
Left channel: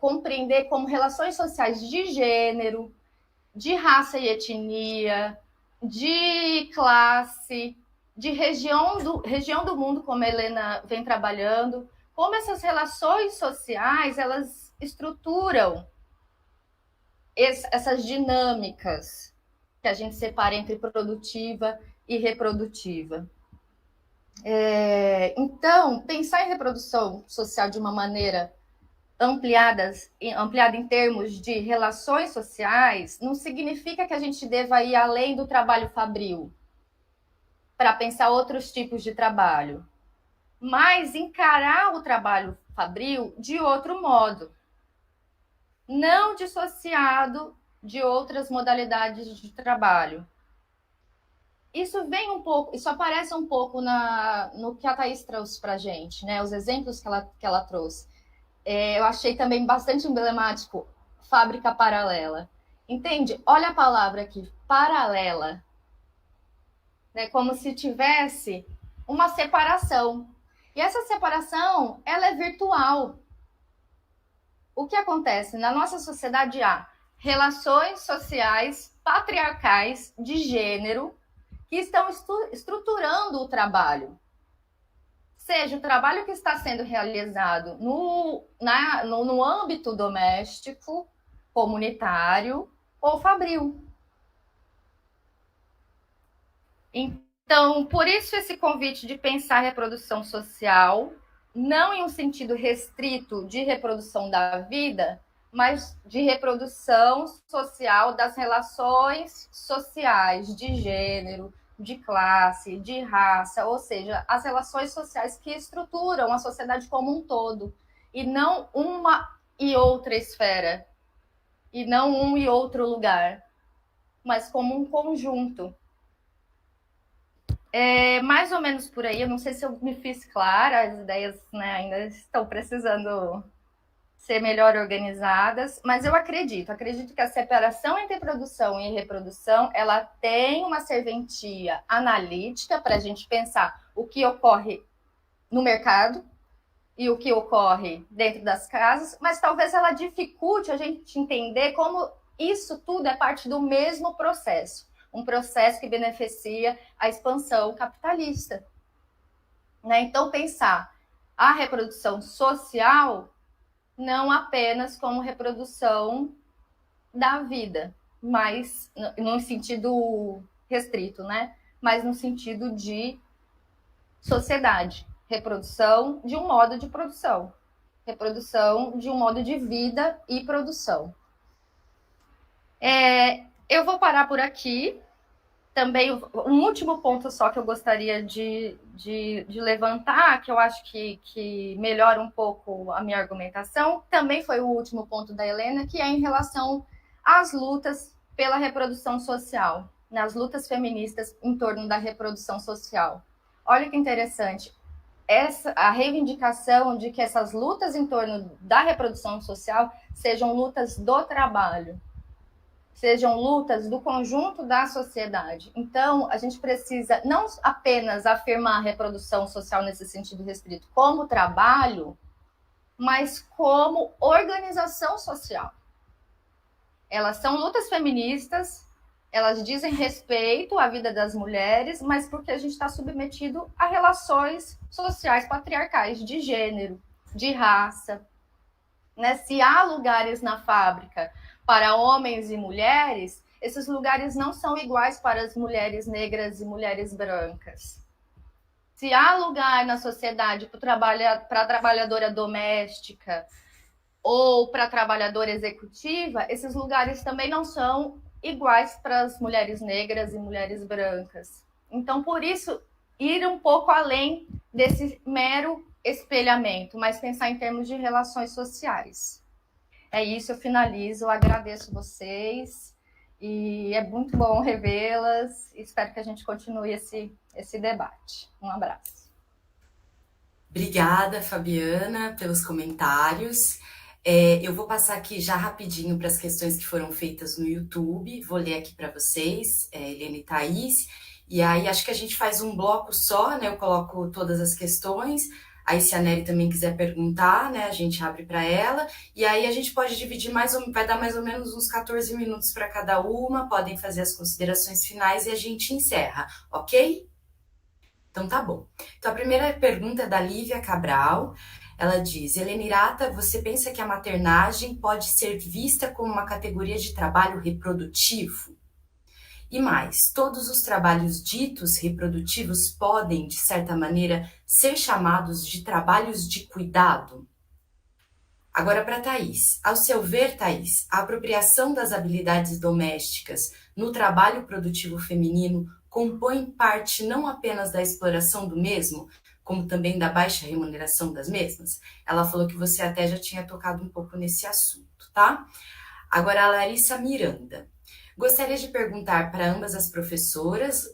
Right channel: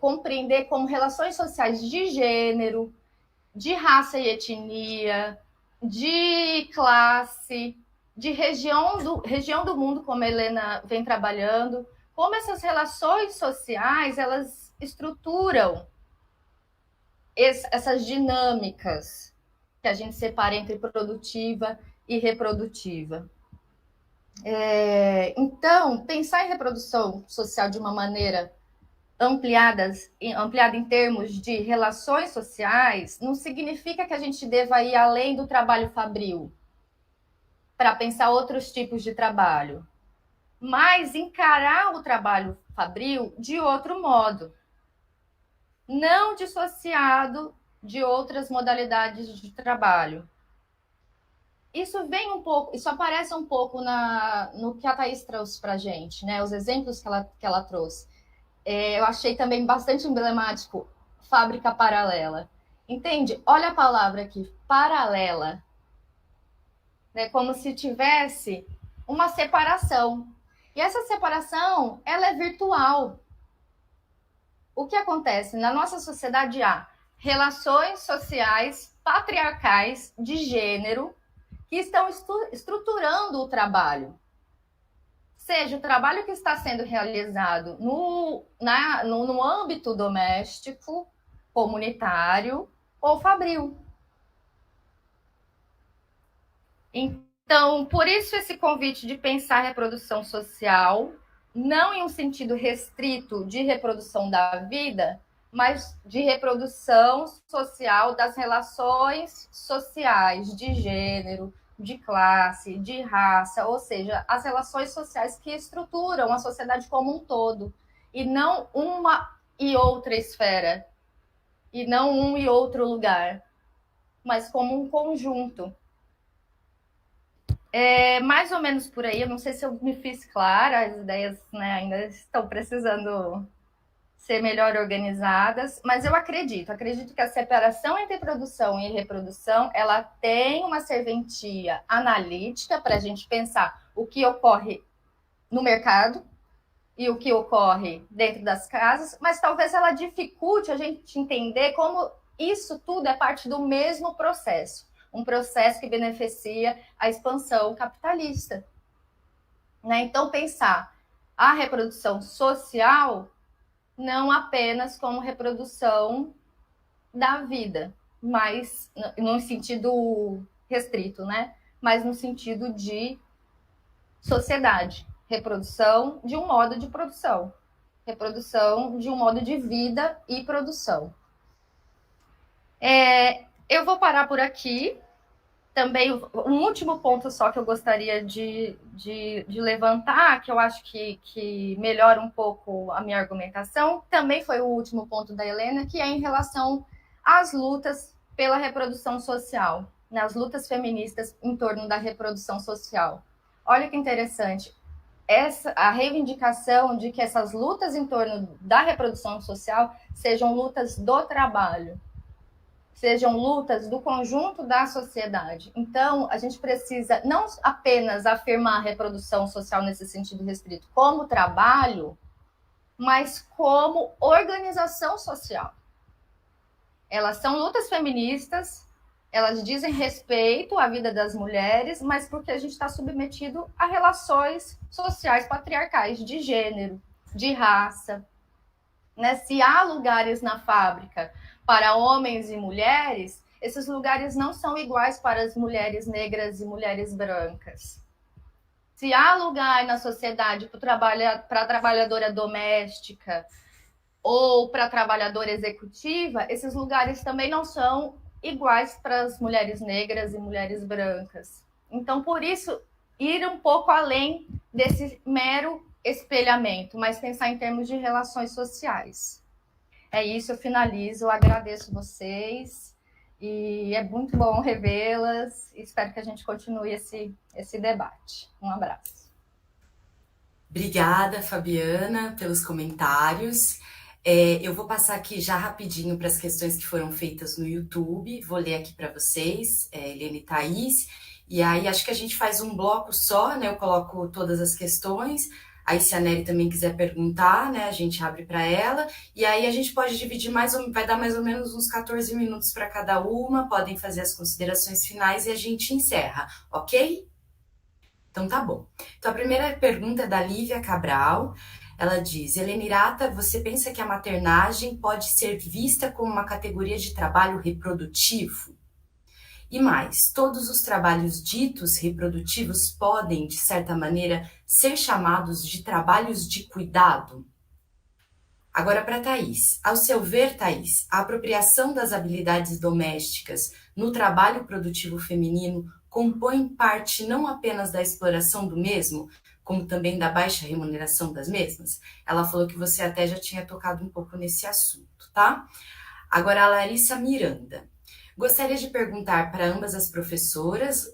compreender como relações sociais de gênero, de raça e etnia, de classe, de região do mundo, como a Helena vem trabalhando, como essas relações sociais, elas estruturam essas dinâmicas que a gente separa entre produtiva e reprodutiva. Então, pensar em reprodução social de uma maneira ampliada em termos de relações sociais não significa que a gente deva ir além do trabalho fabril para pensar outros tipos de trabalho, mas encarar o trabalho fabril de outro modo, não dissociado de outras modalidades de trabalho. Isso vem um pouco, isso aparece um pouco no que a Thaís trouxe para a gente, né? Os exemplos que ela trouxe. Eu achei também bastante emblemático, fábrica paralela. Entende? Olha a palavra aqui, paralela. Né? Como se tivesse uma separação. E essa separação, ela é virtual. O que acontece? Na nossa sociedade há relações sociais patriarcais de gênero que estão estruturando o trabalho. Seja o trabalho que está sendo realizado no âmbito doméstico, comunitário ou fabril. Então, por isso esse convite de pensar a reprodução social, não em um sentido restrito de reprodução da vida, mas de reprodução social das relações sociais de gênero, de classe, de raça, ou seja, as relações sociais que estruturam a sociedade como um todo, e não uma e outra esfera, e não um e outro lugar, mas como um conjunto. Mais ou menos por aí, eu não sei se eu me fiz clara, as ideias, né, ainda estão precisando ser melhor organizadas, mas eu acredito que a separação entre produção e reprodução, ela tem uma serventia analítica para a gente pensar o que ocorre no mercado e o que ocorre dentro das casas, mas talvez ela dificulte a gente entender como isso tudo é parte do mesmo processo, um processo que beneficia a expansão capitalista. Né? Então, pensar a reprodução social não apenas como reprodução da vida, mas no sentido restrito, né? Mas no sentido de sociedade, reprodução de um modo de produção, reprodução de um modo de vida e produção. Eu vou parar por aqui. Também, um último ponto só que eu gostaria de levantar, que eu acho que melhora um pouco a minha argumentação, também foi o último ponto da Helena, que é em relação às lutas pela reprodução social, nas lutas feministas em torno da reprodução social. Olha que interessante, a reivindicação de que essas lutas em torno da reprodução social sejam lutas do trabalho, sejam lutas do conjunto da sociedade. Então, a gente precisa não apenas afirmar a reprodução social nesse sentido restrito como trabalho, mas como organização social. Elas são lutas feministas, elas dizem respeito à vida das mulheres, mas porque a gente está submetido a relações sociais patriarcais de gênero, de raça. Né? Se há lugares na fábrica para homens e mulheres, esses lugares não são iguais para as mulheres negras e mulheres brancas. Se há lugar na sociedade para a trabalhadora doméstica ou para a trabalhadora executiva, esses lugares também não são iguais para as mulheres negras e mulheres brancas. Então, por isso, ir um pouco além desse mero espelhamento, mas pensar em termos de relações sociais. É isso, eu finalizo, eu agradeço vocês E é muito bom revê-las. Espero que a gente continue esse debate. Um abraço. Obrigada, Fabiana, pelos comentários. Eu vou passar aqui já rapidinho para as questões que foram feitas no YouTube. Vou ler aqui para vocês, Helena e Thaís. E aí acho que a gente faz um bloco só, né? Eu coloco todas as questões. Aí se a Nery também quiser perguntar, né? A gente abre para ela. E aí a gente pode dividir vai dar mais ou menos uns 14 minutos para cada uma. Podem fazer as considerações finais e a gente encerra, ok? Então tá bom. Então a primeira pergunta é da Lívia Cabral. Ela diz: Helenirata, você pensa que a maternagem pode ser vista como uma categoria de trabalho reprodutivo? E mais, todos os trabalhos ditos reprodutivos podem, de certa maneira, ser chamados de trabalhos de cuidado? Agora para Thaís. Ao seu ver, Thaís, a apropriação das habilidades domésticas no trabalho produtivo feminino compõe parte não apenas da exploração do mesmo, como também da baixa remuneração das mesmas? Ela falou que você até já tinha tocado um pouco nesse assunto, tá? Agora a Larissa Miranda. Gostaria de perguntar para ambas as professoras,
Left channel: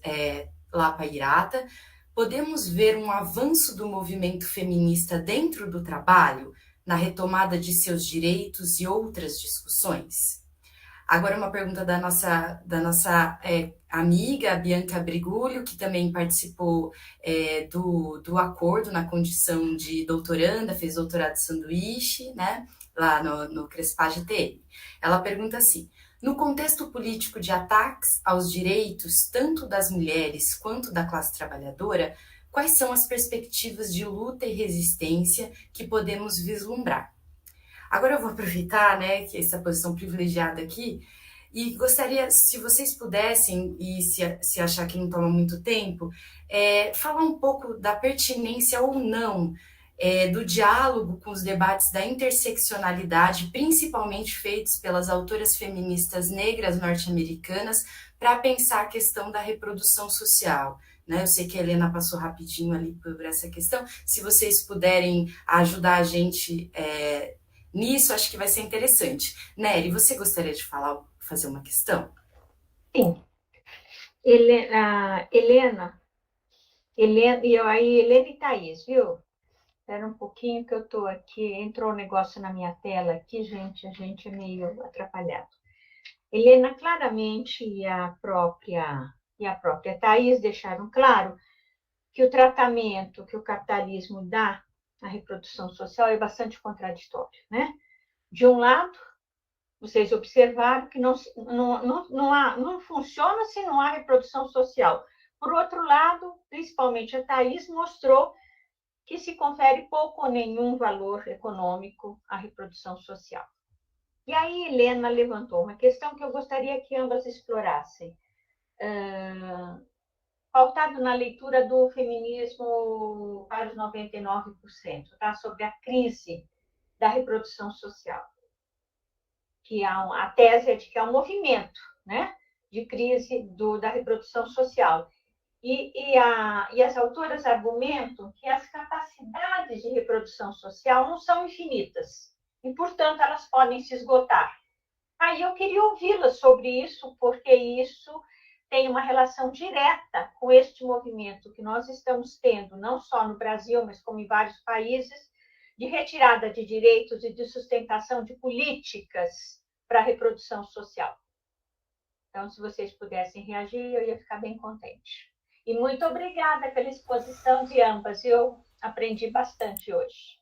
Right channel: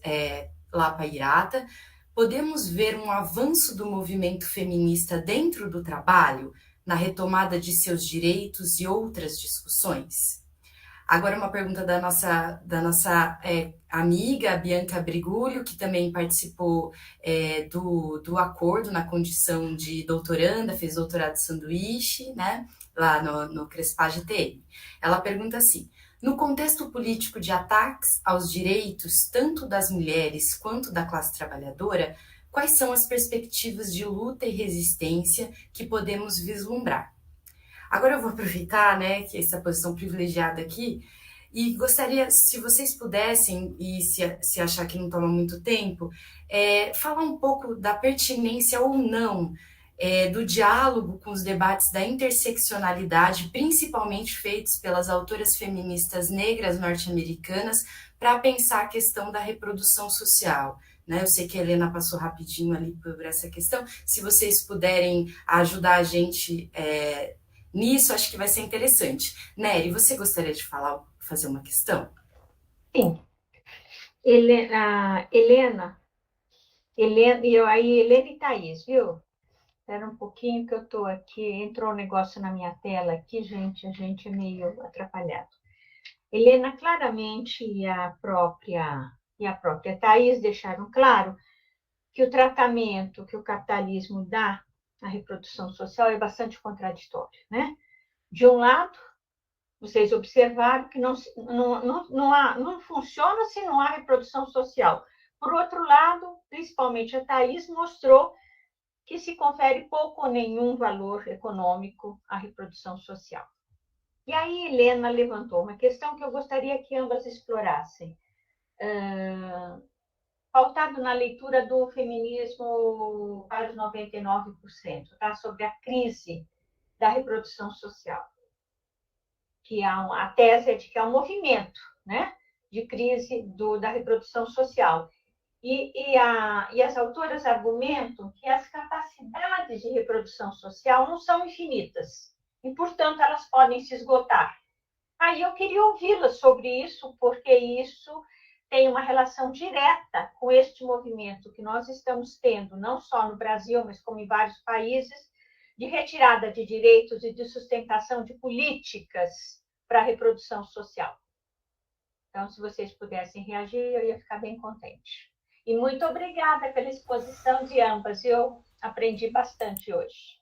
Lapa e Irata, podemos ver um avanço do movimento feminista dentro do trabalho, na retomada de seus direitos e outras discussões? Agora uma pergunta da nossa amiga Bianca Brigulho, que também participou do acordo na condição de doutoranda, fez doutorado de sanduíche, né, lá no Crespage TM. Ela pergunta assim: no contexto político de ataques aos direitos tanto das mulheres quanto da classe trabalhadora, quais são as perspectivas de luta e resistência que podemos vislumbrar? Agora eu vou aproveitar, né, que essa posição privilegiada aqui, e gostaria, se vocês pudessem, e se achar que não toma muito tempo, falar um pouco da pertinência ou não do diálogo com os debates da interseccionalidade, principalmente feitos pelas autoras feministas negras norte-americanas, para pensar a questão da reprodução social. Né? Eu sei que a Helena passou rapidinho ali por essa questão. Se vocês puderem ajudar a gente nisso, acho que vai ser interessante. Nery, você gostaria de fazer uma questão? Sim. Helena, Helena e Thaís, viu? Espera um pouquinho que eu estou aqui. Entrou um negócio na minha tela aqui, gente. A gente é meio atrapalhado. Helena claramente e a própria Thaís deixaram claro que o tratamento que o capitalismo dá à reprodução social é bastante contraditório, né? De um lado, vocês observaram que não funciona se não há reprodução social. Por outro lado, principalmente a Thaís mostrou que se confere pouco ou nenhum valor econômico à reprodução social. E aí Helena levantou uma questão que eu gostaria que ambas explorassem, pautado na leitura do feminismo para os 99%, tá? Sobre a crise da reprodução social, que a tese é de que é um movimento, né, de crise da reprodução social. E as autoras argumentam que as capacidades de reprodução social não são infinitas, e, portanto, elas podem se esgotar. Aí eu queria ouvi-las sobre isso, porque isso tem uma relação direta com este movimento que nós estamos tendo, não só no Brasil, mas como em vários países, de retirada de direitos e de sustentação de políticas para a reprodução social. Então, se vocês pudessem reagir, eu ia ficar bem contente. E muito obrigada pela exposição de ambas. Eu aprendi bastante hoje.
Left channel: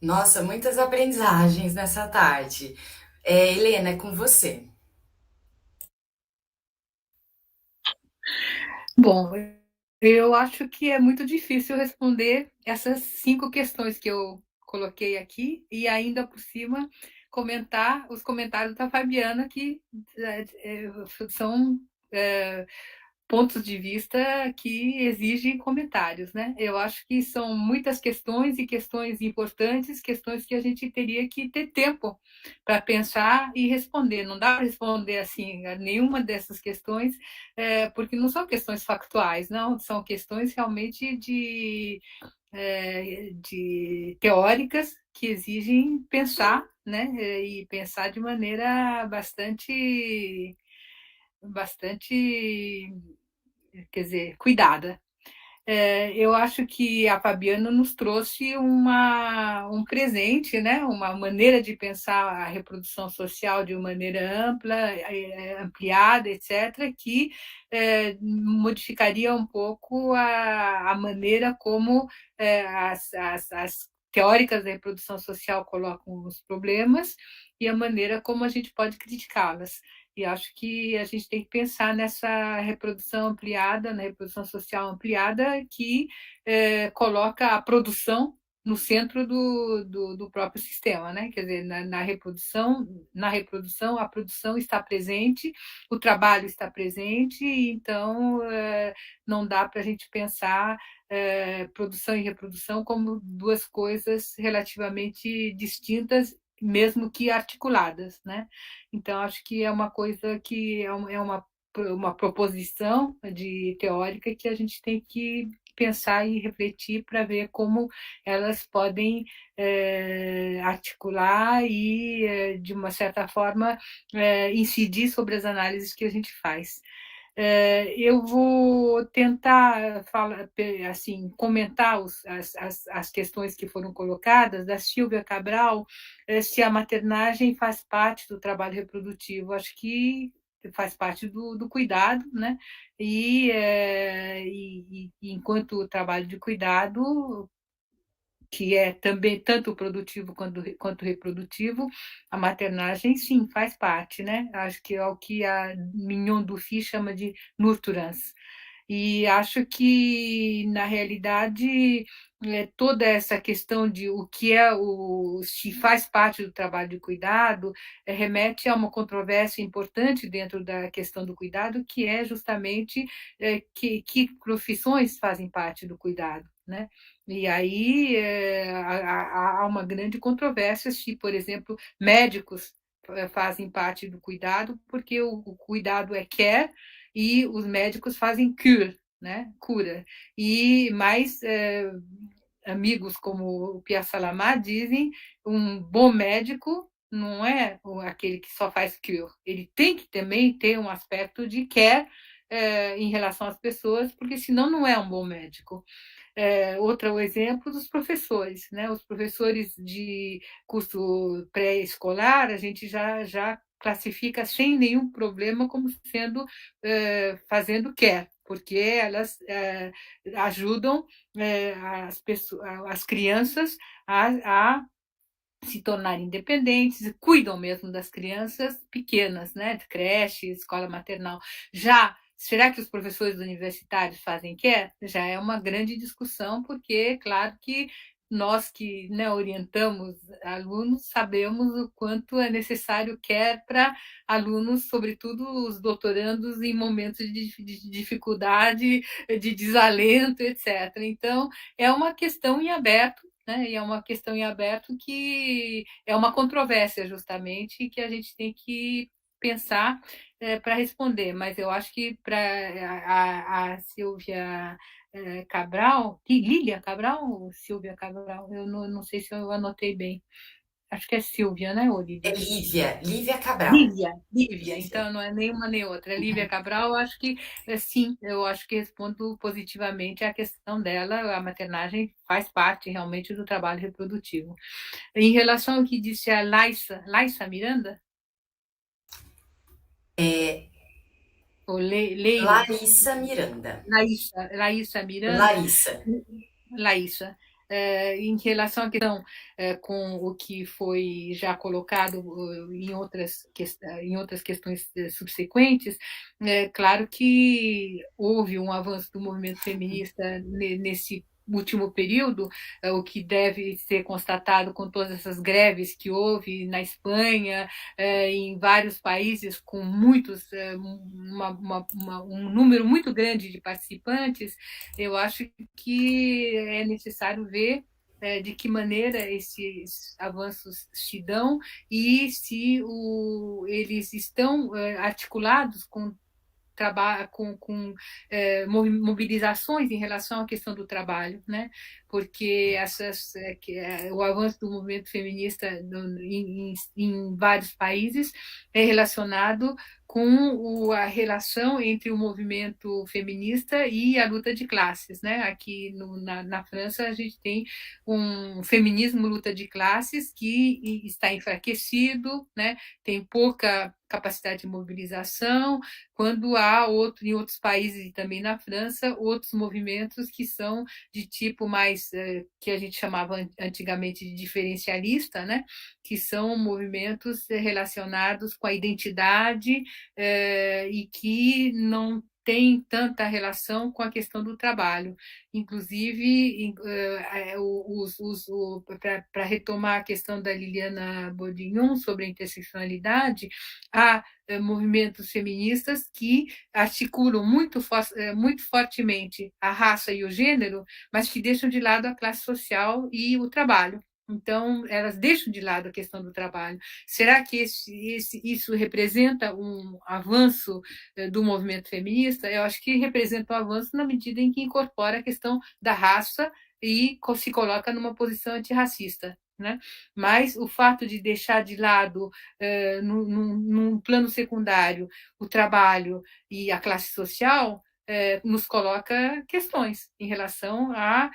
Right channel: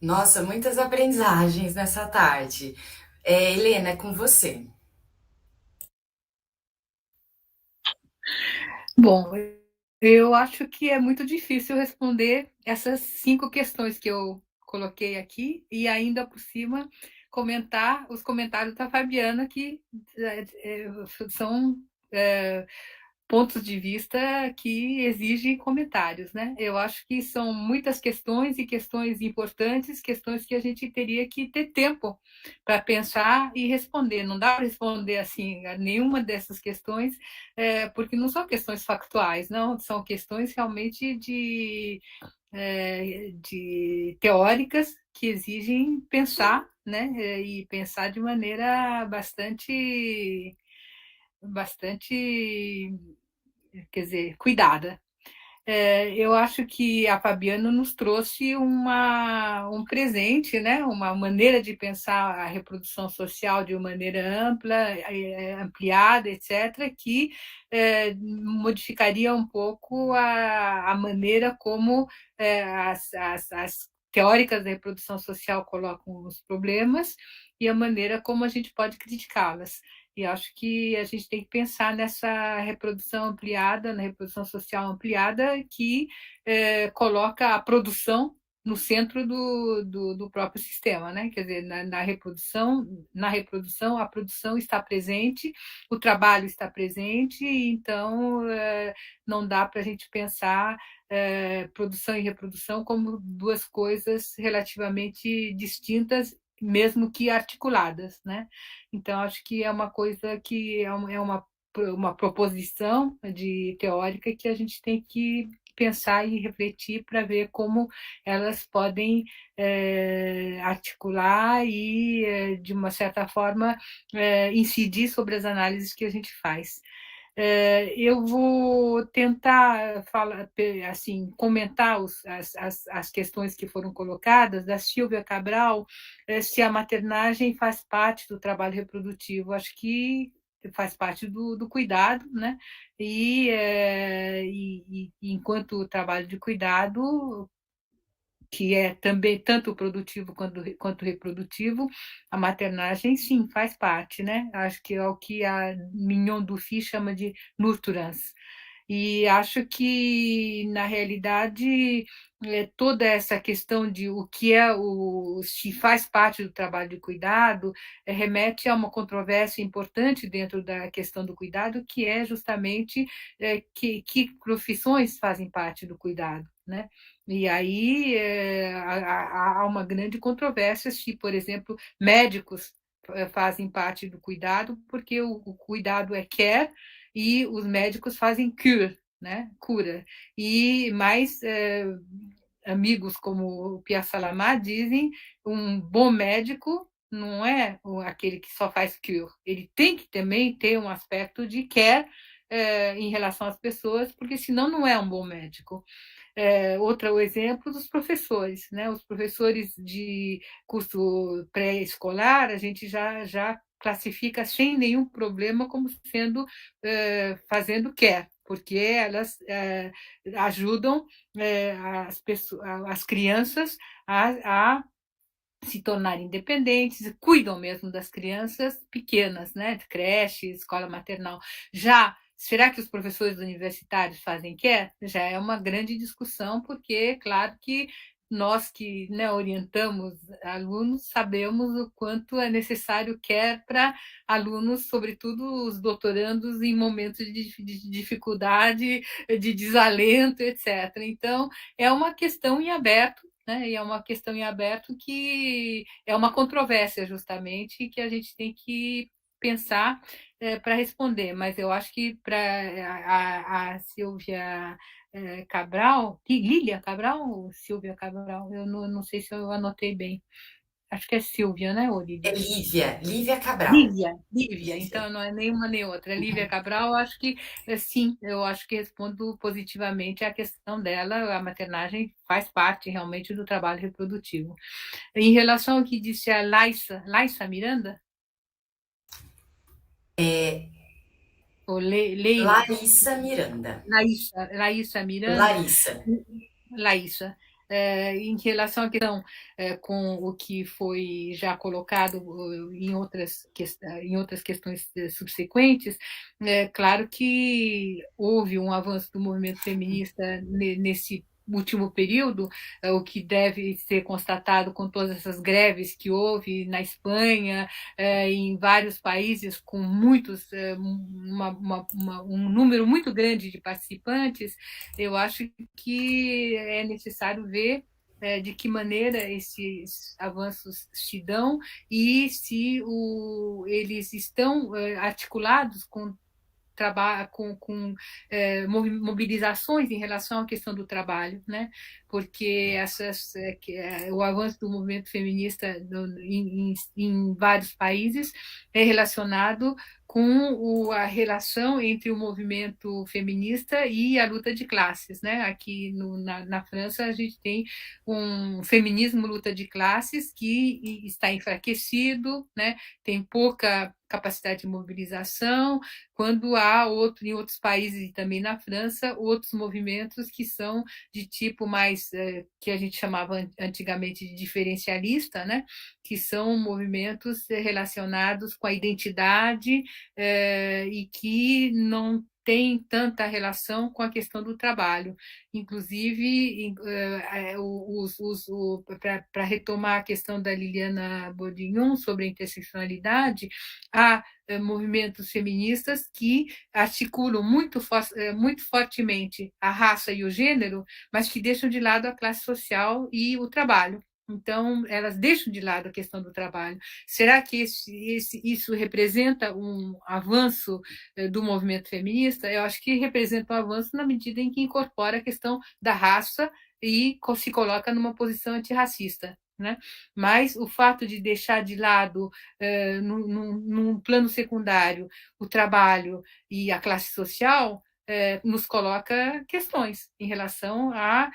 Nossa, muitas aprendizagens nessa tarde. Helena, é com você. Bom, eu acho que é muito difícil responder essas 5 questões que eu coloquei aqui e ainda por cima comentar os comentários da Fabiana, que são pontos de vista que exigem comentários, né? Eu acho que são muitas questões e questões importantes, questões que a gente teria que ter tempo para pensar e responder. Não dá para responder assim a nenhuma dessas questões, porque não são questões factuais, não, são questões realmente de teóricas que exigem pensar, né? E pensar de maneira bastante, quer dizer, cuidada. Eu acho que a Fabiana nos trouxe um presente, né? Uma maneira de pensar a reprodução social de uma maneira ampla, ampliada, etc., que modificaria um pouco a maneira como as teóricas da reprodução social colocam os problemas e a maneira como a gente pode criticá-las. E acho que a gente tem que pensar nessa reprodução ampliada, na reprodução social ampliada, que coloca a produção no centro do próprio sistema, né? Quer dizer, na reprodução, a produção está presente, o trabalho está presente, então não dá para a gente pensar produção e reprodução como duas coisas relativamente distintas, mesmo que articuladas, né? Então, acho que é uma coisa que é uma proposição teórica que a gente tem que pensar e refletir para ver como elas podem articular e, de uma certa forma, incidir sobre as análises que a gente faz. Eu vou tentar falar, assim, comentar as questões que foram colocadas, da Silvia Cabral, se a maternagem faz parte do trabalho reprodutivo. Acho que faz parte do cuidado, né? E enquanto trabalho de cuidado, que é também tanto produtivo quanto reprodutivo, a maternagem, sim, faz parte, né? Acho que é o que a Mignon Dufy chama de nurturance. E acho que, na realidade, toda essa questão de o que se faz parte do trabalho de cuidado, remete a uma controvérsia importante dentro da questão do cuidado, que é justamente que profissões fazem parte do cuidado, né? E aí há uma grande controvérsia se, por exemplo, médicos fazem parte do cuidado, porque o cuidado é care e os médicos fazem cure, né? Cura. E mais amigos como o Pierre Salamá dizem, um bom médico não é aquele que só faz cure, ele tem que também ter um aspecto de care em relação às pessoas, porque senão não é um bom médico. Outro exemplo dos professores, né? Os professores de curso pré-escolar, a gente já classifica sem nenhum problema como sendo fazendo care, porque elas ajudam as crianças a se tornarem independentes, cuidam mesmo das crianças pequenas, né? De creche, escola maternal. Já será que os professores universitários fazem care? Já é uma grande discussão, porque, claro que nós que, né, orientamos alunos sabemos o quanto é necessário care para alunos, sobretudo os doutorandos, em momentos de dificuldade, de desalento, etc. Então, é uma questão em aberto, né? E é uma questão em aberto que é uma controvérsia, justamente, que a gente tem que pensar para responder. Mas eu acho que para a Silvia Cabral, Lília Cabral ou Silvia Cabral? Eu não sei se eu anotei bem. Acho que é Silvia, né, Lília? É Lívia Cabral. Lívia, então não é nenhuma nem outra. Lívia Cabral, eu acho que sim, eu acho que respondo positivamente à questão dela. A maternagem faz parte realmente do trabalho reprodutivo. Em relação ao que disse a Laissa Miranda, ou Leila, Larissa Miranda. Laissa Miranda, Larissa. Laissa, em relação à questão com o que foi já colocado em outras questões subsequentes, é claro que houve um avanço do movimento feminista nesse último período, o que deve ser constatado com todas essas greves que houve na Espanha, em vários países com um número muito grande de participantes. Eu acho que é necessário ver de que maneira esses avanços se dão e se eles estão articulados com mobilizações em relação à questão do trabalho, né? porque o avanço do movimento feminista em vários países é relacionado com a relação entre o movimento feminista e a luta de classes, né? Aqui na França a gente tem um feminismo luta de classes que está enfraquecido, né? Tem pouca capacidade de mobilização, quando há em outros países e também na França, outros movimentos que são de tipo mais, que a gente chamava antigamente de diferencialista, né? Que são movimentos relacionados com a identidade e que não tem tanta relação com a questão do trabalho. Inclusive, para retomar a questão da Liliana Bourdignon sobre a interseccionalidade, há movimentos feministas que articulam muito fortemente a raça e o gênero, mas que deixam de lado a classe social e o trabalho. Então, elas deixam de lado a questão do trabalho. Será que isso representa um avanço do movimento feminista? Eu acho que representa um avanço na medida em que incorpora a questão da raça e se coloca numa posição antirracista. Né? Mas o fato de deixar de lado, num plano secundário, o trabalho e a classe social, nos coloca questões em relação à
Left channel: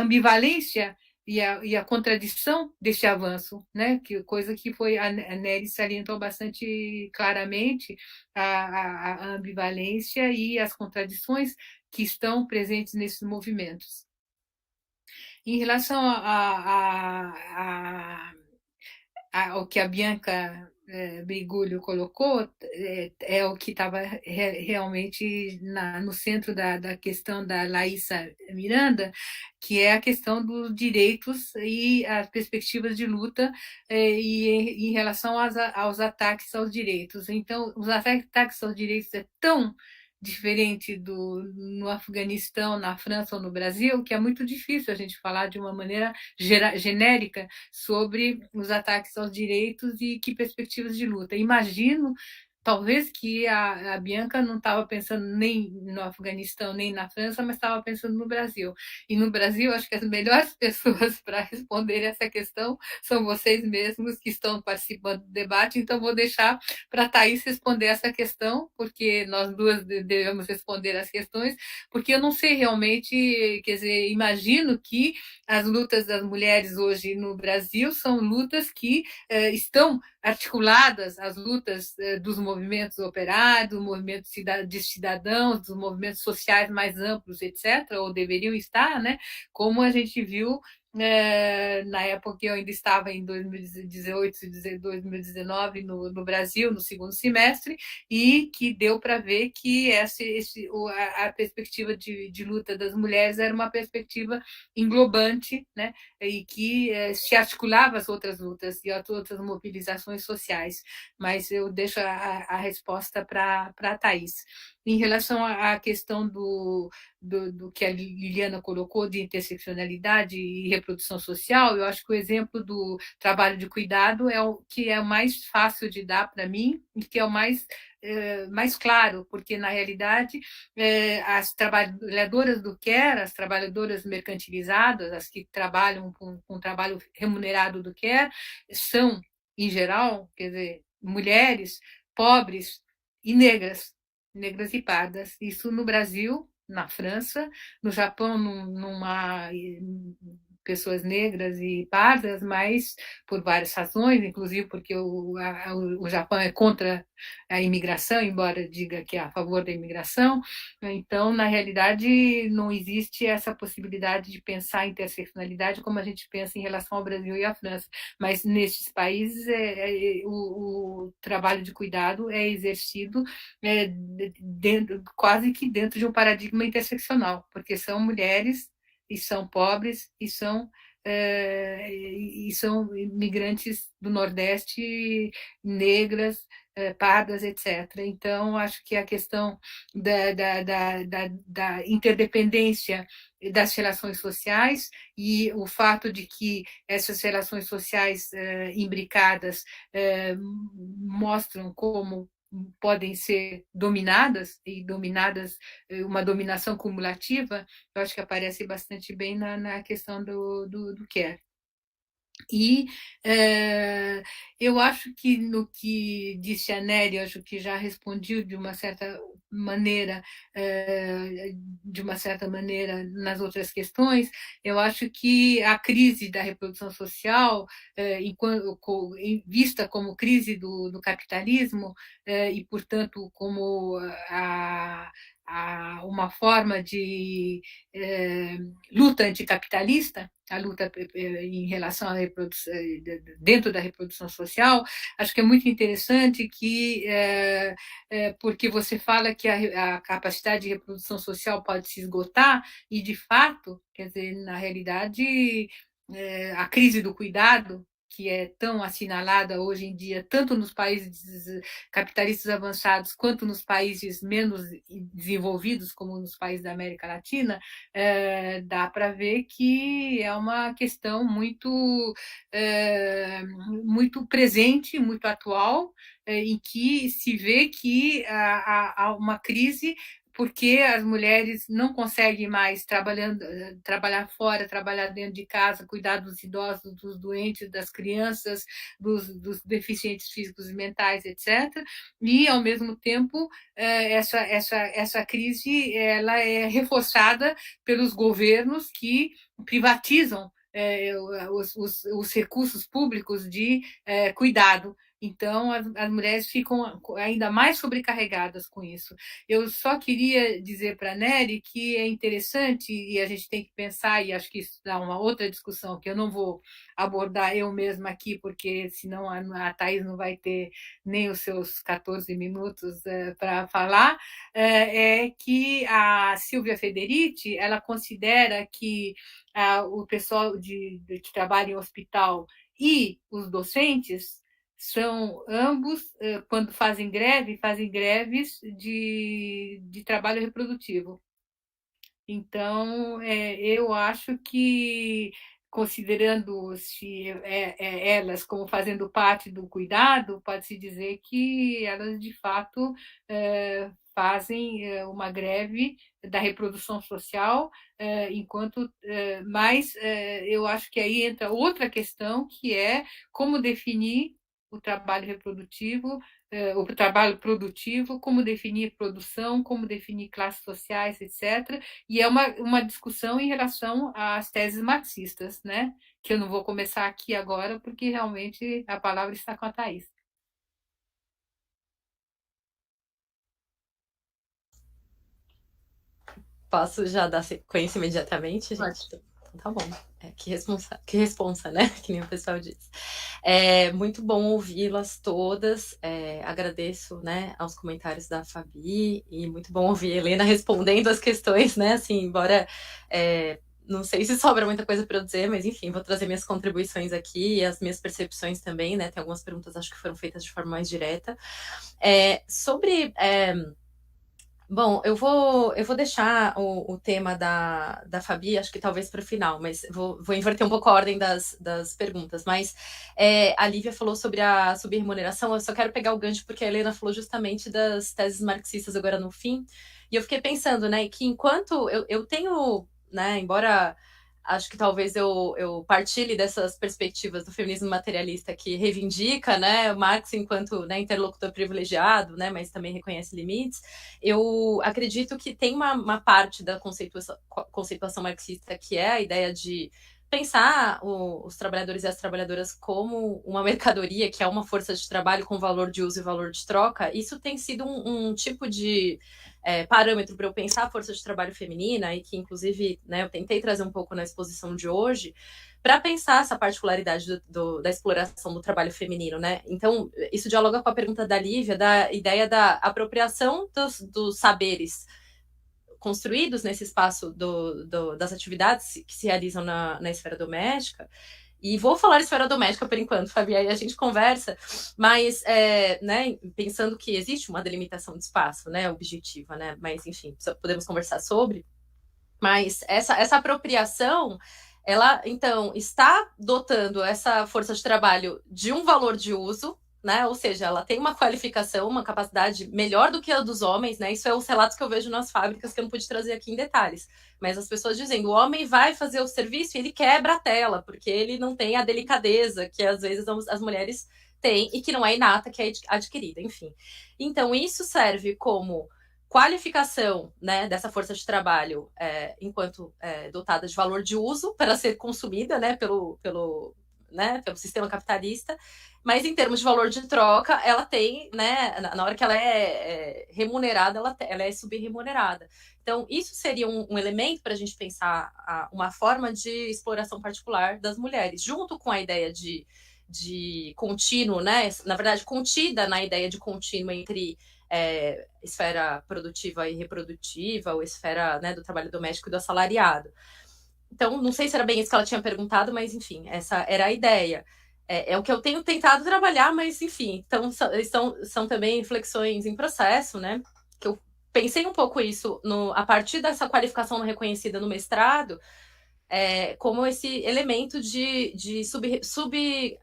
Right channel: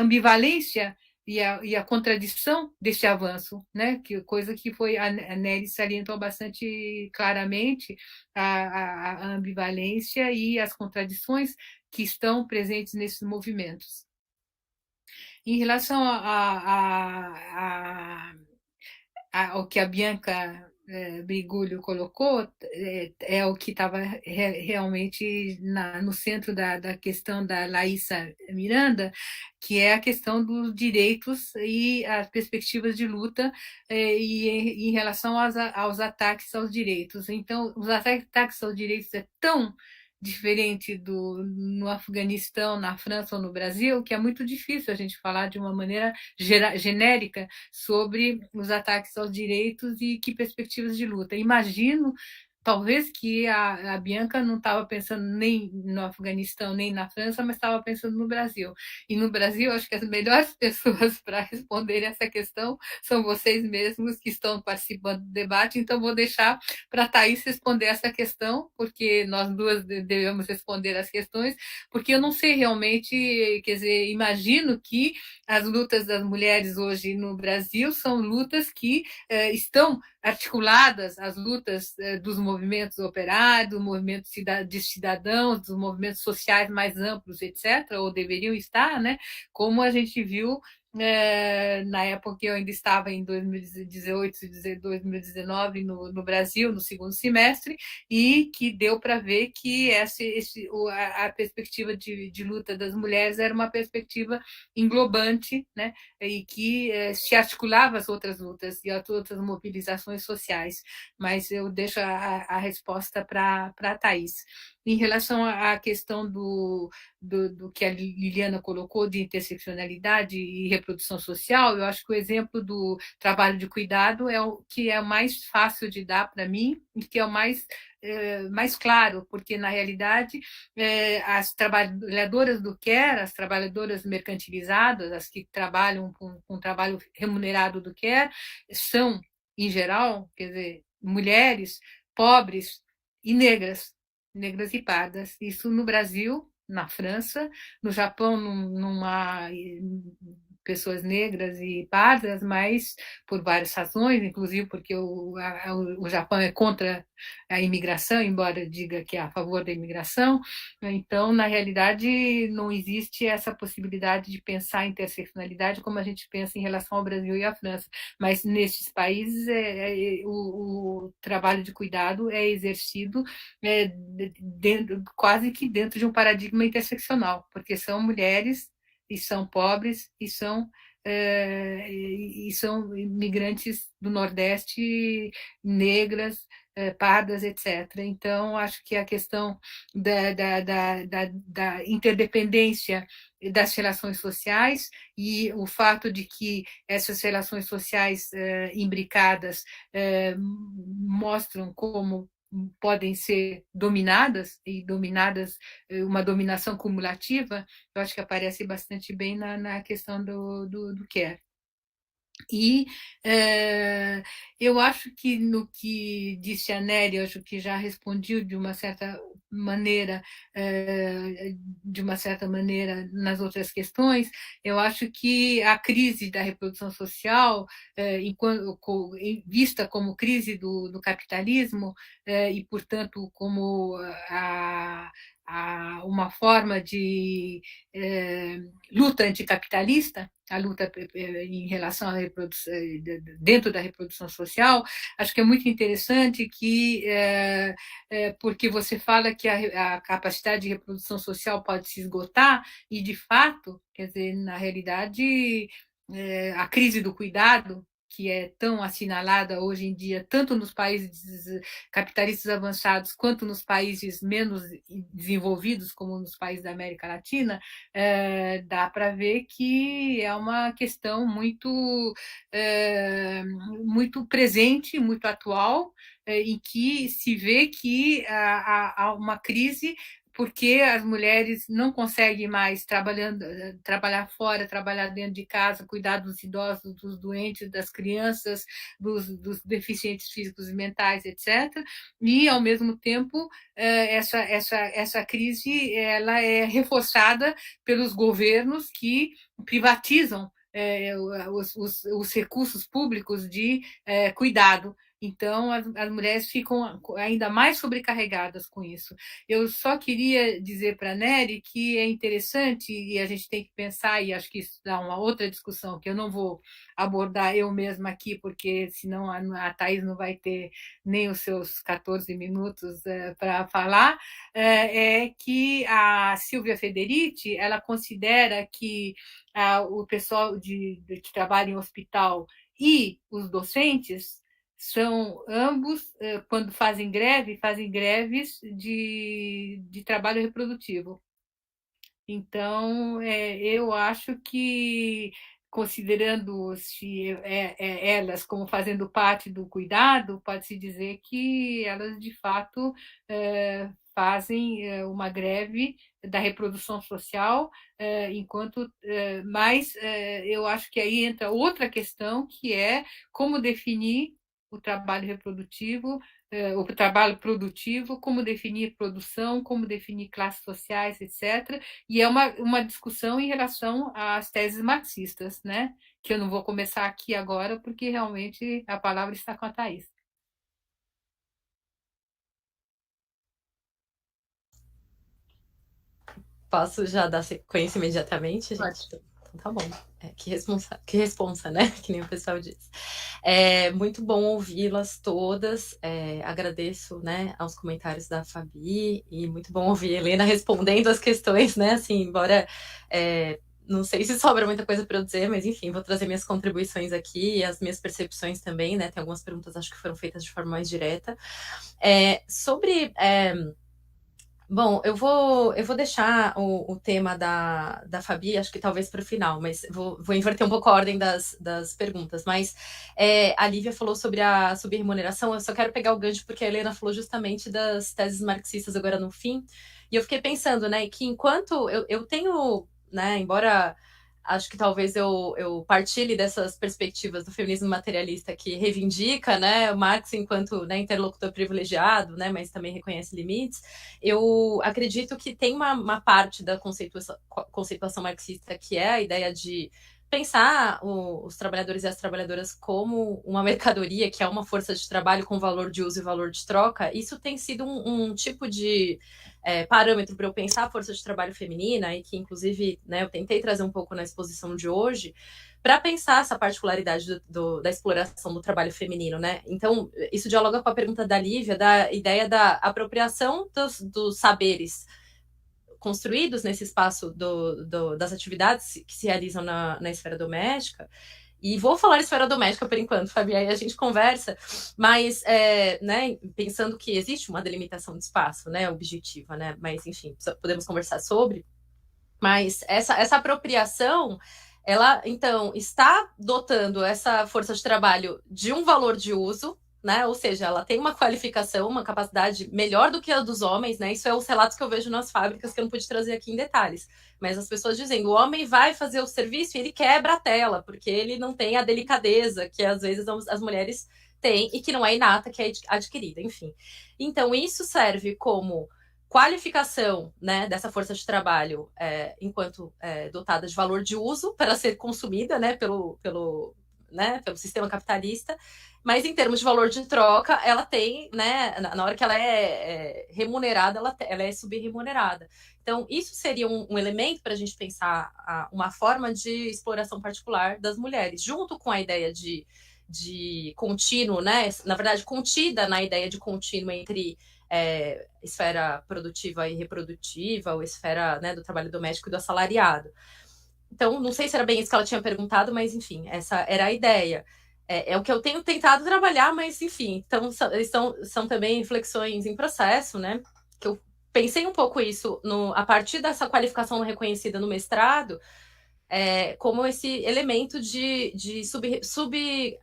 ambivalência e a contradição deste avanço, né? Coisa que a Nelly salientou bastante claramente, a ambivalência e as contradições que estão presentes nesses movimentos. Em relação ao que a Bianca Briguglio colocou, é o que estava realmente no centro da questão da Laísa Miranda, que é a questão dos direitos e as perspectivas de luta e em relação aos ataques aos direitos. Então, os ataques aos direitos é tão diferente no Afeganistão, na França ou no Brasil, que é muito difícil a gente falar de uma maneira genérica sobre os ataques aos direitos e que perspectivas de luta. Imagino, talvez, que a Bianca não estava pensando nem no Afeganistão, nem na França, mas estava pensando no Brasil. E no Brasil, acho que as melhores pessoas para responder essa questão são vocês mesmos que estão participando do debate, então vou deixar para a Thaís responder essa questão, porque nós duas devemos responder as questões, porque eu não sei realmente, quer dizer, imagino que as lutas das mulheres hoje no Brasil são lutas que estão articuladas às lutas dos movimentos operários, do movimento de cidadãos, dos movimentos sociais mais amplos, etc., ou deveriam estar, né? Como a gente viu na época que eu ainda estava em 2018 e 2019 no Brasil, no segundo semestre, e que deu para ver que a perspectiva de luta das mulheres era uma perspectiva englobante, né? E que se articulava às outras lutas e às outras mobilizações sociais. Mas eu deixo a resposta para a Thaís. Em relação à questão do que a Liliana colocou de interseccionalidade e reprodução social, eu acho que o exemplo do trabalho de cuidado é o que é o mais fácil de dar para mim e que é o mais claro, porque, na realidade, as trabalhadoras do care, as trabalhadoras mercantilizadas, as que trabalham com trabalho remunerado do care, são, em geral, quer dizer, mulheres pobres e negras e pardas. Isso no Brasil, na França, no Japão, numa pessoas negras e pardas, mas por várias razões, inclusive porque o Japão é contra a imigração, embora diga que é a favor da imigração. Então, na realidade, não existe essa possibilidade de pensar a interseccionalidade como a gente pensa em relação ao Brasil e à França. Mas nesses países, o trabalho de cuidado é exercido quase que dentro de um paradigma interseccional, porque são mulheres e são pobres e são imigrantes do Nordeste, negras, pardas, etc. Então, acho que a questão da interdependência das relações sociais e o fato de que essas relações sociais imbricadas mostram como podem ser dominadas, e dominadas, uma dominação cumulativa, eu acho que aparece bastante bem na questão do care. E eu acho que no que disse a Nery, acho que já respondi de uma certa maneira, nas outras questões. Eu acho que a crise da reprodução social, vista como crise do capitalismo, e, portanto, como uma forma de luta anticapitalista, a luta em relação à reprodução, dentro da reprodução social, acho que é muito interessante que, porque você fala que a capacidade de reprodução social pode se esgotar, e, de fato, quer dizer, na realidade, a crise do cuidado, que é tão assinalada hoje em dia, tanto nos países capitalistas avançados quanto nos países menos desenvolvidos, como nos países da América Latina, dá para ver que é uma questão muito presente, muito atual, em que se vê que há uma crise porque as mulheres não conseguem mais trabalhar fora, trabalhar dentro de casa, cuidar dos idosos, dos doentes, das crianças, dos deficientes físicos e mentais, etc. E, ao mesmo tempo, essa crise ela é reforçada pelos governos que privatizam os recursos públicos de cuidado. Então, as mulheres ficam ainda mais sobrecarregadas com isso. Eu só queria dizer para a Nery que é interessante, e a gente tem que pensar, e acho que isso dá uma outra discussão, que eu não vou abordar eu mesma aqui, porque senão a Thais não vai ter nem os seus 14 minutos para falar, é que a Silvia Federici, ela considera que o pessoal que trabalha em hospital e os docentes são ambos, quando fazem greves de trabalho reprodutivo. Então, eu acho que, considerando-se elas como fazendo parte do cuidado, pode-se dizer que elas, de fato, fazem uma greve da reprodução social, mas eu acho que aí entra outra questão, que é como definir o trabalho reprodutivo, o trabalho produtivo, como definir produção, como definir classes sociais, etc. E é uma discussão em relação às teses marxistas, né? Que eu não vou começar aqui agora, porque realmente a palavra está com a Thais. Posso já dar sequência imediatamente, gente? Pode. Então, tá bom. Que responsa, né? Que nem o pessoal diz. Muito bom ouvi-las todas. Agradeço, né, aos comentários da Fabi, e muito bom ouvir a Helena respondendo as questões, né? Assim, embora não sei se sobra muita coisa para eu dizer, mas enfim, vou trazer minhas contribuições aqui e as minhas percepções também, né? Tem algumas perguntas, acho que foram feitas de forma mais direta. Sobre... Bom, eu vou deixar o tema da Fabi, acho que talvez para o final, mas vou inverter um pouco a ordem das perguntas. Mas a Lívia falou sobre a subremuneração, eu só quero pegar o gancho porque a Helena falou justamente das teses marxistas agora no fim, e eu fiquei pensando, né, que enquanto eu tenho, né, embora acho que talvez eu partilhe dessas perspectivas do feminismo materialista que reivindica, né, o Marx enquanto, né, interlocutor privilegiado, né, mas também reconhece limites, eu acredito que tem uma parte da conceituação marxista que é a ideia de pensar os trabalhadores e as trabalhadoras como uma mercadoria, que é uma força de trabalho com valor de uso e valor de troca. Isso tem sido um tipo de parâmetro para eu pensar a força de trabalho feminina, e que, inclusive, né, eu tentei trazer um pouco na exposição de hoje, para pensar essa particularidade da exploração do trabalho feminino, né? Então, isso dialoga com a pergunta da Lívia, da ideia da apropriação dos saberes construídos nesse espaço das atividades que se realizam na esfera doméstica. E vou falar esfera doméstica por enquanto, Fabi, aí a gente conversa, mas né, pensando que existe uma delimitação de espaço, né, objetiva, né, mas enfim, podemos conversar sobre. Mas essa apropriação, ela, então, está dotando essa força de trabalho de um valor de uso, né? Ou seja, ela tem uma qualificação, uma capacidade melhor do que a dos homens, né? Isso é os relatos que eu vejo nas fábricas, que eu não pude trazer aqui em detalhes. Mas as pessoas dizendo, o homem vai fazer o serviço e ele quebra a tela, porque ele não tem a delicadeza que às vezes as mulheres têm e que não é inata, que é adquirida, enfim. Então, isso serve como qualificação, né, dessa força de trabalho enquanto dotada de valor de uso para ser consumida, né, pelo sistema capitalista, mas em termos de valor de troca, ela tem, né, na hora que ela é remunerada, ela é subremunerada. Então, isso seria um elemento para a gente pensar uma forma de exploração particular das mulheres, junto com a ideia de contínuo, né, na verdade, contida na ideia de contínuo entre esfera produtiva e reprodutiva, ou esfera, né, do trabalho doméstico e do assalariado. Então, não sei se era bem isso que ela tinha perguntado, mas, enfim, essa era a ideia. É o que eu tenho tentado trabalhar, mas, enfim, então, são também reflexões em processo, né? Que eu pensei um pouco isso a partir dessa qualificação reconhecida no mestrado, como esse elemento de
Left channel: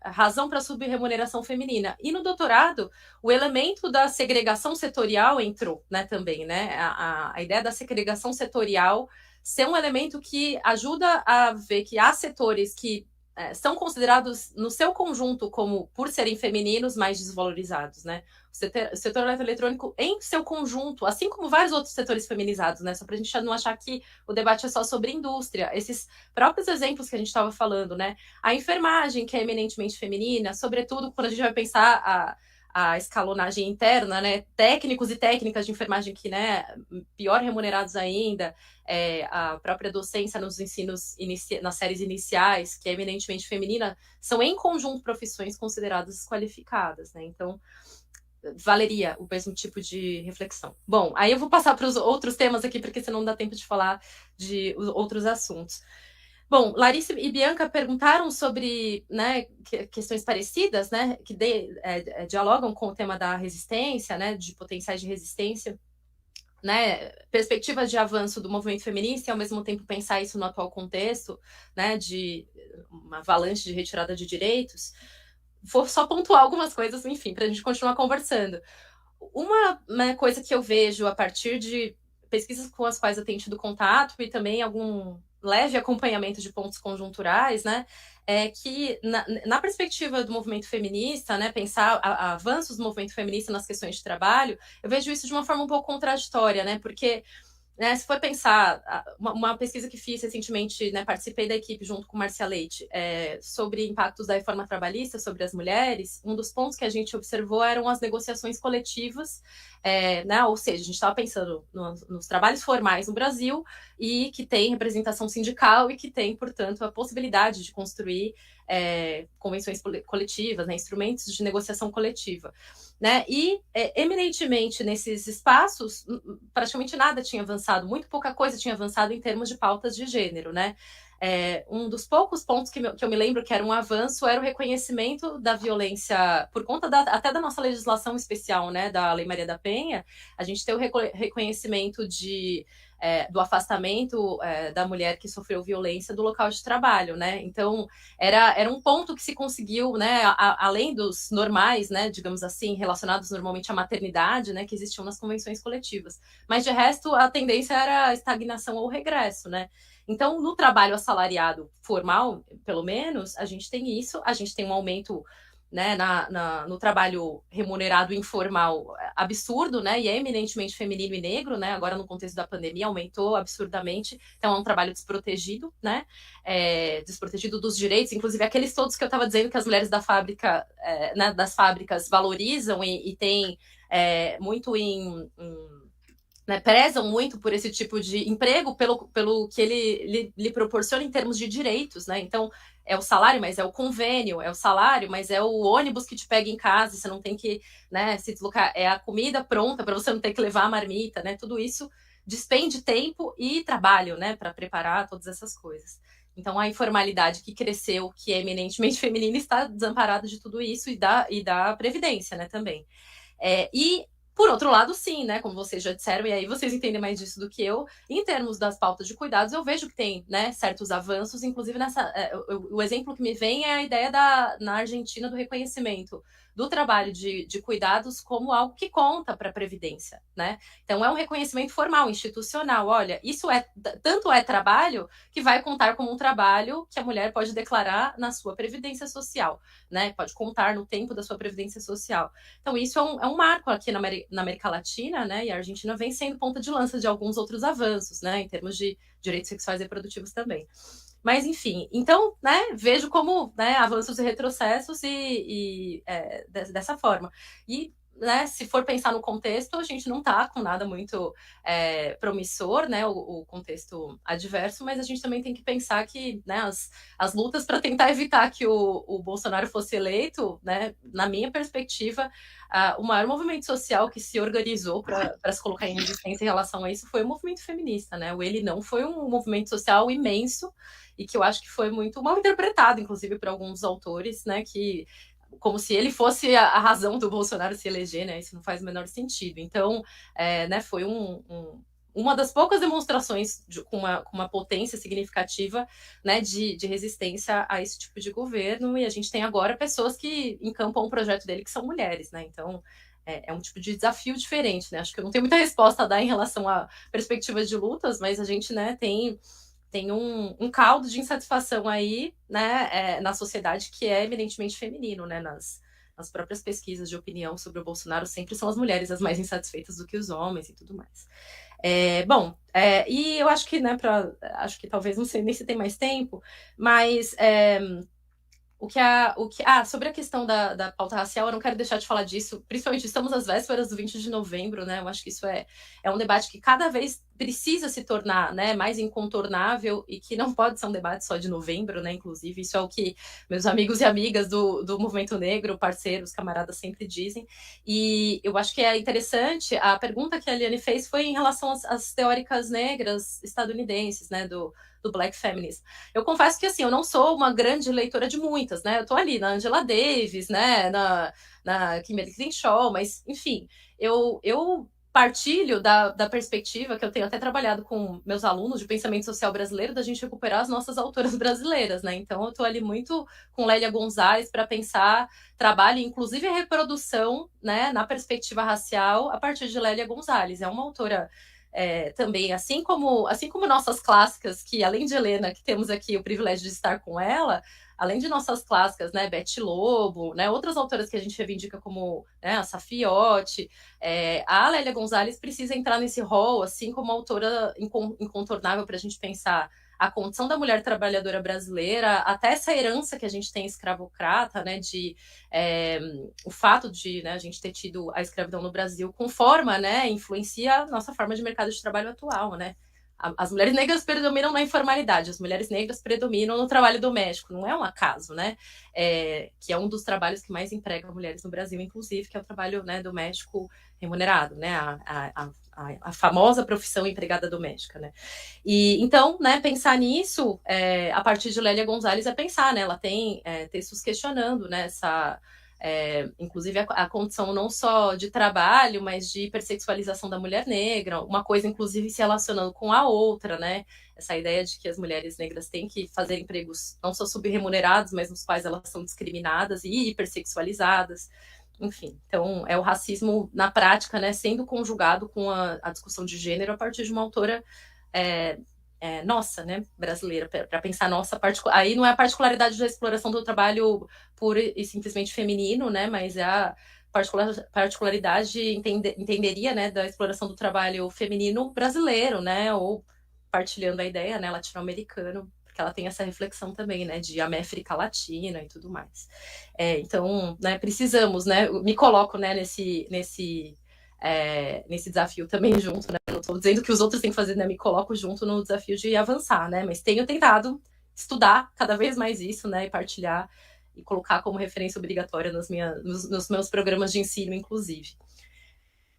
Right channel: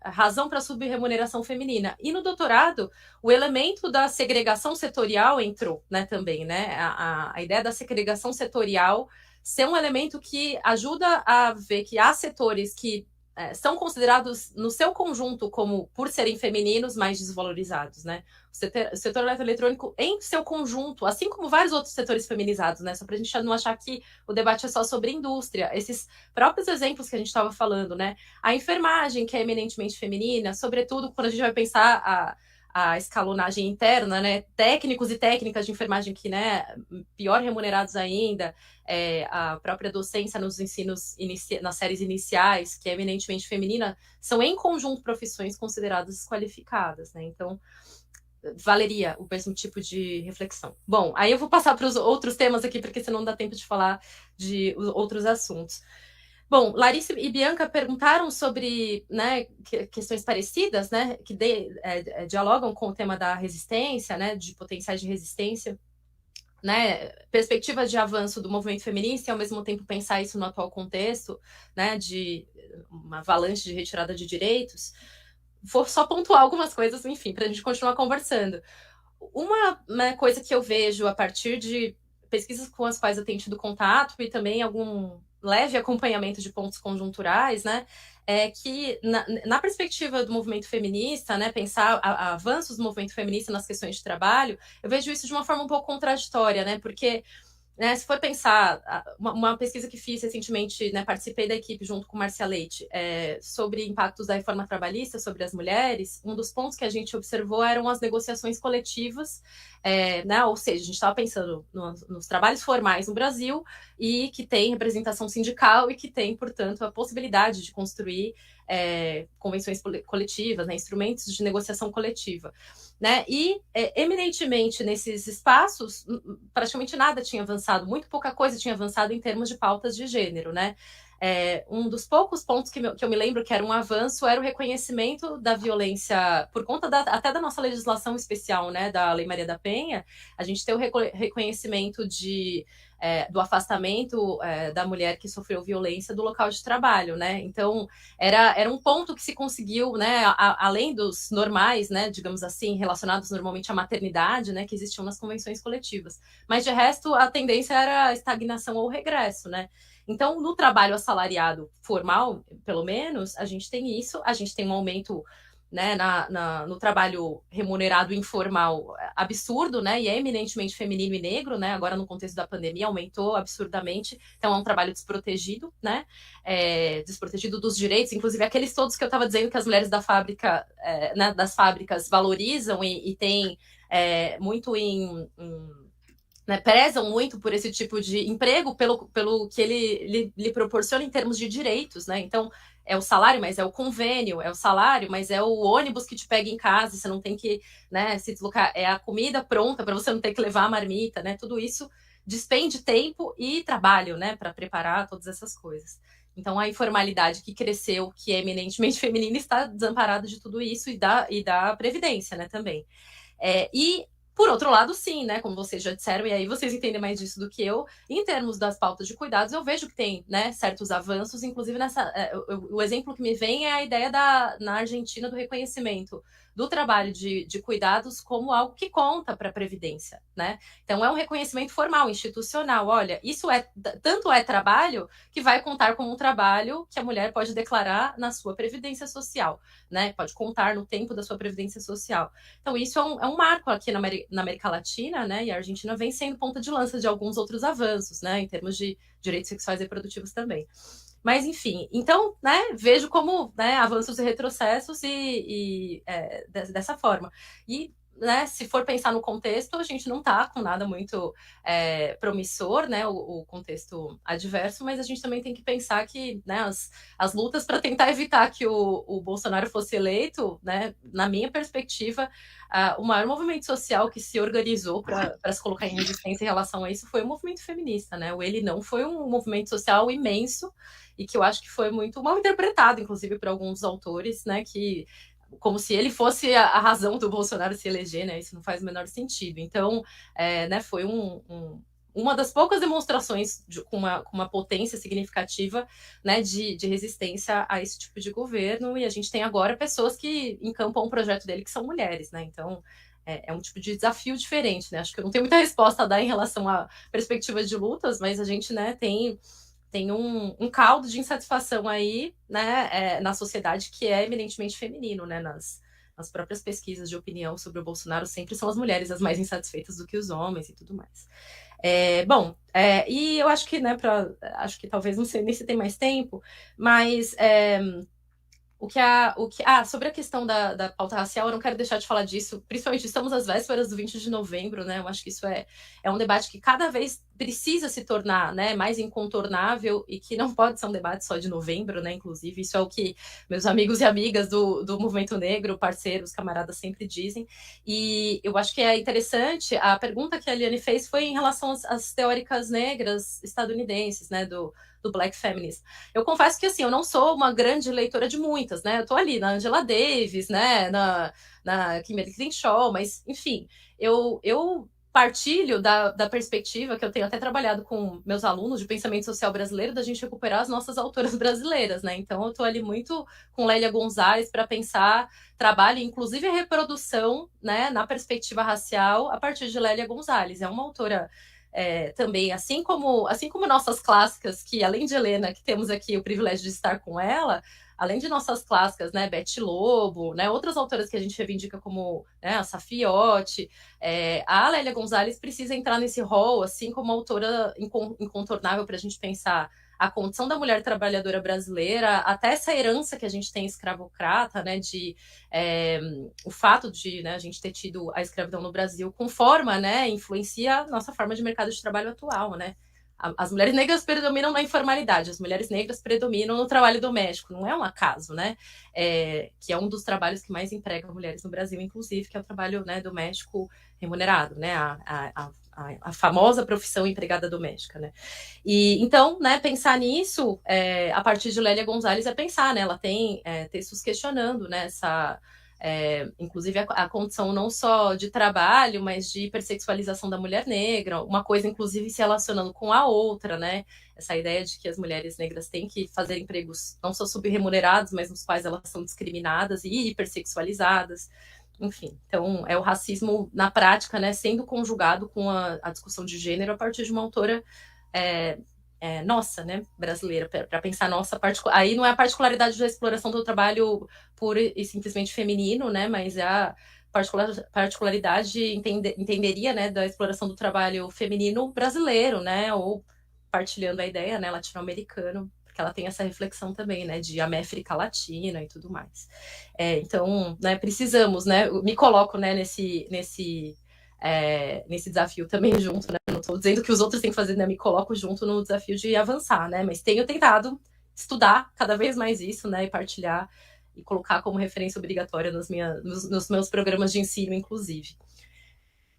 razão para subremuneração feminina. E no doutorado, o elemento da segregação setorial entrou, né, também, né? A ideia da segregação setorial ser um elemento que ajuda a ver que há setores que são considerados no seu conjunto como, por serem femininos, mais desvalorizados, né? O setor eletroeletrônico em seu conjunto, assim como vários outros setores feminizados, né? Só para a gente não achar que o debate é só sobre indústria. Esses próprios exemplos que a gente estava falando, né? A enfermagem, que é eminentemente feminina, sobretudo quando a gente vai pensar a escalonagem interna, né? Técnicos e técnicas de enfermagem que, né, pior remunerados ainda, a própria docência nos ensinos, nas séries iniciais, que é eminentemente feminina, são em conjunto profissões consideradas desqualificadas, né? Então, valeria o mesmo tipo de reflexão. Bom, aí eu vou passar para os outros temas aqui, porque senão não dá tempo de falar de outros assuntos. Bom, Larissa e Bianca perguntaram sobre, né, questões parecidas, né, que dialogam com o tema da resistência, né, de potenciais de resistência, né, perspectivas de avanço do movimento feminista e, ao mesmo tempo, pensar isso no atual contexto, né, de uma avalanche de retirada de direitos. Vou só pontuar algumas coisas, enfim, para a gente continuar conversando. Uma coisa que eu vejo a partir de pesquisas com as quais eu tenho tido contato e também algum leve acompanhamento de pontos conjunturais, né, é que na perspectiva do movimento feminista, né, pensar avanços do movimento feminista nas questões de trabalho, eu vejo isso de uma forma um pouco contraditória, né, porque, né, se for pensar, uma pesquisa que fiz recentemente, né, participei da equipe junto com Márcia Leite, sobre impactos da reforma trabalhista sobre as mulheres, um dos pontos que a gente observou eram as negociações coletivas, né, ou seja, a gente estava pensando nos trabalhos formais no Brasil e que tem representação sindical e que tem, portanto, a possibilidade de construir convenções coletivas, né, instrumentos de negociação coletiva. Né? E, eminentemente, nesses espaços, praticamente nada tinha avançado, muito pouca coisa tinha avançado em termos de pautas de gênero, né? Um dos poucos pontos que eu me lembro que era um avanço era o reconhecimento da violência, por conta até da nossa legislação especial, né, da Lei Maria da Penha, a gente tem o reconhecimento do afastamento da mulher que sofreu violência do local de trabalho, né? Então, era um ponto que se conseguiu, né, além dos normais, né, digamos assim, relacionados normalmente à maternidade, né, que existiam nas convenções coletivas. Mas, de resto, a tendência era a estagnação ou regresso, né? Então, no trabalho assalariado formal, pelo menos, a gente tem isso, a gente tem um aumento, né, no trabalho remunerado informal absurdo, né, e é eminentemente feminino e negro, né, agora no contexto da pandemia aumentou absurdamente, então é um trabalho desprotegido, né, desprotegido dos direitos, inclusive aqueles todos que eu estava dizendo que as mulheres da fábrica, né, das fábricas valorizam e têm muito né, prezam muito por esse tipo de emprego, pelo que ele lhe proporciona em termos de direitos, né, então é o salário, mas é o convênio, é o salário, mas é o ônibus que te pega em casa, você não tem que, né, se deslocar, é a comida pronta para você não ter que levar a marmita, né? Tudo isso despende tempo e trabalho, né, para preparar todas essas coisas. Então, a informalidade que cresceu, que é eminentemente feminina, está desamparada de tudo isso e da previdência, né, também. E Por outro lado, sim, né, como vocês já disseram, e aí vocês entendem mais disso do que eu, em termos das pautas de cuidados, eu vejo que tem, né, certos avanços, inclusive o exemplo que me vem é a ideia na Argentina do reconhecimento do trabalho de cuidados como algo que conta para a Previdência, né? Então, é um reconhecimento formal, institucional. Olha, isso tanto é trabalho que vai contar como um trabalho que a mulher pode declarar na sua Previdência Social, né? Pode contar no tempo da sua Previdência Social. Então, isso é um marco aqui na América Latina, né? E a Argentina vem sendo ponta de lança de alguns outros avanços, né? Em termos de direitos sexuais e reprodutivos também. Mas, enfim, então, né, vejo como, né, avanços e retrocessos dessa forma. E, né, se for pensar no contexto, a gente não está com nada muito promissor, né, o contexto adverso, mas a gente também tem que pensar que, né, as lutas para tentar evitar que o Bolsonaro fosse eleito, né, na minha perspectiva, o maior movimento social que se organizou para se colocar em resistência em relação a isso foi o movimento feminista, né? O Ele Não foi um movimento social imenso e que eu acho que foi muito mal interpretado, inclusive, por alguns autores, né? Que como se ele fosse a razão do Bolsonaro se eleger, né? Isso não faz o menor sentido. Então, né? Foi uma das poucas demonstrações com uma potência significativa, né, de resistência a esse tipo de governo, e a gente tem agora pessoas que encampam o projeto dele que são mulheres, né, então é um tipo de desafio diferente, né, acho que eu não tenho muita resposta a dar em relação a perspectivas de lutas, mas a gente, né, tem um caldo de insatisfação aí, né, na sociedade que é eminentemente feminino, né, nas próprias pesquisas de opinião sobre o Bolsonaro sempre são as mulheres as mais insatisfeitas do que os homens e tudo mais. E eu acho que, né, acho que talvez, não sei nem se tem mais tempo, mas sobre a questão da pauta racial, eu não quero deixar de falar disso, principalmente estamos às vésperas do 20 de novembro, né, eu acho que isso é um debate que cada vez precisa se tornar, né, mais incontornável e que não pode ser um debate só de novembro, né, inclusive, isso é o que meus amigos e amigas do movimento negro, parceiros, camaradas sempre dizem, e eu acho que é interessante, a pergunta que a Eliane fez foi em relação às teóricas negras estadunidenses, né, do Black Feminism. Eu confesso que, assim, eu não sou uma grande leitora de muitas, né? Eu tô ali na Angela Davis, né? Na Kimberly Crenshaw, mas, enfim, eu partilho da perspectiva que eu tenho até trabalhado com meus alunos de pensamento social brasileiro, da gente recuperar as nossas autoras brasileiras, né? Então, eu tô ali muito com Lélia Gonzalez para pensar trabalho, inclusive a reprodução, né? Na perspectiva racial, a partir de Lélia Gonzalez. É uma autora também, assim como nossas clássicas, que além de Helena, que temos aqui o privilégio de estar com ela, além de nossas clássicas, né, Bete Lobo, né, outras autoras que a gente reivindica como, né, a Safiotti, a Lélia Gonzalez precisa entrar nesse rol, assim como autora incontornável para a gente pensar a condição da mulher trabalhadora brasileira, até essa herança que a gente tem escravocrata, né, o fato de, né, a gente ter tido a escravidão no Brasil conforma, né, influencia a nossa forma de mercado de trabalho atual, né. As mulheres negras predominam na informalidade, as mulheres negras predominam no trabalho doméstico, não é um acaso, né, que é um dos trabalhos que mais emprega mulheres no Brasil, inclusive, que é o trabalho, né, doméstico remunerado, né, a famosa profissão empregada doméstica, né? E então, né, pensar nisso a partir de Lélia Gonzalez é pensar, né? Ela tem textos questionando, né, inclusive a condição não só de trabalho, mas de hipersexualização da mulher negra, uma coisa inclusive se relacionando com a outra, né? Essa ideia de que as mulheres negras têm que fazer empregos não só subremunerados, mas nos quais elas são discriminadas e hipersexualizadas. Enfim, então é o racismo na prática, né, sendo conjugado com a discussão de gênero a partir de uma autora nossa, né, brasileira, para pensar nossa aí não é a particularidade da exploração do trabalho puro e simplesmente feminino, né, mas é a particularidade, entenderia, né, da exploração do trabalho feminino brasileiro, né, ou partilhando a ideia, né, latino-americano, porque ela tem essa reflexão também, né, de América Latina e tudo mais. Então, né, precisamos, né, me coloco, né, nesse desafio também junto, né, não estou dizendo que os outros têm que fazer, né, me coloco junto no desafio de avançar, né, mas tenho tentado estudar cada vez mais isso, né, e partilhar e colocar como referência obrigatória nos meus programas de ensino, inclusive.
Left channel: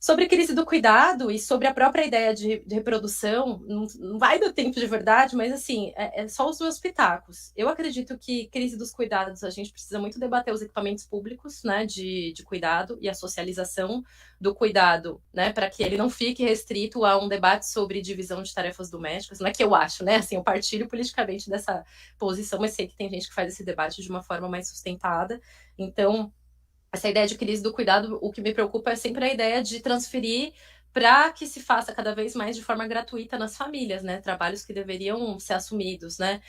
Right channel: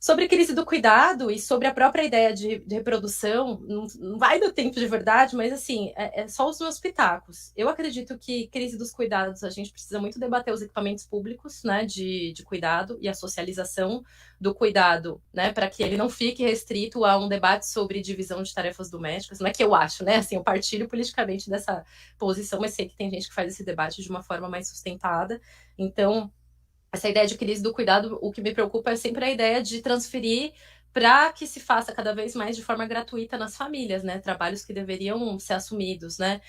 Sobre crise do cuidado e sobre a própria ideia de reprodução, não vai dar tempo de verdade, mas assim, é só os meus pitacos. Eu acredito que crise dos cuidados, a gente precisa muito debater os equipamentos públicos, né, de cuidado e a socialização do cuidado, né, para que ele não fique restrito a um debate sobre divisão de tarefas domésticas. Não é que eu acho, né, assim, eu partilho politicamente dessa posição, mas sei que tem gente que faz esse debate de uma forma mais sustentada. Então, essa ideia de crise do cuidado, o que me preocupa é sempre a ideia de transferir para que se faça cada vez mais de forma gratuita nas famílias, né? Trabalhos que deveriam ser assumidos, né?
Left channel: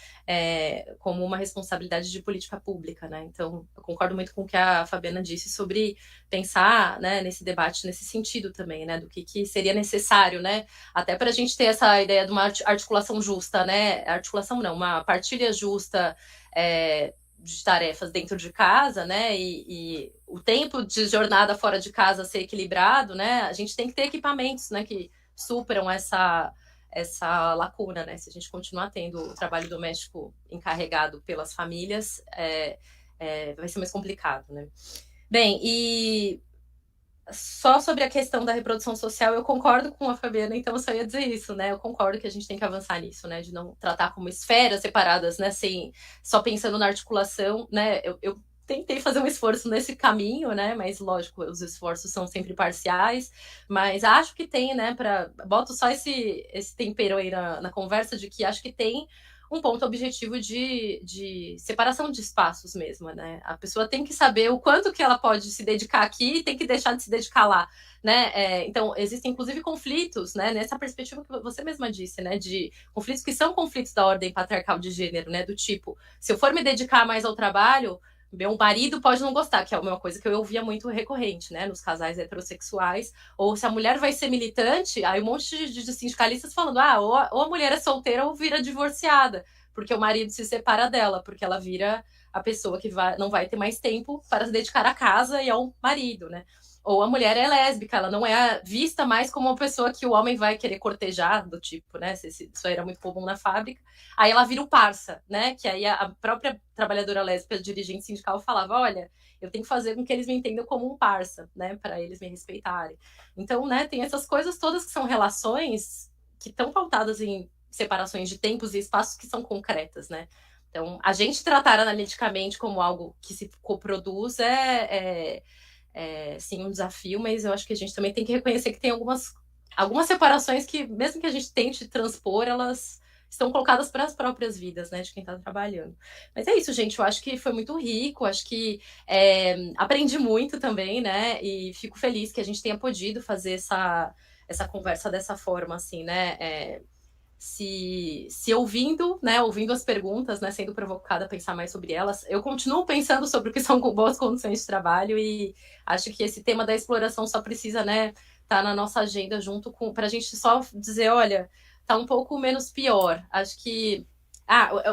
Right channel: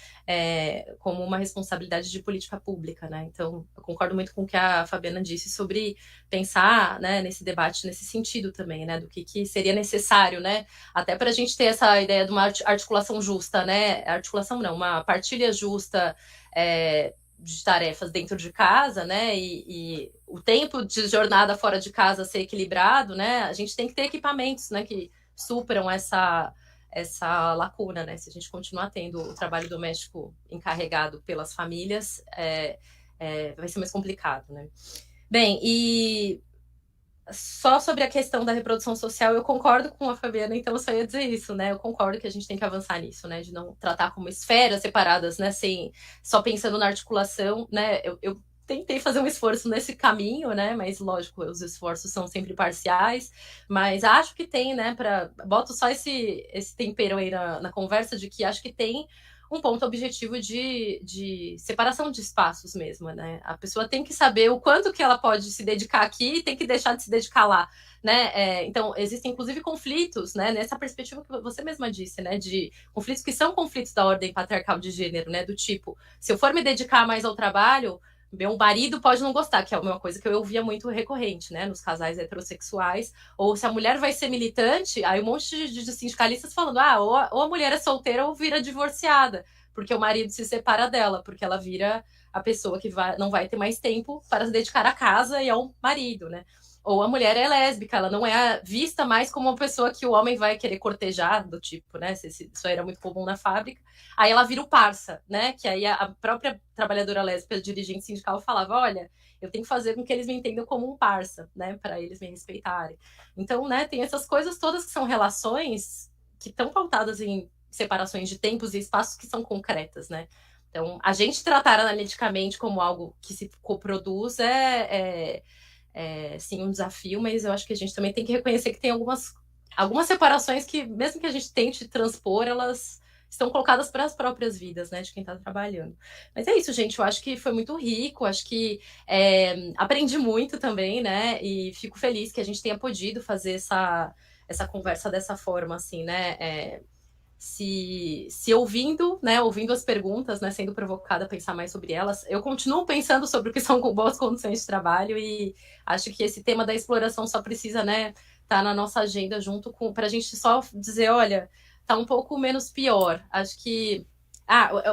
Como uma responsabilidade de política pública, né? Então, eu concordo muito com o que a Fabiana disse sobre pensar, né, nesse debate, nesse sentido também, né? Do que seria necessário, né? Até para a gente ter essa ideia de uma articulação justa, né? Articulação não, uma partilha justa, de tarefas dentro de casa, né, e o tempo de jornada fora de casa ser equilibrado, né, a gente tem que ter equipamentos, né, que superam essa lacuna, né, se a gente continuar tendo o trabalho doméstico encarregado pelas famílias, vai ser mais complicado, né. Bem, e só sobre a questão da reprodução social, eu concordo com a Fabiana, então eu só ia dizer isso, né? Eu concordo que a gente tem que avançar nisso, né? De não tratar como esferas separadas, né? Sem, só pensando na articulação, né? Eu tentei fazer um esforço nesse caminho, né? Mas, lógico, os esforços são sempre parciais, mas acho que tem, né? Boto só esse tempero aí na conversa de que acho que tem um ponto objetivo de separação de espaços mesmo, né? A pessoa tem que saber o quanto que ela pode se dedicar aqui e tem que deixar de se dedicar lá, né? Então, existem inclusive conflitos, né? Nessa perspectiva que você mesma disse, né? De conflitos que são conflitos da ordem patriarcal de gênero, né? Do tipo, se eu for me dedicar mais ao trabalho, meu marido pode não gostar, que é uma coisa que eu ouvia muito recorrente, né, nos casais heterossexuais. Ou se a mulher vai ser militante, aí um monte de sindicalistas falando, ou a mulher é solteira ou vira divorciada, porque o marido se separa dela, porque ela vira a pessoa que não vai ter mais tempo para se dedicar à casa e ao marido, né? Ou a mulher é lésbica, ela não é vista mais como uma pessoa que o homem vai querer cortejar, do tipo, né? Isso era muito comum na fábrica. Aí ela vira o parça, né? Que aí a própria trabalhadora lésbica, dirigente sindical, falava: olha, eu tenho que fazer com que eles me entendam como um parça, né? Para eles me respeitarem. Então, né? Tem essas coisas todas que são relações que estão pautadas em separações de tempos e espaços que são concretas, né? Então, a gente tratar analiticamente como algo que se coproduz sim, um desafio, mas eu acho que a gente também tem que reconhecer que tem algumas separações que, mesmo que a gente tente transpor, elas estão colocadas para as próprias vidas, né, de quem está trabalhando. Mas é isso, gente, eu acho que foi muito rico, acho que aprendi muito também, né, e fico feliz que a gente tenha podido fazer essa conversa dessa forma, assim, né, se ouvindo, né, ouvindo as perguntas, né, sendo provocada a pensar mais sobre elas, eu continuo pensando sobre o que são boas condições de trabalho e acho que esse tema da exploração só precisa, né, tá na nossa agenda junto com, pra gente só dizer, olha, tá um pouco menos pior. Acho que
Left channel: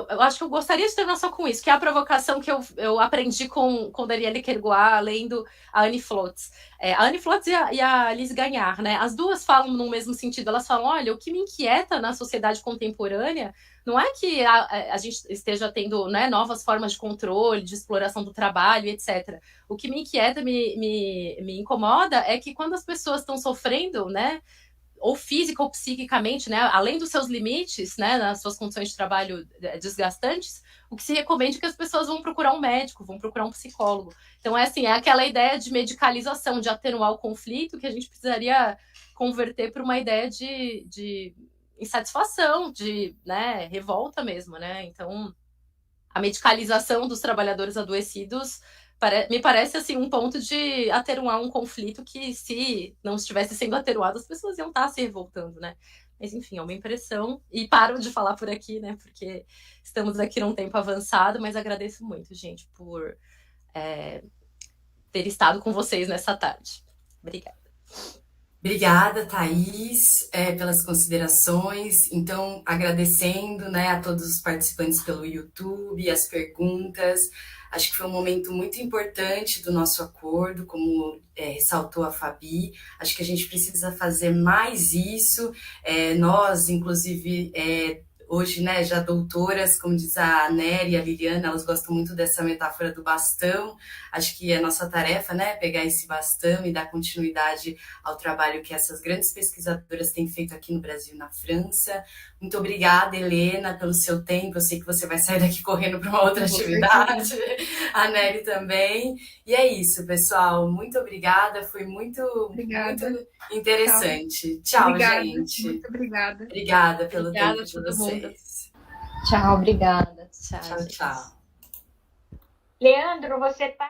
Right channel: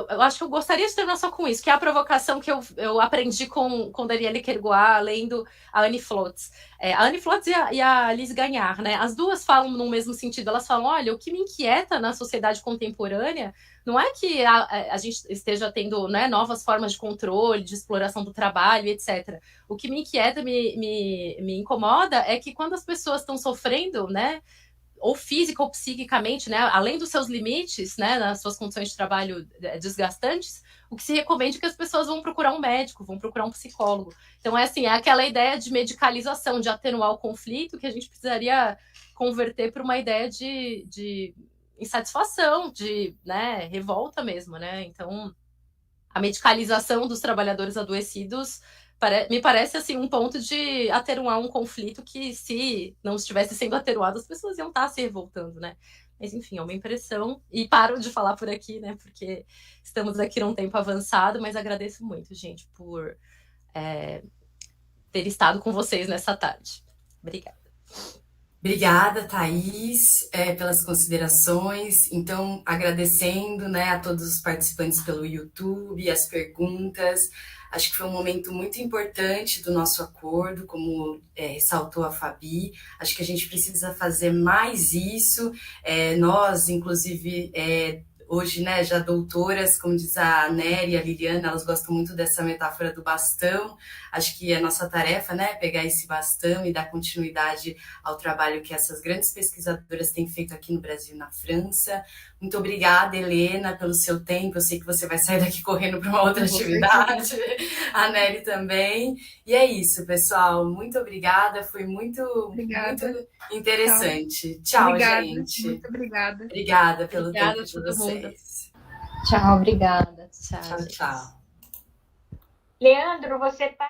eu acho que eu gostaria de terminar só com isso, que é a provocação que eu aprendi com Danielle Kergoat, lendo a Annie Flotz. A Annie Flotz e a Liz Gagnard, né? As duas falam no mesmo sentido. Elas falam, olha, o que me inquieta na sociedade contemporânea não é que a gente esteja tendo, né, novas formas de controle, de exploração do trabalho, etc. O que me inquieta, me incomoda é que quando as pessoas estão sofrendo, né, ou física ou psiquicamente, né, além dos seus limites, né, nas suas condições de trabalho desgastantes, o que se recomenda é que as pessoas vão procurar um médico, vão procurar um psicólogo. Então, é aquela ideia de medicalização, de atenuar o conflito, que a gente precisaria converter para uma ideia de insatisfação, de, né, revolta mesmo, né? Então, a medicalização dos trabalhadores adoecidos me parece assim um ponto de atenuar um conflito que, se não estivesse sendo atenuado, as pessoas iam estar se revoltando, né? Mas, enfim, é uma impressão. E paro de falar por aqui, né? Porque estamos aqui num tempo avançado, mas agradeço muito, gente, por ter estado com vocês nessa tarde. Obrigada. Obrigada, Thaís, pelas considerações. Então, agradecendo, né, a todos os participantes pelo YouTube, as perguntas. Acho que foi um momento muito importante do nosso acordo, como ressaltou a Fabi. Acho que a gente precisa fazer mais isso. Nós, inclusive, hoje, né, já doutoras, como diz a Nery e a Liliana, elas gostam muito dessa metáfora do bastão. Acho que é nossa tarefa, né, pegar esse bastão e dar continuidade ao trabalho que essas grandes pesquisadoras têm feito aqui no Brasil e na França. Muito obrigada, Helena, pelo seu tempo. Eu sei que você vai sair daqui correndo para uma outra atividade. A Nery também. E é isso, pessoal. Muito obrigada. Foi muito interessante. Tchau, obrigada, gente. muito obrigada. Obrigada pelo Obrigada tempo a de todo mundo. vocês. Tchau, obrigada. Tchau, Tchau, gente. tchau. Leandro, você está